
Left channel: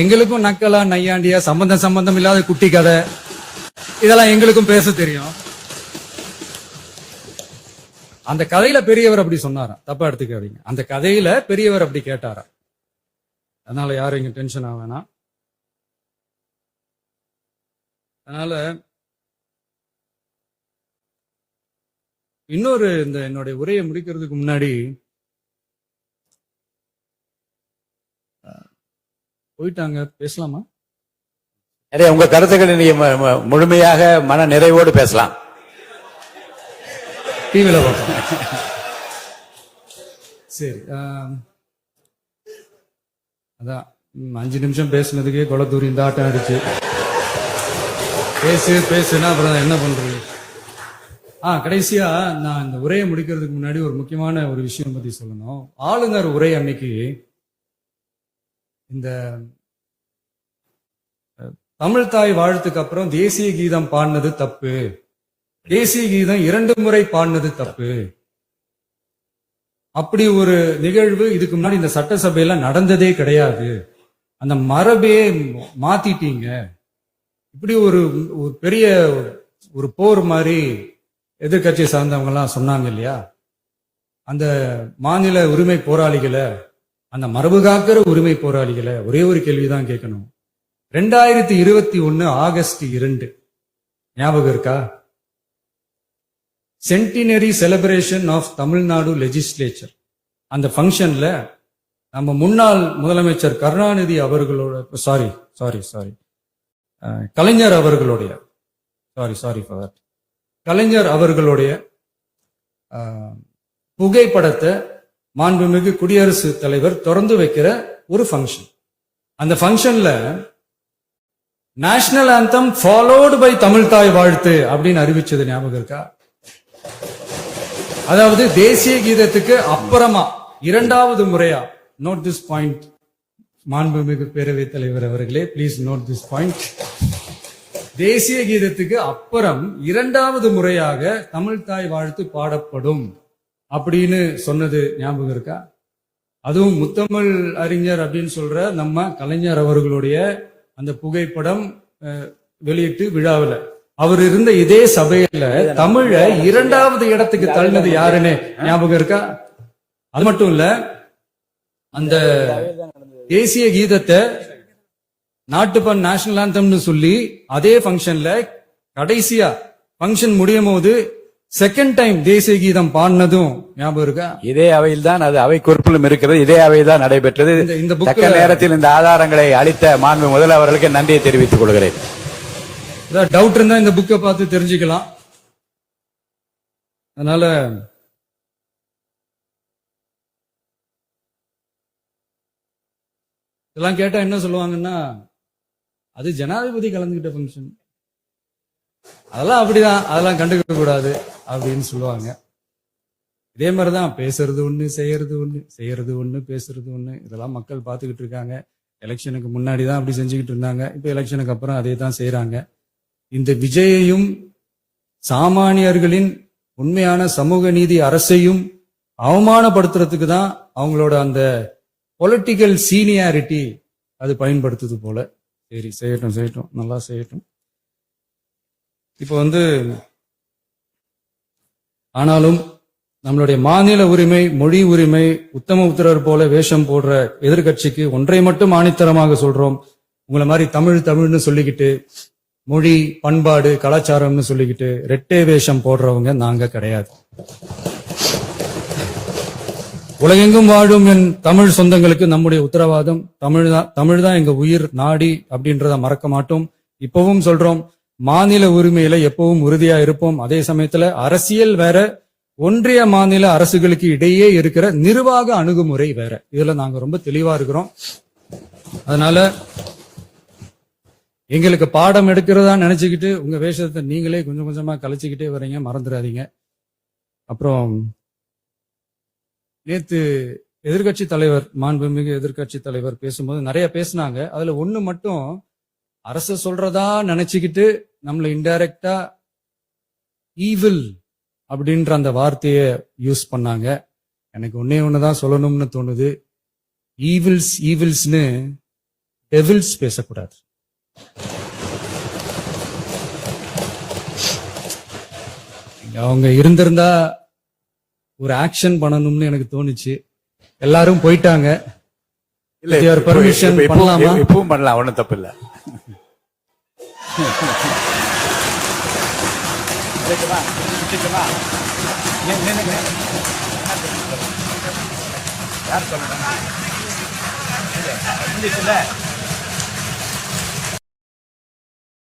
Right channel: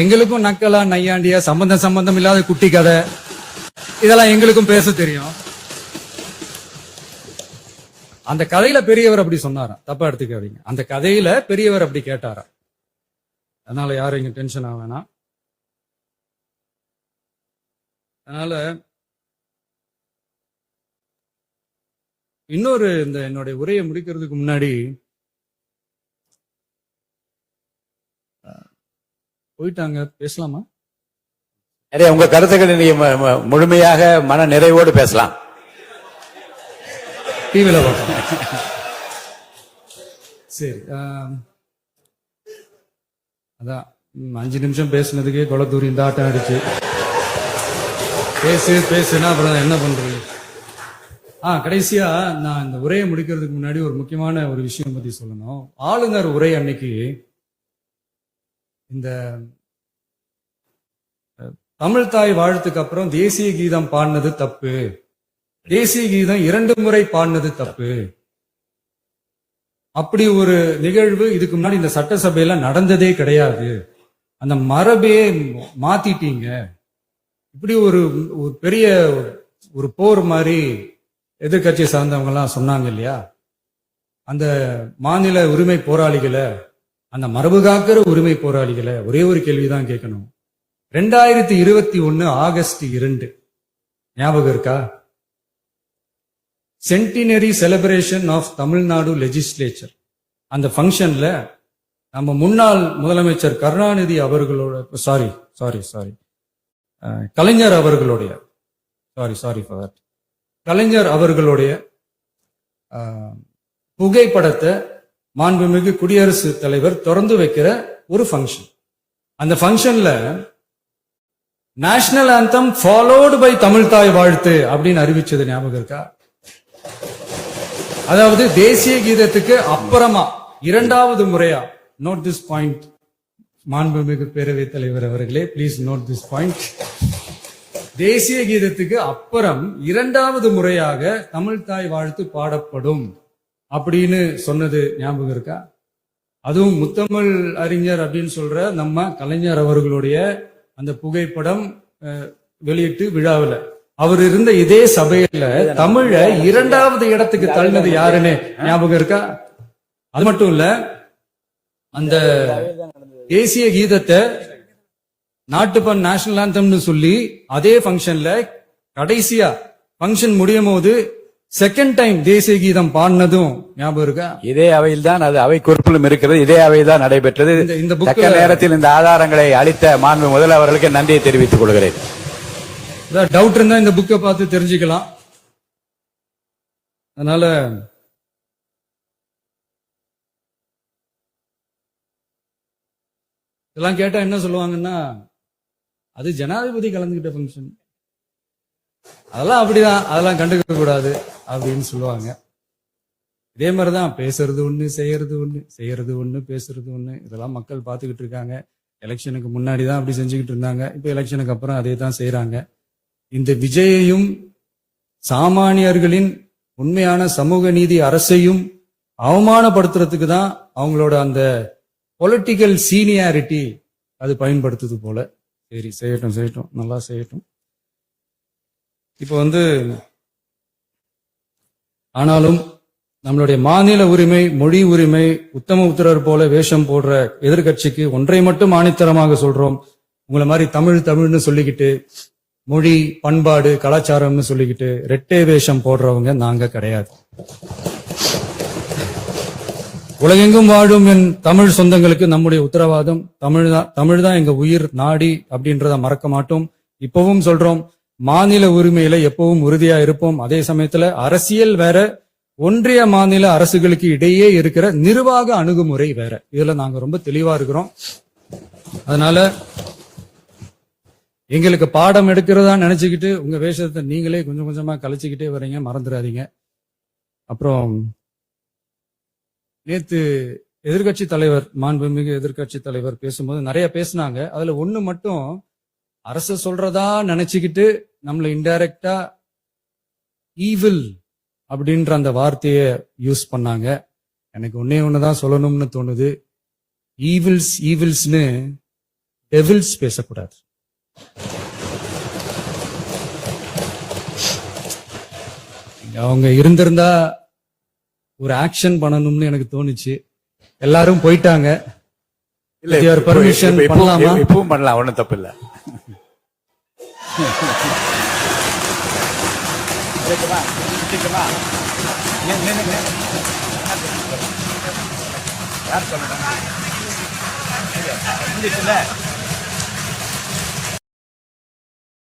எங்களுக்கும் நக்கலா நையாண்டியா சம்பந்தம் இல்லாத குட்டி கதை இதெல்லாம் எங்களுக்கும் பேச தெரியும். அந்த கதையில பெரியவர் அப்படி சொன்னாரா, தப்பா எடுத்துக்காதீங்க. அந்த கதையில பெரியவர் அப்படி கேட்டாரா. அதனால யாரும் இங்க டென்ஷன் ஆக வேணாம். அதனால இன்னொரு இந்த என்னுடைய உரையை முடிக்கிறதுக்கு முன்னாடி போயிட்டாங்க, பேசலாமா? நிறைய உங்க கருத்துக்களை நீங்க முழுமையாக மன நிறைவோடு பேசலாம். டிவில பார்த்தேன். சரி, அதான் 5 நிமிஷம் பேசுனதுக்கே கொளத்தூரி இந்த ஆட்டம் ஆயிடுச்சு. பேசுனா அப்புறம் என்ன பண்றது? கடைசியா நான் இந்த உரையை முடிக்கிறதுக்கு முன்னாடி ஒரு முக்கியமான ஒரு விஷயம் பத்தி சொல்லணும். ஆளுநர் உரை அன்னைக்கு இந்த தமிழ் தாய் வாழ்த்துக்கு அப்புறம் தேசிய கீதம் பாடினது தப்பு, தேசிய கீதம் 2 முறை பாடினது தப்பு, அப்படி ஒரு நிகழ்வு இதுக்கு முன்னாடி இந்த சட்டசபையில நடந்ததே கிடையாது, அந்த மரபே மாத்திட்டீங்க, இப்படி ஒரு பெரிய ஒரு போர் மாதிரி எதிர்கட்சியை சார்ந்தவங்க எல்லாம் சொன்னாங்க இல்லையா? அந்த மாநில உரிமை போராளிகளை, அந்த மரபு காக்கிற உரிமை போராளிகளை ஒரே ஒரு கேள்விதான் கேட்கணும். 2021 ஆகஸ்ட் 2 ஞாபகம் இருக்கா? Centenary celebration of Tamil Nadu legislature. அந்த ஃபங்க்ஷன்ல நம்ம முன்னாள் முதலமைச்சர் கருணாநிதி அவர்களோட கலைஞர் அவர்களுடைய கலைஞர் அவர்களுடைய புகைப்படத்தை மாண்புமிகு குடியரசுத் தலைவர் திறந்து வைக்கிற ஒரு ஃபங்க்ஷன். அந்த ஃபங்க்ஷன்ல national anthem followed by Tamil தாய் வாழ்த்து அப்படின்னு அறிவிச்சது ஞாபகம் இருக்கா? அதாவது தேசிய கீதத்துக்கு அப்புறமா 2வது முறையா, நோட் திஸ் பாயிண்ட் மாண்புமிகு பேரவைத் தலைவர் அவர்களே, பிளீஸ் நோட் திஸ் பாயிண்ட். தேசிய கீதத்துக்கு அப்புறம் 2வது முறையாக தமிழ் தாய் வாழ்த்து பாடப்படும் அப்படின்னு சொன்னது ஞாபகம் இருக்கா? அதுவும் முத்தமிழ் அறிஞர் அப்படின்னு சொல்ற நம்ம கலைஞர் அவர்களுடைய அந்த புகைப்படம் வெளியிட்டு விழாவில் அவர் இருந்த இதே சபையில தமிழ 2வது இடத்துக்கு தள்ளினது யாருன்னு ஞாபகம் இருக்கா? அது மட்டும் இல்ல, அந்த தேசிய கீதத்தை நாட்டுப்பண் நேஷனல் ஆந்தம்னு சொல்லி அதே ஃபங்க்ஷன்ல கடைசியா ஃபங்க்ஷன் முடியும் போது செகண்ட் டைம் தேசிய கீதம் பாடினதும் ஞாபகம் இருக்கா? இதே அவையில் தான், அது அவை குறிப்பிலும் இருக்கிறது, இதே அவையில் தான் நடைபெற்றது. இந்த தக்க நேரத்தில் இந்த ஆதாரங்களை அளித்த மாண்பு முதல் அவர்களுக்கு நன்றியை தெரிவித்துக் கொள்கிறேன். டவுட் இருந்தா இந்த புக்கை பார்த்து தெரிஞ்சுக்கலாம். அதனால இதெல்லாம் கேட்டா என்ன சொல்லுவாங்கன்னா, அது ஜனாதிபதி கலந்துகிட்ட ஃபங்க்ஷன், அதெல்லாம் அப்படிதான், அதெல்லாம் கண்டுக்க கூடாது அப்படின்னு சொல்லுவாங்க. இதே மாதிரிதான் பேசுறது ஒண்ணு, செய்யறது ஒண்ணு, பேசுறது ஒண்ணு. இதெல்லாம் மக்கள் பார்த்துக்கிட்டு இருக்காங்க. எலெக்ஷனுக்கு முன்னாடி தான் அப்படி செஞ்சுக்கிட்டு இருந்தாங்க, இப்ப எலெக்ஷனுக்கு அப்புறம் அதே தான் செய்யறாங்க. இந்த விஜயையும் சாமானியர்களின் உண்மையான சமூக நீதி அரசையும் அவமானப்படுத்துறதுக்கு தான் அவங்களோட அந்த பொலிட்டிக்கல் சீனியாரிட்டி அது பயன்படுத்துது போல. சரி, செய்யட்டும், நல்லா செய்யட்டும். இப்ப ஆனாலும் நம்மளுடைய மாநில உரிமை, மொழி உரிமை, உத்தம உத்தரர் போல வேஷம் போடுற எதிர்கட்சிக்கு ஒன்றை மட்டும் ஆணித்தரமாக சொல்றோம். உங்களை மாதிரி தமிழ்னு சொல்லிக்கிட்டு, மொழி, பண்பாடு, கலாச்சாரம்னு சொல்லிக்கிட்டு ரெட்டை வேஷம் போடுறவங்க நாங்க கிடையாது. உலகெங்கும் வாழும் என் தமிழ் சொந்தங்களுக்கு நம்முடைய உத்தரவாதம் தமிழ் தான் எங்க உயிர் நாடி அப்படின்றத மறக்க மாட்டோம். இப்பவும் சொல்றோம், மாநில உரிமையில எப்பவும் உறுதியா இருப்போம். அதே சமயத்துல அரசியல் வேற, ஒன்றிய மாநில அரசுகளுக்கு இடையே இருக்கிற நிர்வாக அணுகுமுறை வேற. இதுல நாங்க ரொம்ப தெளிவா இருக்கிறோம். அதனால எங்களுக்கு பாடம் எடுக்கிறதா நினைச்சுக்கிட்டு உங்க வேஷத்தை நீங்களே கொஞ்சம் கொஞ்சமா கலைச்சுக்கிட்டே வர்றீங்க, மறந்துடாதீங்க. அப்புறம் நேத்து எதிர்கட்சி தலைவர், மாண்புமிகு எதிர்கட்சி தலைவர் பேசும்போது நிறைய பேசினாங்க. அதுல ஒண்ணு மட்டும் அரசு சொல்றதா நினைச்சுக்கிட்டு நம்மள இன்டைரக்டா ஈவில் அப்படின்ற அந்த வார்த்தையை யூஸ் பண்ணாங்க. எனக்கு ஒண்ணுதான் சொல்லணும்னு தோணுது. ஈவில்ஸ்னு டெவில்ஸ் பேசக்கூடாது. அவங்க இருந்திருந்தா ஒரு ஆக்ஷன் பண்ணணும்னு எனக்கு தோணுச்சு. எல்லாரும் போயிட்டாங்க. இல்ல, பர்மிஷன் பண்ணலாமா? இப்பவும் பண்ணலாம், ஒண்ணும் தப்பு இல்ல. யார் சொல்லுங்க?